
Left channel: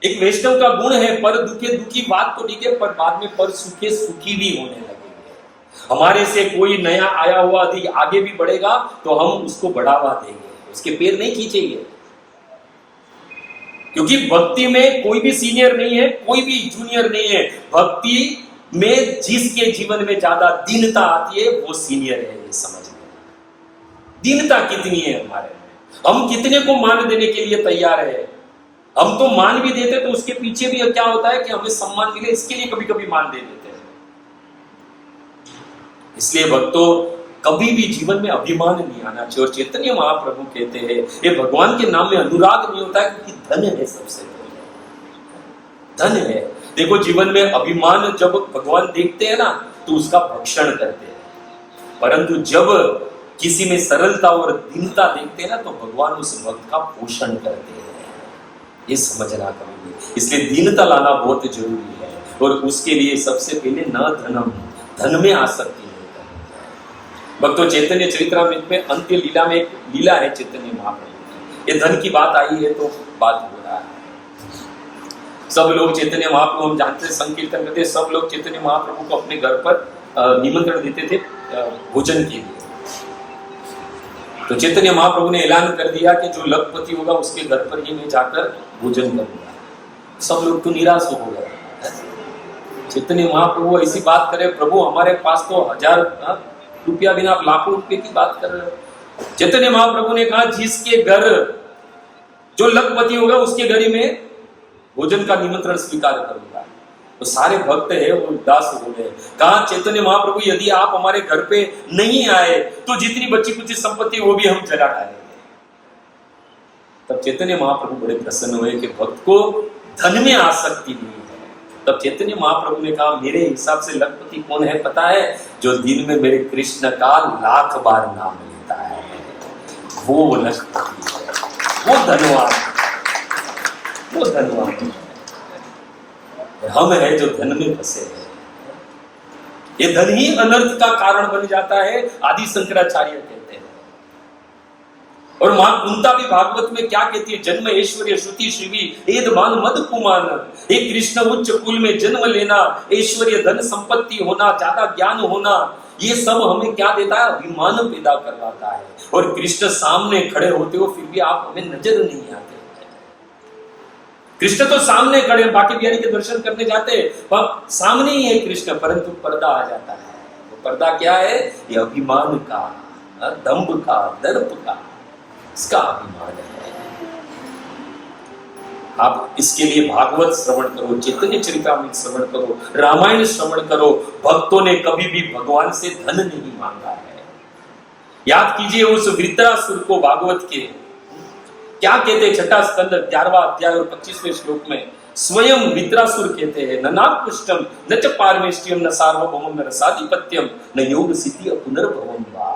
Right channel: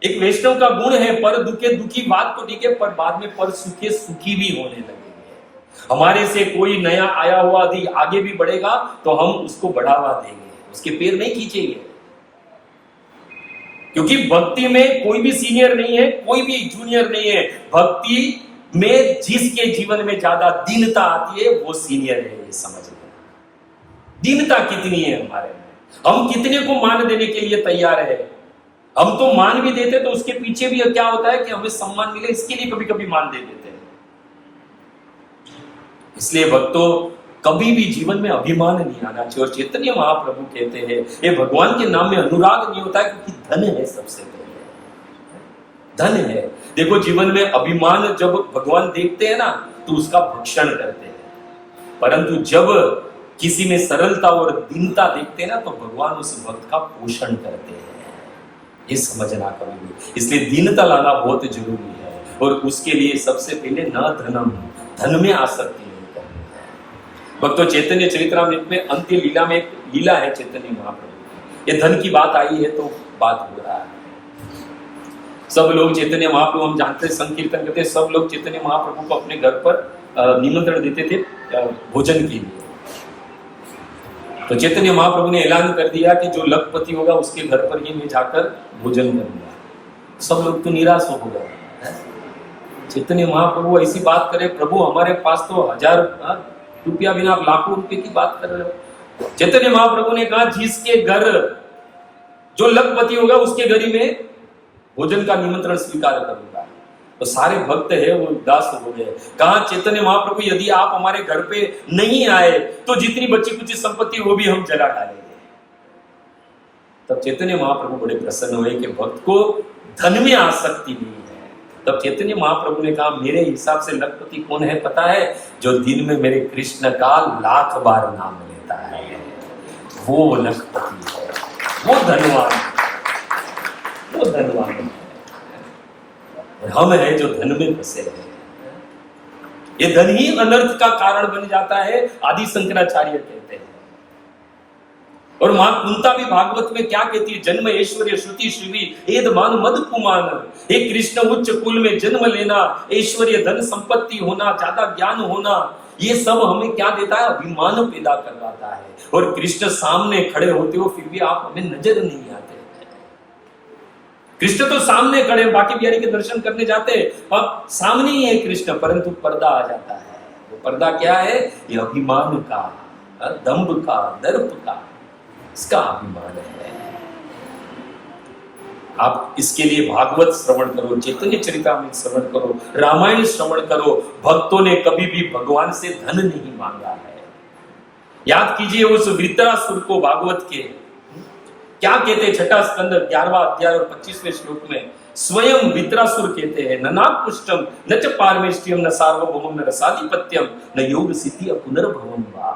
एक वैष्णव का गुण है पर दुखे दुखी, बात तो ठीक है, पर बाद में पर सुखे सुखी भी होने लगेंगे। हमारे से कोई नया आया हुआ अधिक आगे भी बढ़ेगा तो हम उसको बढ़ावा देंगे, उसके पैर नहीं खींचेंगे। क्योंकि भक्ति में कोई भी सीनियर नहीं है, कोई भी जूनियर नहीं है। भक्ति में जिसके जीवन में ज्यादा दीनता आती है वो सीनियर है, ये समझ लेना। दीनता कितनी है हमारे में, हम कितने को मान देने के लिए तैयार है। हम तो मान भी देते तो उसके पीछे भी क्या होता है कि हमें सम्मान मिले, इसके लिए कभी कभी मान दे देते हैं। इसलिए भक्तों कभी भी जीवन में अभिमान नहीं आना चाहिए। और चैतन्य महाप्रभु कहते हैं ये भगवान के नाम में अनुराग नहीं होता है, क्योंकि धन है, सबसे पहले धन है। देखो जीवन में अभिमान जब भगवान देखते हैं ना तो उसका भक्षण करते हैं, परंतु जब किसी में सरलता और दीनता देखते हैं ना तो भगवान उस भक्त का पोषण करते हैं। ये समझना कभी भी। इसलिए दीनता लाना बहुत जरूरी है। और उसके लिए सबसे पहले न धनम, धन में आसक्ति नहीं करनी है। भक्तों चैतन्य चरित्रामृत में अंत्य लीला में एक लीला है चैतन्य महाप्रभु की। ये धन की बात आई है तो बात हो रहा है। सब लोग चैतन्य महाप्रभु, हम जानते हैं संकीर्तन करते, सब लोग चैतन्य महाप्रभु को अपने घर पर निमंत्रण देते थे भोजन के लिए। तो चैतन्य महाप्रभु ने ऐलान कर दिया कि जो लखपति होगा उसके घर पर ही मैं जाकर भोजन करूंगा। सब लोग तो निराश हो गए। चैतन्य महाप्रभु ऐसी बात करे, प्रभु हमारे पास तो 1000 रुपया बिना आप लाखों रुपए की बात कर रहे हो। चैतन्य महाप्रभु ने कहा जिसके घर जो लखपति होगा उसके घर ही में भोजन का निमंत्रण स्वीकार करूंगा। तो सारे भक्त है वो उदास हो गए। कहा चैतन्य महाप्रभु यदि आप हमारे घर पे नहीं आए तो जितनी बची कुछ संपत्ति वो भी हम जला डालेंगे। तब चैतन्य महाप्रभु बड़े प्रसन्न हुए कि भक्त को धन में आसक्ति नहीं है। तब चैतन्य महाप्रभु ने कहा मेरे हिसाब से लखपति कौन है पता है? जो दिन में मेरे कृष्ण का 1,00,000 बार नाम लेता है, वो लखपति है, वो धनवान, वो धनवान है। हम है जो धन में फंसे हैं। ये धन ही अनर्थ का कारण बन जाता है, आदि शंकराचार्य कहते हैं। और मां कुंता भी भागवत में क्या कहती है? जन्म ऐश्वर्य श्रुति शिवी एदमान मद कुमान। हे कृष्ण उच्च कुल में जन्म लेना, ऐश्वर्य धन संपत्ति होना, ज्यादा ज्ञान होना, ये सब हमें क्या देता है? अभिमान पैदा करवाता है। और कृष्ण सामने खड़े होते हो फिर भी आप हमें नजर नहीं आते। कृष्ण तो सामने खड़े, बाकी बिहारी के दर्शन करने जाते, आप सामने ही है कृष्ण, परंतु पर्दा आ जाता है। वो पर्दा क्या है? ये अभिमान का, दंभ का, दर्प का, इसका अभिमान है। आप इसके लिए भागवत श्रवण करो, चैतन्य चरितामृत श्रवण करो, रामायण श्रवण करो। भक्तों ने कभी भी भगवान से धन नहीं मांगा है। याद कीजिए उस वृत्रासुर को भागवत के क्या कहते हैं? 6वां स्कंद 11वां अध्याय और 25वें श्लोक में स्वयं वृत्रासुर कहते हैं न नागपुष्टम न च पारमेष्टियम न सार्वभौमम न रसाधिपत्यम न योग सिद्धि पुनर्भवम वा।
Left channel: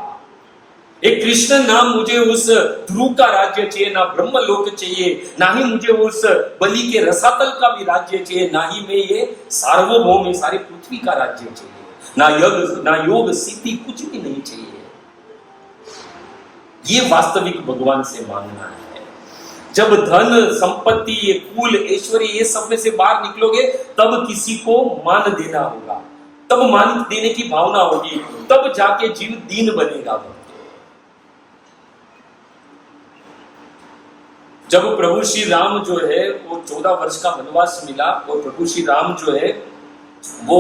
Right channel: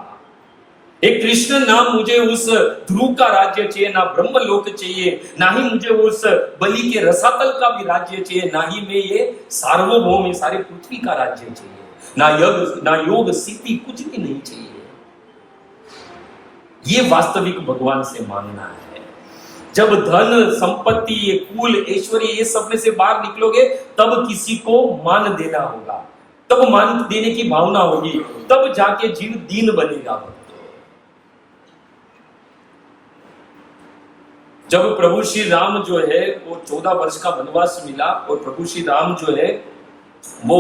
एक कृष्ण ना मुझे उस ध्रुव का राज्य चाहिए, ना ब्रह्मलोक चाहिए, ना ही मुझे उस बलि के रसातल का भी राज्य चाहिए, ना ही मैं ये सार्वभौम सारे पृथ्वी का राज्य चाहिए, ना योग सिद्धि, कुछ भी नहीं चाहिए। ये वास्तविक भगवान से मांगना है। जब धन संपत्ति, ये कुल ऐश्वर्य, ये सब में से बाहर निकलोगे तब किसी को मान देना होगा, तब मान देने की भावना होगी, तब जाके जीव दीन बनेगा। जब प्रभु श्री राम जो है वो 14 वर्ष का वनवास मिला और प्रभु श्री राम जो है वो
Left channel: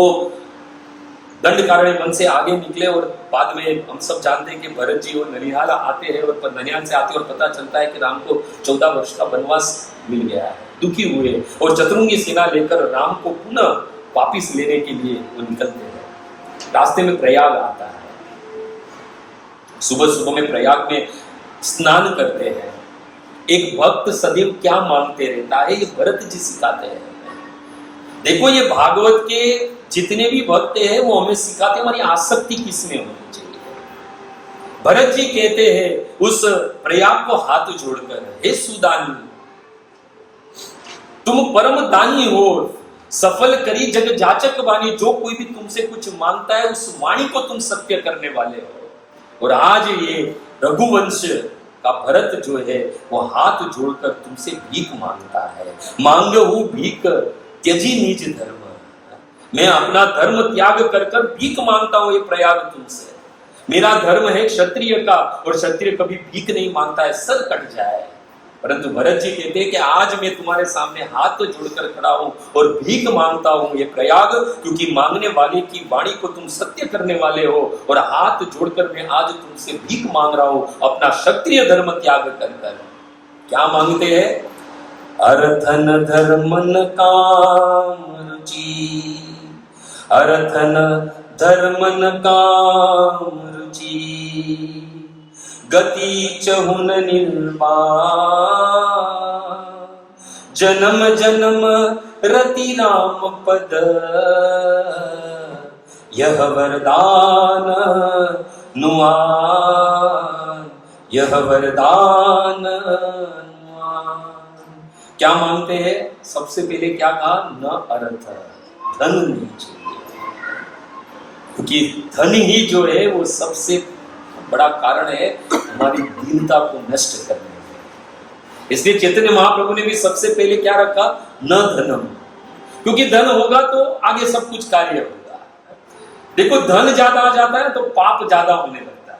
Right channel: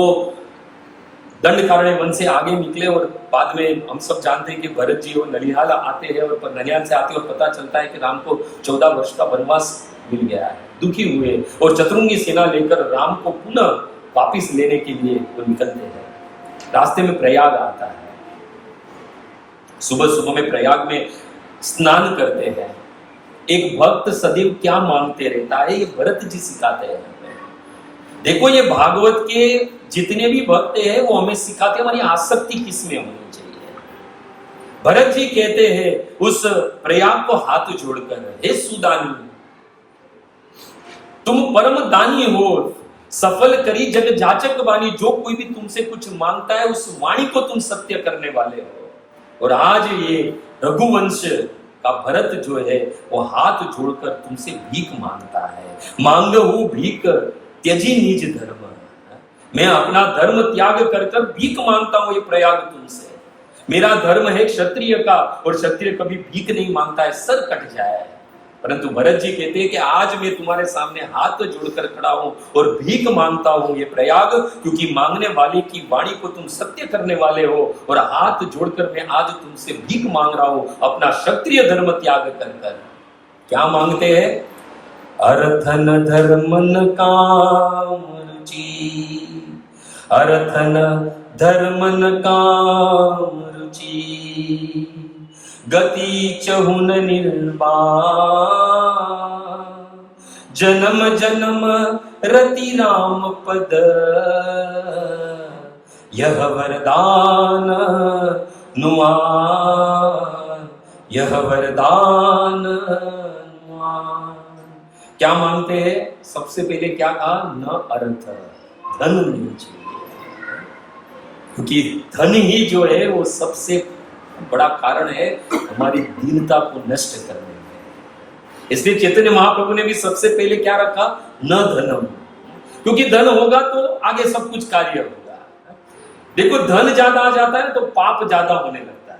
दंडकारण्य वन से आगे निकले और बाद में हम सब जानते हैं कि भरत जी वो ननिहाल आते हैं और ननिहाल से आते और पता चलता है कि राम को 14 वर्ष का वनवास मिल गया है। दुखी हुए और चतुरंगी सेना लेकर राम को पुनः वापिस लेने के लिए वो निकलते हैं। रास्ते में प्रयाग आता है, सुबह सुबह में प्रयाग में स्नान करते हैं। एक भक्त सदैव क्या मांगते रहता है, ये भरत जी सिखाते हैं। देखो ये भागवत के जितने भी भक्त हैं वो हमें सिखाते हैं हमारी आसक्ति किस में होनी चाहिए। भरत जी कहते हैं उस प्रयाग को हाथ जोड़कर, हे सुदानी तुम परम दानी हो, सफल करी जग जाचक वाणी। जो कोई भी तुमसे कुछ मांगता है उस वाणी को तुम सत्य करने वाले हो। और आज ये रघुवंश का भरत जो है वो हाथ जोड़कर तुमसे भीख मांगता है। मांगहु भीख त्यजी निज धर्म। मैं अपना धर्म त्याग कर कर भीख मांगता हूं ये प्रयाग तुमसे। मेरा धर्म है क्षत्रिय का और क्षत्रिय कभी भीख नहीं मांगता है, सर कट जाए। परंतु भरत जी कहते हैं कि आज मैं तुम्हारे सामने हाथ जोड़कर खड़ा हूं और भीख मांगता हूं ये प्रयाग, क्योंकि मांगने वाले की वाणी को तुम सत्य करने वाले हो। और हाथ जोड़कर मैं आज तुमसे भीख मांग रहा हूं अपना क्षत्रिय धर्म त्याग कर कर। क्या मांगते हैं? अर्थन धर्मन काम रुचि, अर्थन धर्मन काम रुचि, गति चहुन निर्वाण, जन्म जन्म रति राम पद, यह वरदान नुआन, यह वरदान नुआन। क्या मांगते हैं? सबसे पहले क्या कहा? न अर्थ, धन नहीं चाहिए, क्योंकि धन ही जो है वो सबसे बड़ा कारण है हमारी दीनता को नष्ट करने में। इसलिए चैतन्य महाप्रभु ने भी सबसे पहले क्या रखा? न धनम, क्योंकि धन होगा तो आगे सब कुछ कार्य होगा। देखो धन ज्यादा आ जाता है तो पाप ज्यादा होने लगता है,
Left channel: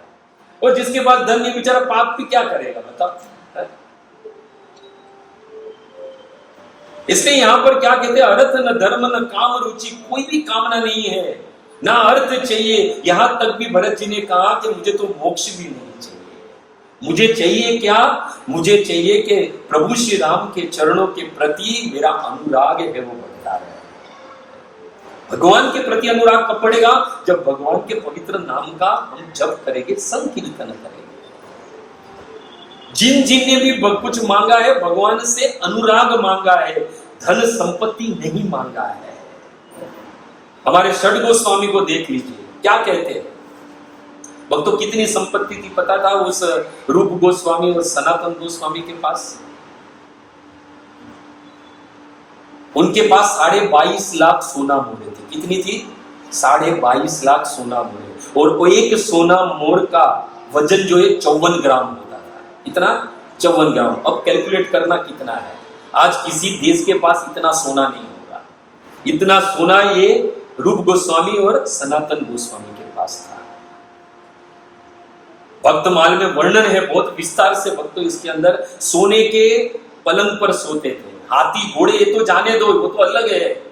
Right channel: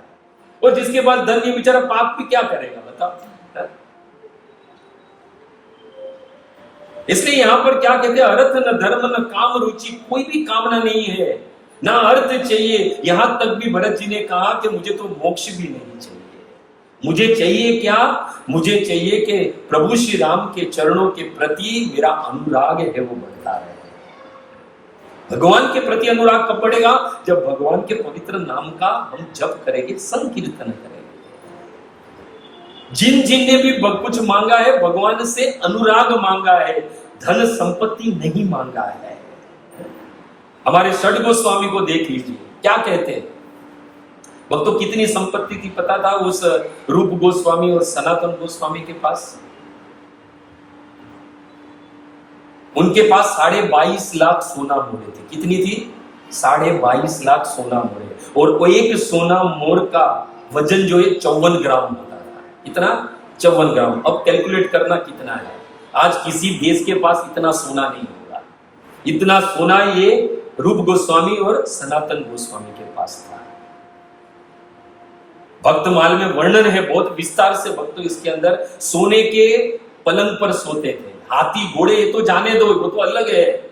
और जिसके पास धन नहीं बेचारा पाप भी क्या करेगा बताओ। इसलिए यहां पर क्या कहते हैं, अर्थ न धर्म न काम रुचि, कोई भी कामना नहीं है, ना अर्थ चाहिए। यहां तक भी भरत जी ने कहा कि मुझे तो मोक्ष भी नहीं चाहिए, मुझे चाहिए क्या, मुझे चाहिए कि प्रभु श्री राम के चरणों के प्रति मेरा अनुराग है वो बढ़ता रहे। भगवान के प्रति अनुराग कब बढ़ेगा, जब भगवान के पवित्र नाम का हम जप करेंगे, संकीर्तन करेंगे। जिन जिन ने भी कुछ मांगा है भगवान से अनुराग मांगा है, धन संपत्ति नहीं मांगा है। हमारे षड गोस्वामी को देख लीजिए, क्या कहते हैं भक्तों, कितनी संपत्ति थी पता था उस रूप गोस्वामी और सनातन गोस्वामी के पास? उनके पास 22.5 लाख सोना मोहरे थे। कितनी थी? 22.5 लाख सोना मोहरे, और वो एक सोना मोहर का वजन जो है 54 ग्राम होता था। इतना 54 ग्राम। अब कैलकुलेट करना कितना है, आज किसी देश के पास इतना सोना नहीं होगा। इतना सोना ये रूप गोस्वामी और सनातन गोस्वामी के पास था। भक्तमाल में वर्णन है बहुत विस्तार से भक्तों, इसके अंदर सोने के पलंग पर सोते थे। हाथी घोड़े ये तो जाने दो, वो तो अलग है।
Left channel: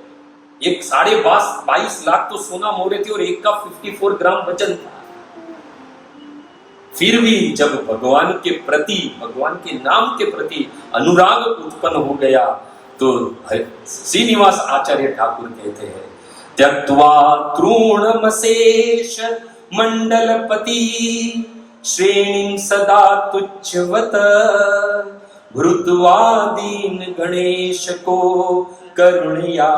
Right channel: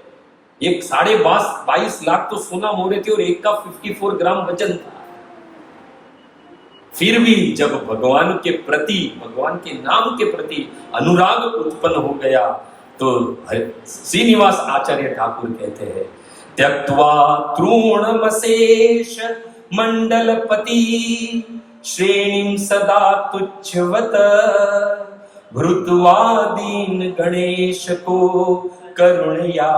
एक 22.5 लाख तो सोना मोहरे थे और एक का 54 ग्राम वजन था। फिर भी जब भगवान के प्रति, भगवान के नाम के प्रति अनुराग उत्पन्न हो गया, तो श्रीनिवास आचार्य ठाकुर कहते हैं, त्यक्त्वा तृणमशेष मंडलपति श्रेणीं सदा तुच्छवत भृत्वा दीन गणेश को करुणया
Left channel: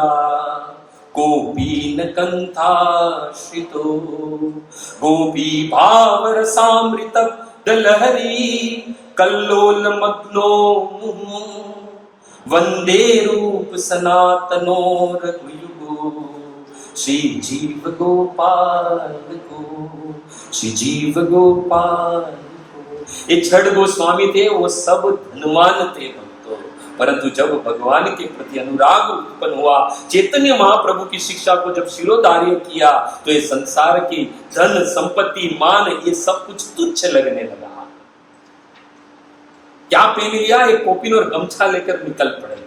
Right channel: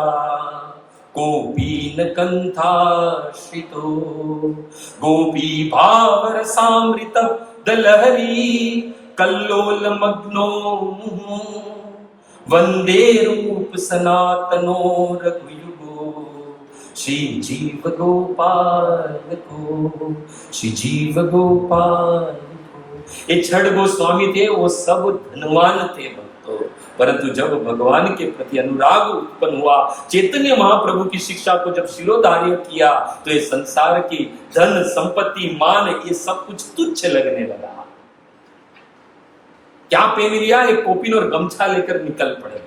कोपी न कंथाश्रितो गोपी भावर सामृत दलहरी कल्लोल मग्नो वंदे रूप सनातनो रघुयुगो श्री जीव गोपाल को, श्री जीव गोपाल को। ये छड़ गोस्वामी थे, वो सब धनवान थे भक्तों, परंतु जब भगवान के प्रति अनुराग उत्पन्न हुआ, चैतन्य महाप्रभु की शिक्षा को जब शिरोधार्य किया, तो ये संसार की धन संपत्ति मान ये सब कुछ तुच्छ लगने लगा। क्या पहन लिया, एक कोपिन और गमछा लेकर निकल पड़े।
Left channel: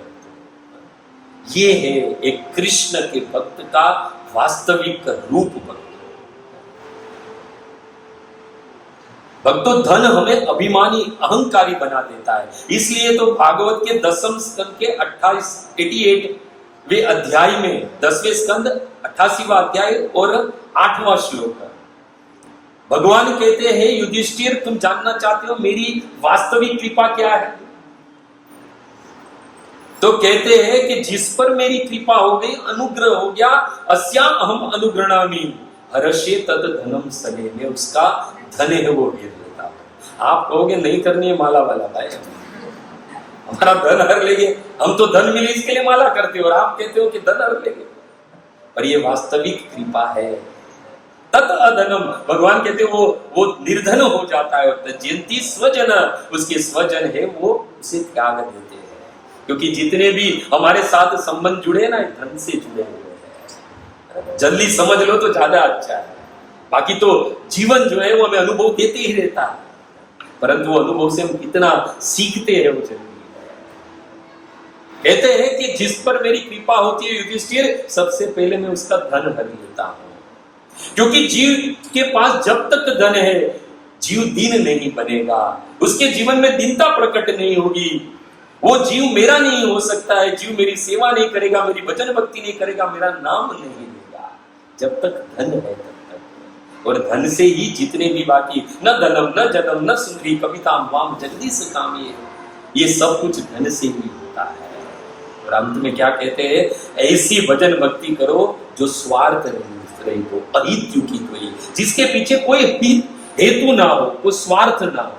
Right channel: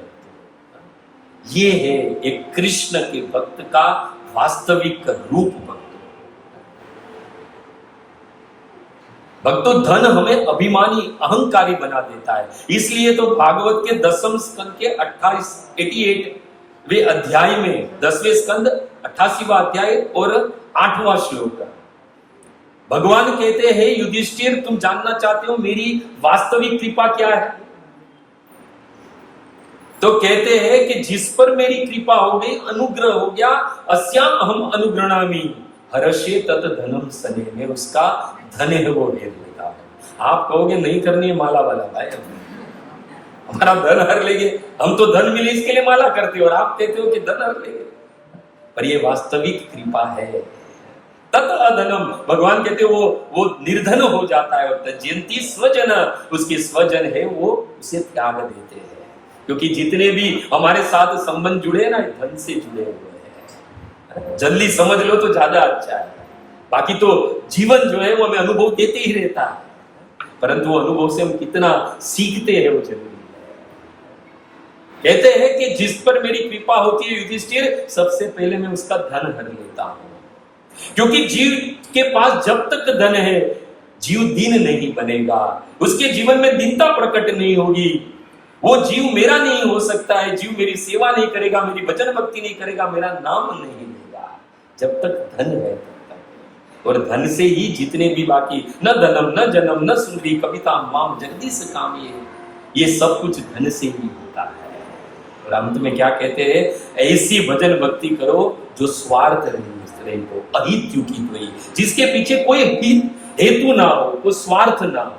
ये है एक कृष्ण के भक्त का वास्तविक रूप। भक्तों धन हमें अभिमानी अहंकारी बना देता है। इसलिए तो भागवत के 10वें स्कंद के 88वें अध्याय में, 10वें स्कंद 88वां अध्याय और 8वां श्लोक, भगवान कहते हैं युधिष्ठिर तुम जानना चाहते हो मेरी वास्तविक कृपा क्या है? तो कहते हैं कि जिस पर मेरी कृपा हो गई, अनुग्रह हो गया, अस्याम अहम अनुग्रणामि हर्षे तत् धनम सने, में उसका धन है वो ढेर लेता हूं। आप कहोगे नहीं करनी है माला वाला भाई, हमारा धन हर लेंगे, हम तो धन मिले इसके लिए माला करते हो, और आप कहते हो कि धन हर लेंगे। पर ये वास्तविक कृपा है। तत् अधनम, भगवान कहते वो निर्धन हो जाता है, तज्जन्ति स्वजन, उसके स्वजन है वो उसे त्याग देते हैं। क्योंकि जितने भी हमारे साथ संबंध जुड़े ना, धन से जुड़े हुए हैं। जल्दी समझ लो तो ज्यादा अच्छा है। बाकी तो जीवन जो है वो हमें अनुभव देते ही रहता है, परंतु अनुभव से हम कितना सीखते हैं वो जरूरी है। कहते हैं कि जिस पर मेरी कृपा होती है युधिष्ठिर, सबसे पहले मैं उसका धन हर लेता हूं। क्योंकि जीव के पास जब तक धन है, जीव दीन नहीं बनेगा, उसके जीवन में दीनता प्रकट नहीं होगी, वो जीव मेरा नहीं हो सकता है। जीव मेरी सेवा नहीं करेगा, मेरी भजन भक्ति नहीं करेगा, मेरा नाम नहीं लेगा, जब तक धन है तब तक। और धन से ही जितने भी बाकी, न धनम न जन्म न सुंदरी कविता माम जगदीश काम, ये सब कुछ धन से ही होता है। और अंत में क्या कहते हैं, ऐसी भजन भक्ति करो जो स्वार्थ रही हो, अहित्युकित हुई, जिसके पीछे कोई हेतु ना हो, कोई स्वार्थ ना हो।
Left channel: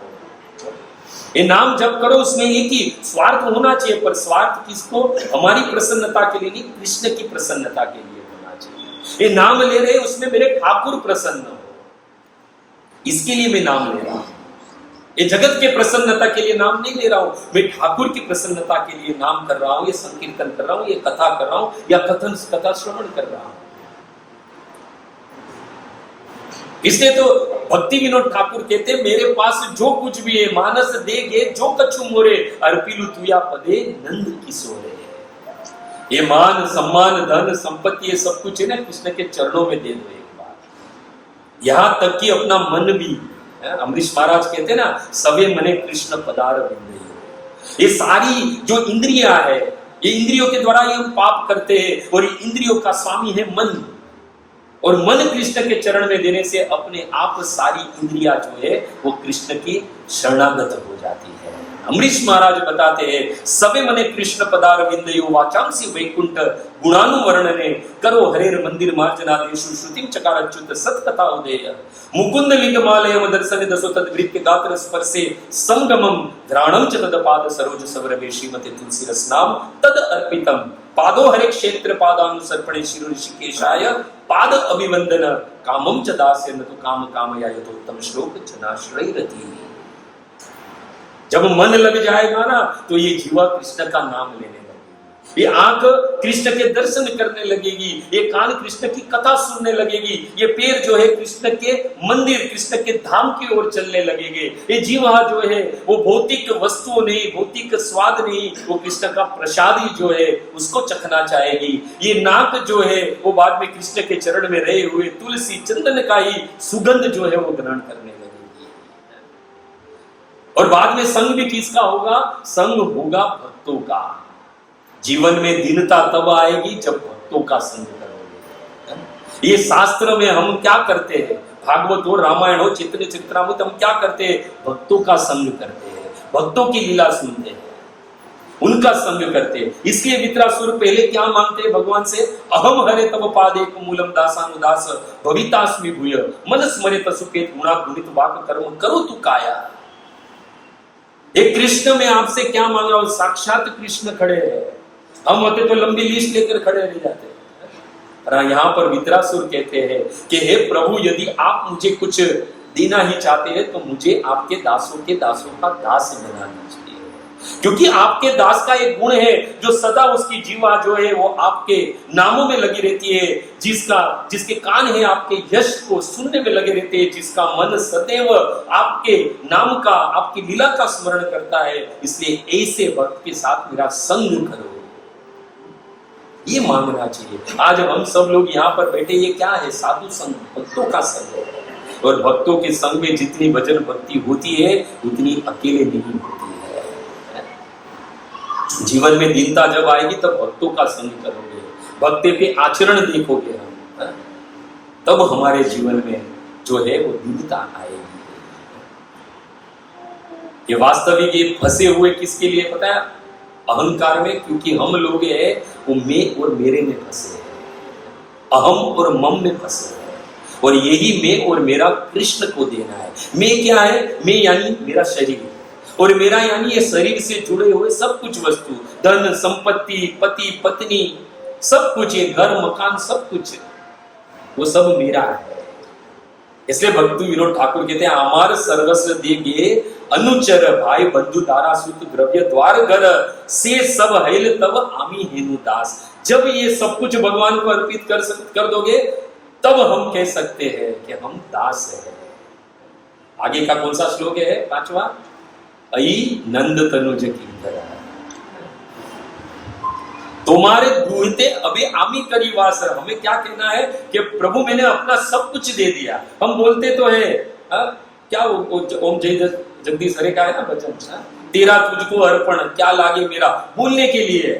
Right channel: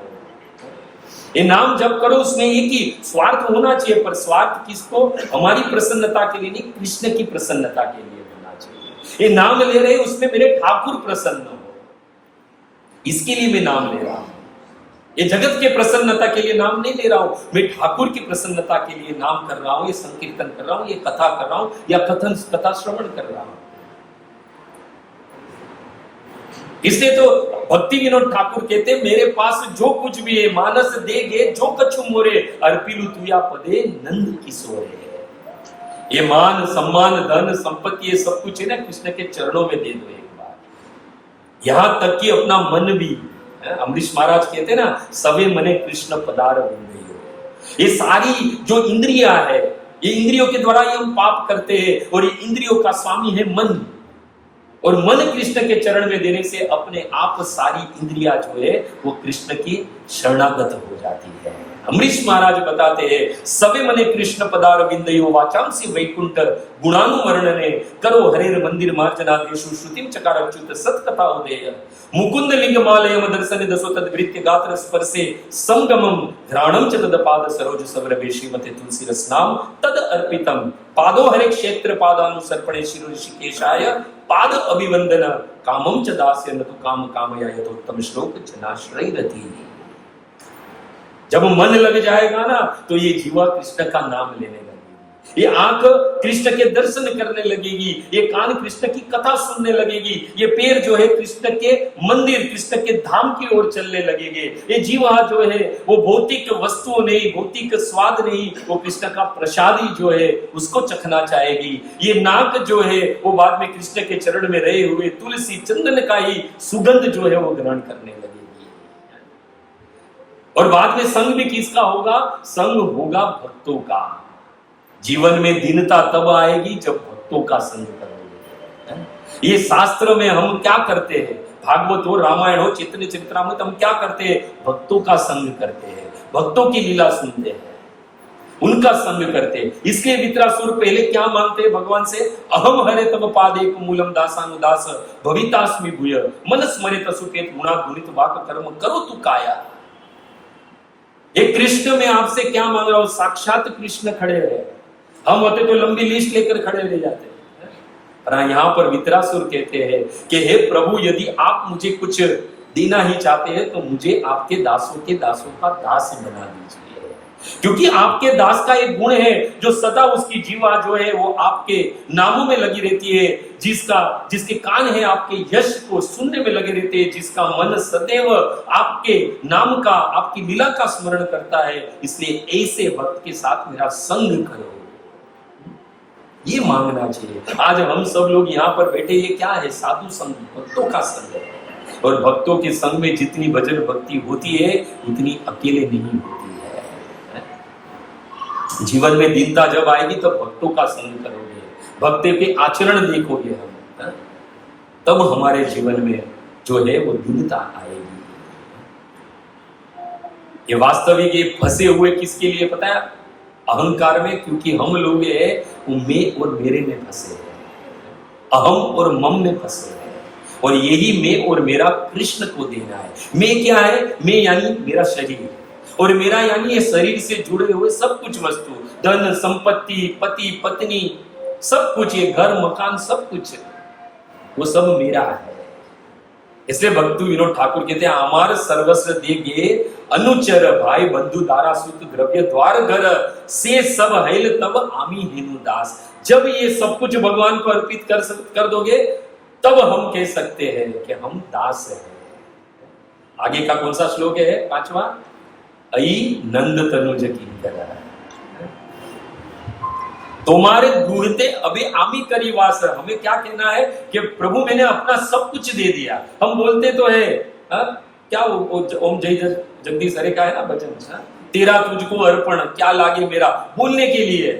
ये नाम जब करो उसमें एक ही स्वार्थ होना चाहिए, पर स्वार्थ किसको, हमारी प्रसन्नता के लिए नहीं, कृष्ण की प्रसन्नता के लिए होना चाहिए। ये नाम ले रहे उसमें मेरे ठाकुर प्रसन्न हो, इसके लिए मैं नाम ले रहा हूं। ये जगत के प्रसन्नता के लिए नाम नहीं ले रहा हूं, मैं ठाकुर की प्रसन्नता के लिए नाम कर रहा हूं, ये संकीर्तन कर रहा हूं, ये कथा कर रहा हूं, या कथा श्रवण कर रहा हूं। इसलिए तो भक्ति विनोद ठाकुर कहते, मेरे पास जो कुछ भी है मानस देगे जो कछु मोरे, अर्पिलु तुया पदे नंद किशोरे। ये मान सम्मान धन संपत्ति ये सब कुछ है ना, कृष्ण के चरणों में दे दो एक बार। यहां तक कि अपना मन भी, अमरीश महाराज कहते ना, सवे मने कृष्ण पदार बिंदयो। ये सारी जो इंद्रियां है, ये इंद्रियों के द्वारा ही हम पाप करते हैं, और ये इंद्रियों का स्वामी है मन, और मन कृष्ण के चरण में देने से अपने आप सारी इंद्रियां जो है वो कृष्ण की शरणागत हो जाती है। अमरीश महाराज बताते हैं, सबे मने कृष्ण पदार विंदयो वाचांसी वैकुंठ गुणानुवर्णने करो हरेर मंदिर मार्जनादेशु श्रुतिम चकार अच्युत सत्कथा उदय मुकुंद लिंगमालयम दर्शन दसो तद भृत्य गात्र स्पर्शे संगमम घ्राणम च तद पाद सरोज सवरभे श्रीमते तुलसी रसनाम तद अर्पितम पादो हरे क्षेत्र पादानुसर्पणे शिरो ऋषिकेशाय पाद अभिवंदन कामम च दास्य न तु काम कामया यथोत्तम श्लोक जनाश्रय रति। जब मन लग जाएगा ना तो ये जीवा कृष्ण का नाम लेने लगेगी, ये आंख कृष्ण के दर्शन करने लगेगी, ये कान कृष्ण की कथा सुनने लगेगी, ये पैर जो है कृष्ण के मंदिर कृष्ण के धाम की ओर चलने लगेंगे, ये जीवा जो है वो भौतिक वस्तुओं नहीं, भौतिक स्वाद नहीं, वो कृष्ण का प्रसाद ही जो है उसको चखना चाहेगी। ये नाक जो है वो बाद में कृष्ण के चरण में रहे हुए तुलसी चंदन का ही सुगंध जो है वो ग्रहण करने लगेगी। और बाद में संग भी किसका होगा? संग होगा भक्तों का। जीवन में दीनता तब आएगी जब भक्तों का संग करोगे। ये शास्त्र में हम क्या करते हैं, भागवत हो, रामायण हो, चैतन्य चरित्रामृत, हम क्या करते हैं? भक्तों का संग करते हैं, भक्तों की लीला सुनते हैं, उनका संग करते हैं। इसलिए वित्रासुर पहले क्या मांगते हैं भगवान से? अहम हरे तव पादेक मूलम दासानुदास भवितास्मि भूय मन स्मरे तसुकेत गुणा गुणित वाक कर्म करो तू काया। एक कृष्ण में आपसे क्या मांग रहा हूं? साक्षात कृष्ण खड़े हैं, हम होते तो लंबी लिस्ट लेकर खड़े रह जाते हैं। पर यहां पर वित्रासुर कहते हैं कि हे प्रभु, यदि आप मुझे कुछ देना ही चाहते हैं तो मुझे आपके दासों का दास बना दीजिए, क्योंकि आपके दास का एक गुण है जो सदा उसकी जीवा जो है वो आपके नामों में लगी रहती है, जिसके कान है आपके यश को सुनने में लगे रहते हैं, जिसका मन सदैव आपके नाम का, आपकी लीला का स्मरण करता है। इसलिए ऐसे भक्त के साथ मेरा संग करो, ये मांगना चाहिए। आज हम सब लोग यहाँ पर बैठे, ये क्या है? साधु संग, भक्तों का संग है। और भक्तों के संग में जितनी भजन भक्ति होती है उतनी अकेले नहीं होती है। जीवन में दीनता जब आएगी तब भक्तों का संग करोगे, भक्ति के आचरण देखोगे हम, तब हमारे जीवन में जो है वो दीनता आएगी। ये वास्तविक ये फंसे हुए किसके लिए पता है? अहंकार में, क्योंकि हम लोग है वो मैं और मेरे में फंसे हैं, अहम और मम में फंसे हैं, और यही मैं और मेरा कृष्ण को देना है। मैं क्या है? मैं यानी मेरा शरीर, और मेरा यानी ये शरीर से जुड़े हुए सब कुछ वस्तु, धन संपत्ति, पति पत्नी, सब कुछ, ये घर मकान सब कुछ, वो सब मेरा है। इसलिए भक्ति विनोद ठाकुर कहते हैं, हमार सर्वस्व देगे अनुचर भाई बंधु दारा सुत द्रव्य द्वार घर से सब हैल तब आमी हेनु दास। जब ये सब कुछ भगवान को अर्पित कर दोगे तब हम कह सकते हैं कि हम दास हैं। आगे का कौन सा श्लोक है? 5वां, अई नंद तनुज किंकर तुम्हारे गुहते अभी आमी करी वास। हमें क्या कहना है कि प्रभु मैंने अपना सब कुछ दे दिया। हम बोलते तो है क्या ओम जय जगदीश हरे का है ना भजन, तेरा तुझको अर्पण क्या लागे मेरा, बोलने के लिए,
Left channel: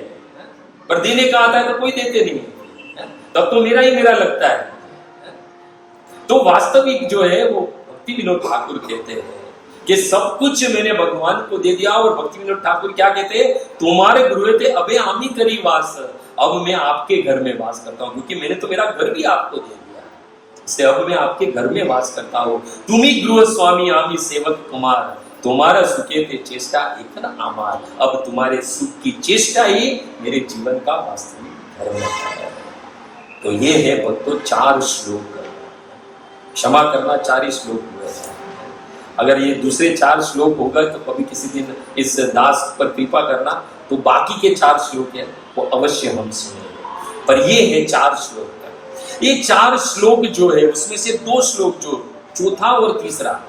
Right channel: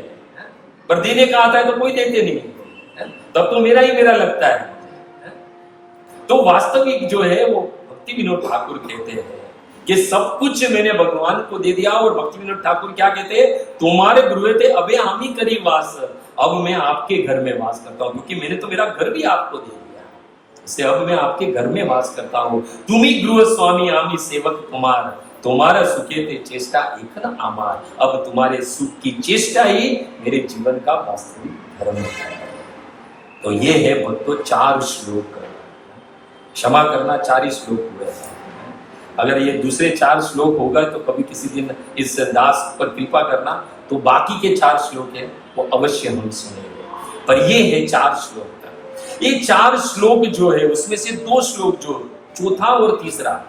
पर देने का आता है तो कोई देते नहीं, तब तो मेरा ही मेरा लगता है। तो वास्तविक जो है वो भक्ति विनोद ठाकुर कहते हैं कि सब कुछ मैंने भगवान को दे दिया। और भक्ति विनोद ठाकुर क्या कहते हैं? तुम्हारे गृह थे अबे आमी करी वास, अब मैं आपके घर में वास करता हूं, क्योंकि मैंने तो मेरा घर भी आपको दे दिया, इसलिए अब मैं आपके घर में वास करता हूं। तुम्ही गृह स्वामी आमी सेवक कुमार, तुम्हारा सुखे थे चेष्टा एक न आमार। अब तुम्हारे सुख की चेष्टा ही मेरे जीवन का वास्तविक धर्म है। तो ये है भक्तों 4 श्लोक, क्षमा करना 4 ही श्लोक हुए हैं। अगर ये दूसरे 4 श्लोक होगा तो कभी किसी दिन इस दास पर कृपा करना, तो बाकी के 4 श्लोक है वो अवश्य हम सुनेंगे। पर ये है 4 श्लोक। ये 4 श्लोक जो है उसमें से 2 श्लोक जो चौथा और तीसरा,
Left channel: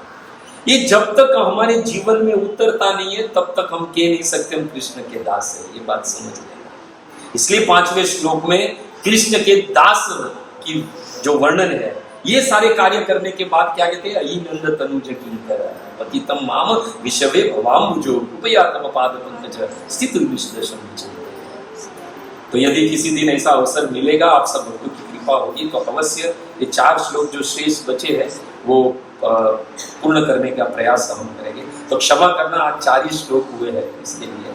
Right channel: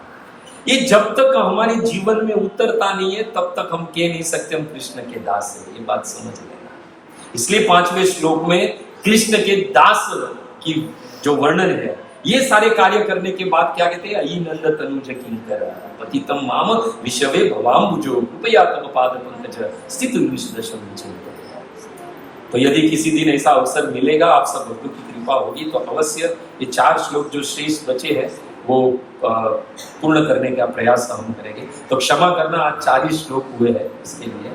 ये जब तक हमारे जीवन में उतरता नहीं है तब तक हम कह नहीं सकते हम कृष्ण के दास हैं। ये बात समझ लेना। इसलिए 5वें श्लोक में कृष्ण के दास की जो वर्णन है, ये सारे कार्य करने के बाद क्या कहते हैं, अयि नंद तनुज किंकर पतितम माम विषवे भवाम्बुजो कृपया तव पाद पंकज स्थित दशम। तो यदि किसी दिन ऐसा अवसर मिलेगा, आप सब भक्तों की कृपा होगी, तो अवश्य ये 4 श्लोक जो शेष बचे हैं वो पूर्ण करने का प्रयास हम करेंगे। तो क्षमा करना, आज 4 ही श्लोक हुए हैं इसके लिए।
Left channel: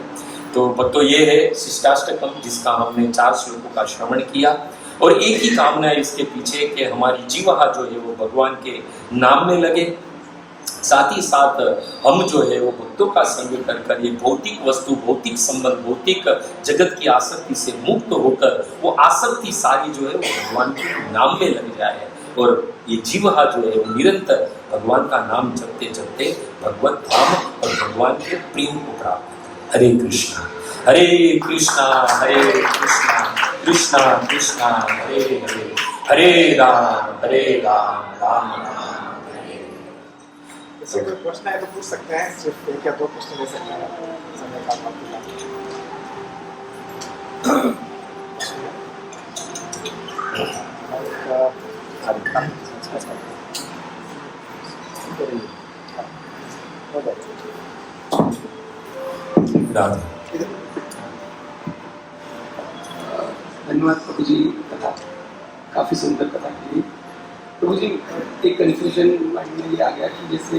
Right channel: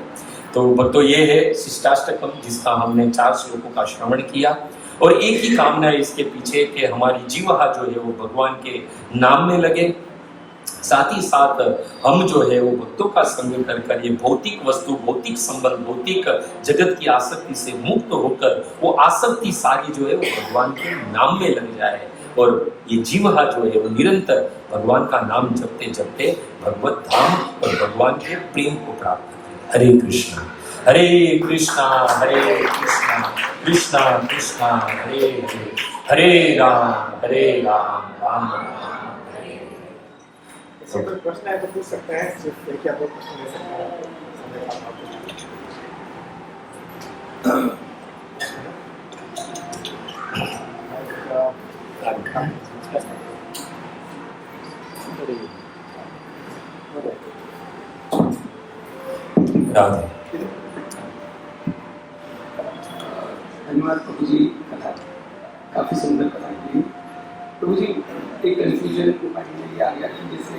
तो ये है शिष्टाष्टकम जिसका हमने 4 श्लोकों का श्रवण किया, और एक ही कामना है इसके पीछे कि हमारी जीवहा जो है वो भगवान के नाम में लगे, साथ ही साथ हम जो है वो भक्तों का संग कर कर ये भौतिक वस्तु, भौतिक संबंध, भौतिक जगत की आसक्ति से मुक्त होकर वो आसक्ति सारी जो है वो भगवान के नाम में लग जाए, और ये जीवहा जो है वो निरंतर भगवान का नाम जपते जपते भगवत धाम और भगवान के प्रेम को प्राप्त करे। हरे कृष्णा हरे कृष्णा कृष्णा कृष्णा हरे हरे, हरे राम राम राम हरे। कोई प्रश्न है तो पूछ सकते हैं, सिर्फ 1 या 2 प्रश्न ले सकते हैं। धन्यवाद प्रभु जी, कथा काफ़ी सुंदर कथा की। प्रभु जी, एक कन्फ्यूजन माइंड में ये आ गया कि जैसे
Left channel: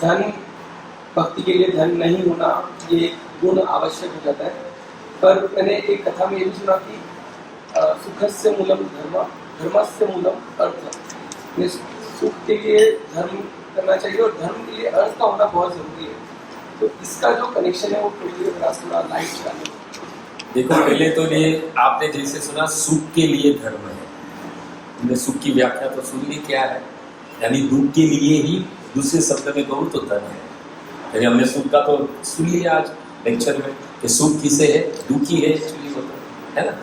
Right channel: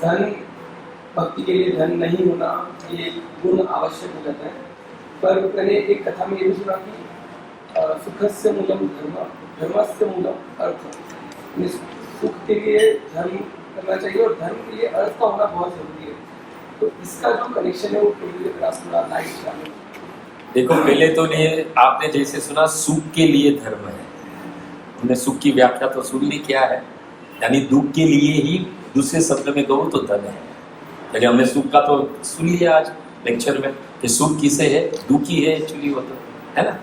धन, भक्ति के लिए धन नहीं होना ये गुण आवश्यक हो जाता है, पर मैंने एक कथा में ये भी सुना कि सुखस्य मूलम धर्म, धर्मस्य मूलम अर्थ। सुख के लिए धर्म करना चाहिए और धर्म के लिए अर्थ का होना बहुत जरूरी है। तो इसका जो कनेक्शन है वो थोड़ा लाइट का। देखो, पहले तो ये आपने जैसे सुना सुख के लिए धर्म है, हमने सुख की व्याख्या तो सुन ली क्या है, यानी दुख के लिए ही दूसरे शब्द में कहूँ तो धन है। यानी हमने सुख का तो सुन लिया आज लेक्चर में कि सुख किसे है, दुखी है एक्चुअली वो तो, है ना।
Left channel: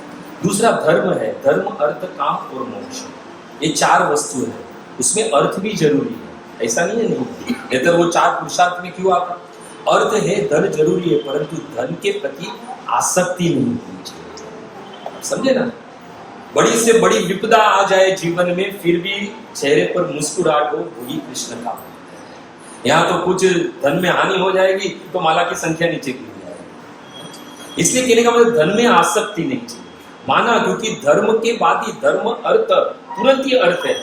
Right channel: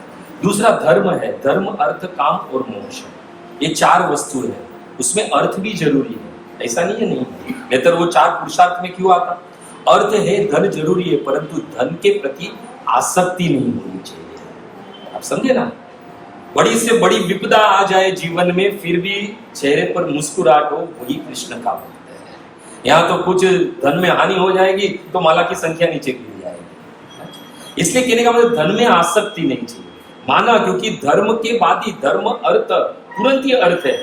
दूसरा धर्म है, धर्म अर्थ काम और मोक्ष, ये 4 वस्तु है, उसमें अर्थ भी जरूरी है, ऐसा नहीं है नहीं तो वो 4 पुरुषार्थ में क्यों आता। अर्थ है, धन जरूरी है, परंतु धन के प्रति आसक्ति नहीं होनी चाहिए। आप समझे ना, बड़ी से बड़ी विपदा आ जाए जीवन में फिर भी चेहरे पर मुस्कुराहट हो, वही कृष्ण का भक्त है। यहाँ तो कुछ धन में हानि हो जाएगी तो माला की संख्या नीचे गिर जाएगी। इसलिए कहने का मतलब धन में आसक्ति नहीं चाहिए माना, क्योंकि धर्म के बाद ही धर्म अर्थ तुरंत ही अर्थ है।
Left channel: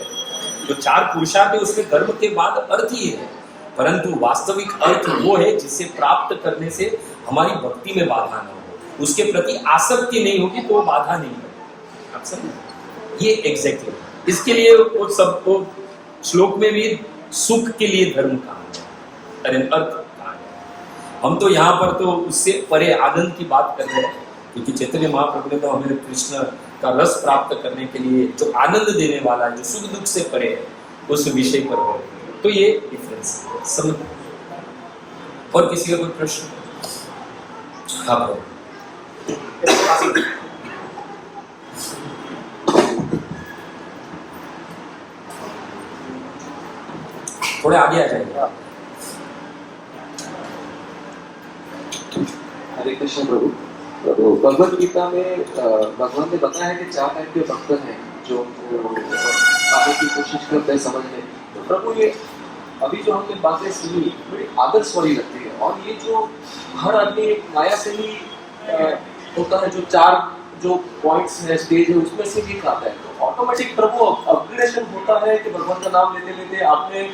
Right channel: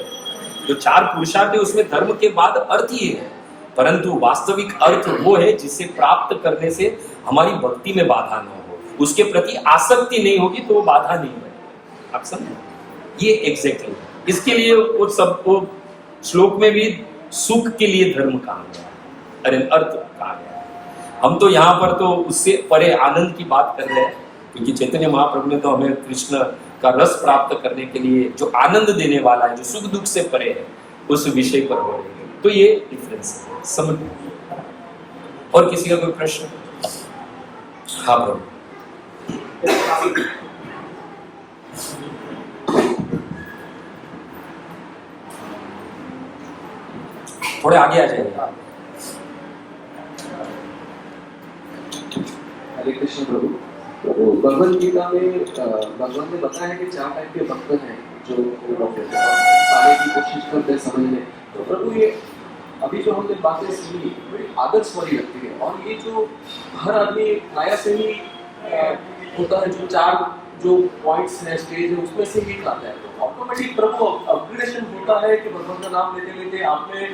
जो 4 पुरुषार्थ है उसमें धर्म के बाद अर्थ ही है, परंतु वास्तविक अर्थ वो है जिसे प्राप्त करने से हमारी भक्ति में बाधा नहीं हो, उसके प्रति आसक्ति नहीं होगी तो वो बाधा नहीं बनेगी। आप समझे, ये एग्जैक्टली इसके लिए वो सबको श्लोक में भी सुख के लिए धर्म कहा गया, अरे अर्थ कहा गया। हम तो यहाँ पर तो उससे परे आनंद की बात कर रहे हैं, क्योंकि चैतन्य महाप्रभु ने तो हमें कृष्ण का रस प्राप्त करने के लिए जो आनंद देने वाला है, जो सुख दुख से परे है, उस विषय पर बोलेंगे। तो ये डिफरेंस है, समझ। और किसी का कोई प्रश्न? हाँ बोलो। थोड़े आगे आ जाएंगे। हरे कृष्ण प्रभु। प्रभु भगवद गीता में भगवान ने बताया है कि 4 टाइप के भक्त हैं जो पाने की कोशिश करते हैं समझने। तो प्रभु ये अभी जो हमने बातें सुनी बड़ी आदर्श वाली लगती है, और ये जो हर आदमी माया से ही होता है, जो 4 जो पॉइंट्स है, स्टेज है, उसमें से भी आता है, तो ऑटोमेटिक प्रभु अपग्रेडेशन होता है कि भगवान का नाम लेते लेते आप में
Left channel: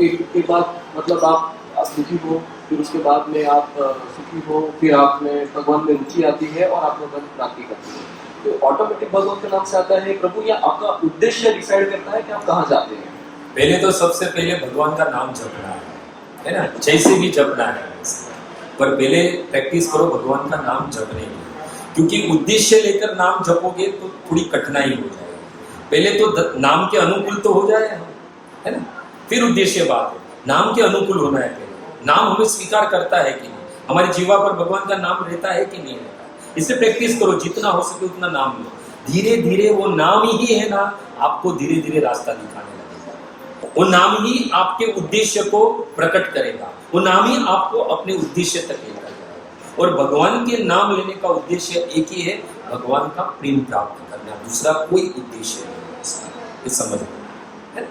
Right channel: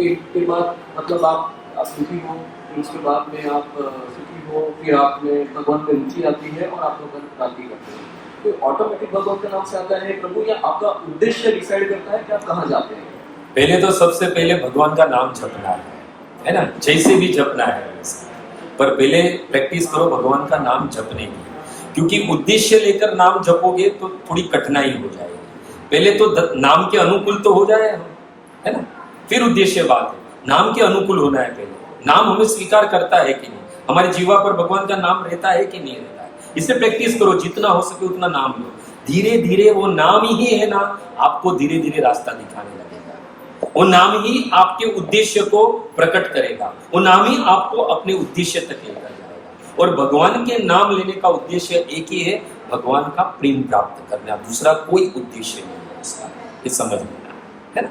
एक बार मतलब आप दुखी हो, फिर उसके बाद में आप सुखी हो, फिर आप में भगवान में रुचि आती है और आप भगवान प्राप्ति करते हैं। तो ऑटोमेटिक भगवान के नाम से आता है प्रभु, या आपका उद्देश्य डिसाइड करता है कि आप कहाँ जाते हैं? पहले तो सबसे पहले भगवान का नाम जपना है ना, जैसे भी जपना है, पर पहले प्रैक्टिस करो भगवान का नाम जपने की, क्योंकि उद्देश्य लेकर नाम जपोगे तो थोड़ी कठिनाई हो जाएगी। पहले तो नाम के अनुकूल तो हो जाए, है ना, फिर उद्देश्य बात है, नाम के अनुकूल होना है पहले, नाम हमें स्वीकार करता है कि नहीं, हमारे जीवा पर भगवान का नाम रहता है कि नहीं रहता है। इससे प्रैक्टिस करो, जितना हो सके उतना नाम लो, धीरे धीरे वो नाम ही है ना आपको धीरे धीरे रास्ता दिखाने लगेगा। वो नाम ही आपके उद्देश्य को प्रकट करेगा, वो नाम ही आपको अपने उद्देश्य तक लेकर जाएगा। और भगवान के नाम लेने का उद्देश्य एक ही है, भगवान का प्रेम प्राप्त करना, दूसरा कोई उद्देश्य नहीं है उसका, ये समझ लेना है ना।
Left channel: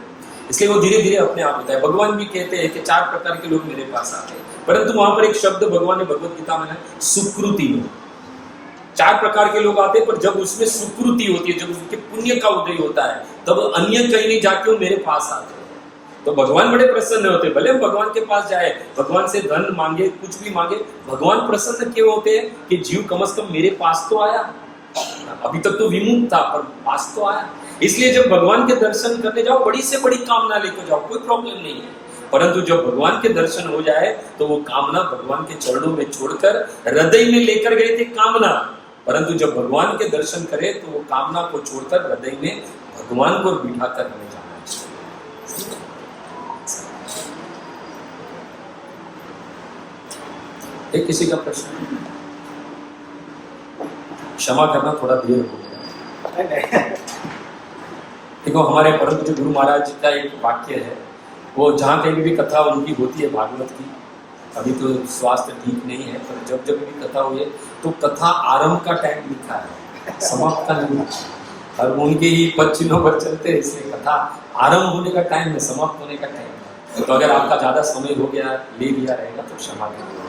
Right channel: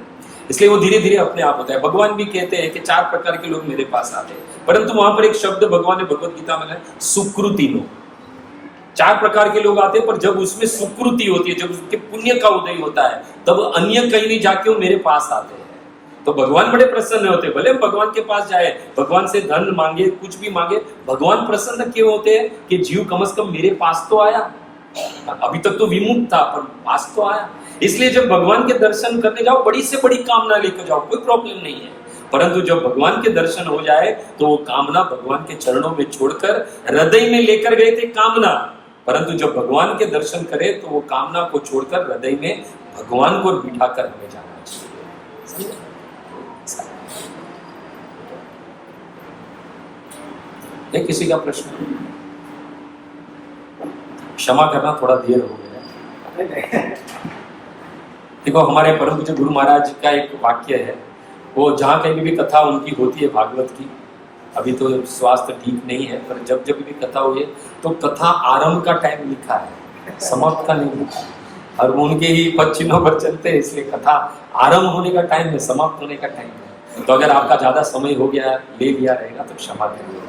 इसलिए वो धीरे धीरे अपने आप होता है। भगवान भी कहते हैं कि 4 प्रकार के लोग मेरे पास आते हैं, परंतु वहां पर एक शब्द भगवान ने भगवत गीता में सुकृति लो, 4 प्रकार के लोग आते हैं, पर जब उसमें सुकृति होती है, जब उसके पुण्य का उदय होता है, तब अन्य कहीं नहीं जाके वो मेरे पास आते हैं। तो भगवान बड़े प्रसन्न होते हैं, भले हम भगवान के पास जाए, भगवान से धन मांगे, कुछ भी मांगे, भगवान प्रसन्न क्यों होते हैं कि जीव कम से कम मेरे पास तो आया, अभी तक तो विमुक्त था पर पास तो आया। इसलिए जब भगवान के दर्शन करने जाओ, बड़ी से बड़ी कामना लेकर जाओ, कोई प्रॉब्लम नहीं है, परंतु जब भगवान के दर्शन हो जाए तो वो कामना भगवान के चरणों में छोड़कर, हृदय में लेकर गए थे कामना, परंतु जब भगवान के दर्शन करे तो वो कामना को छोड़कर हृदय में भगवान को बिठाकर हमें जाना चाहिए। एक किसी का प्रश्न? क्षमा करना, थोड़ा देर हो गया। देखो, हमारे परम पूज्य गुरु महाराज का एक वाक्य है, वो जहाँ कहीं भी कथा उनकी होती है भागवत की, अभी तो स्वास्थ्य ठीक नहीं है, पर जब जब भी कथा हुई है तो कथा आरंभ का टाइम लिखा है, समाप्त का नहीं, और उनके ही पद चिन्हों पर चलते हैं, इसलिए कथा आरंभ होने का टाइम है, समाप्त होने का टाइम है। तो अगर आपका ज्यादा समय हो गया, ले लिया रहेगा तो क्षमा करिएगा।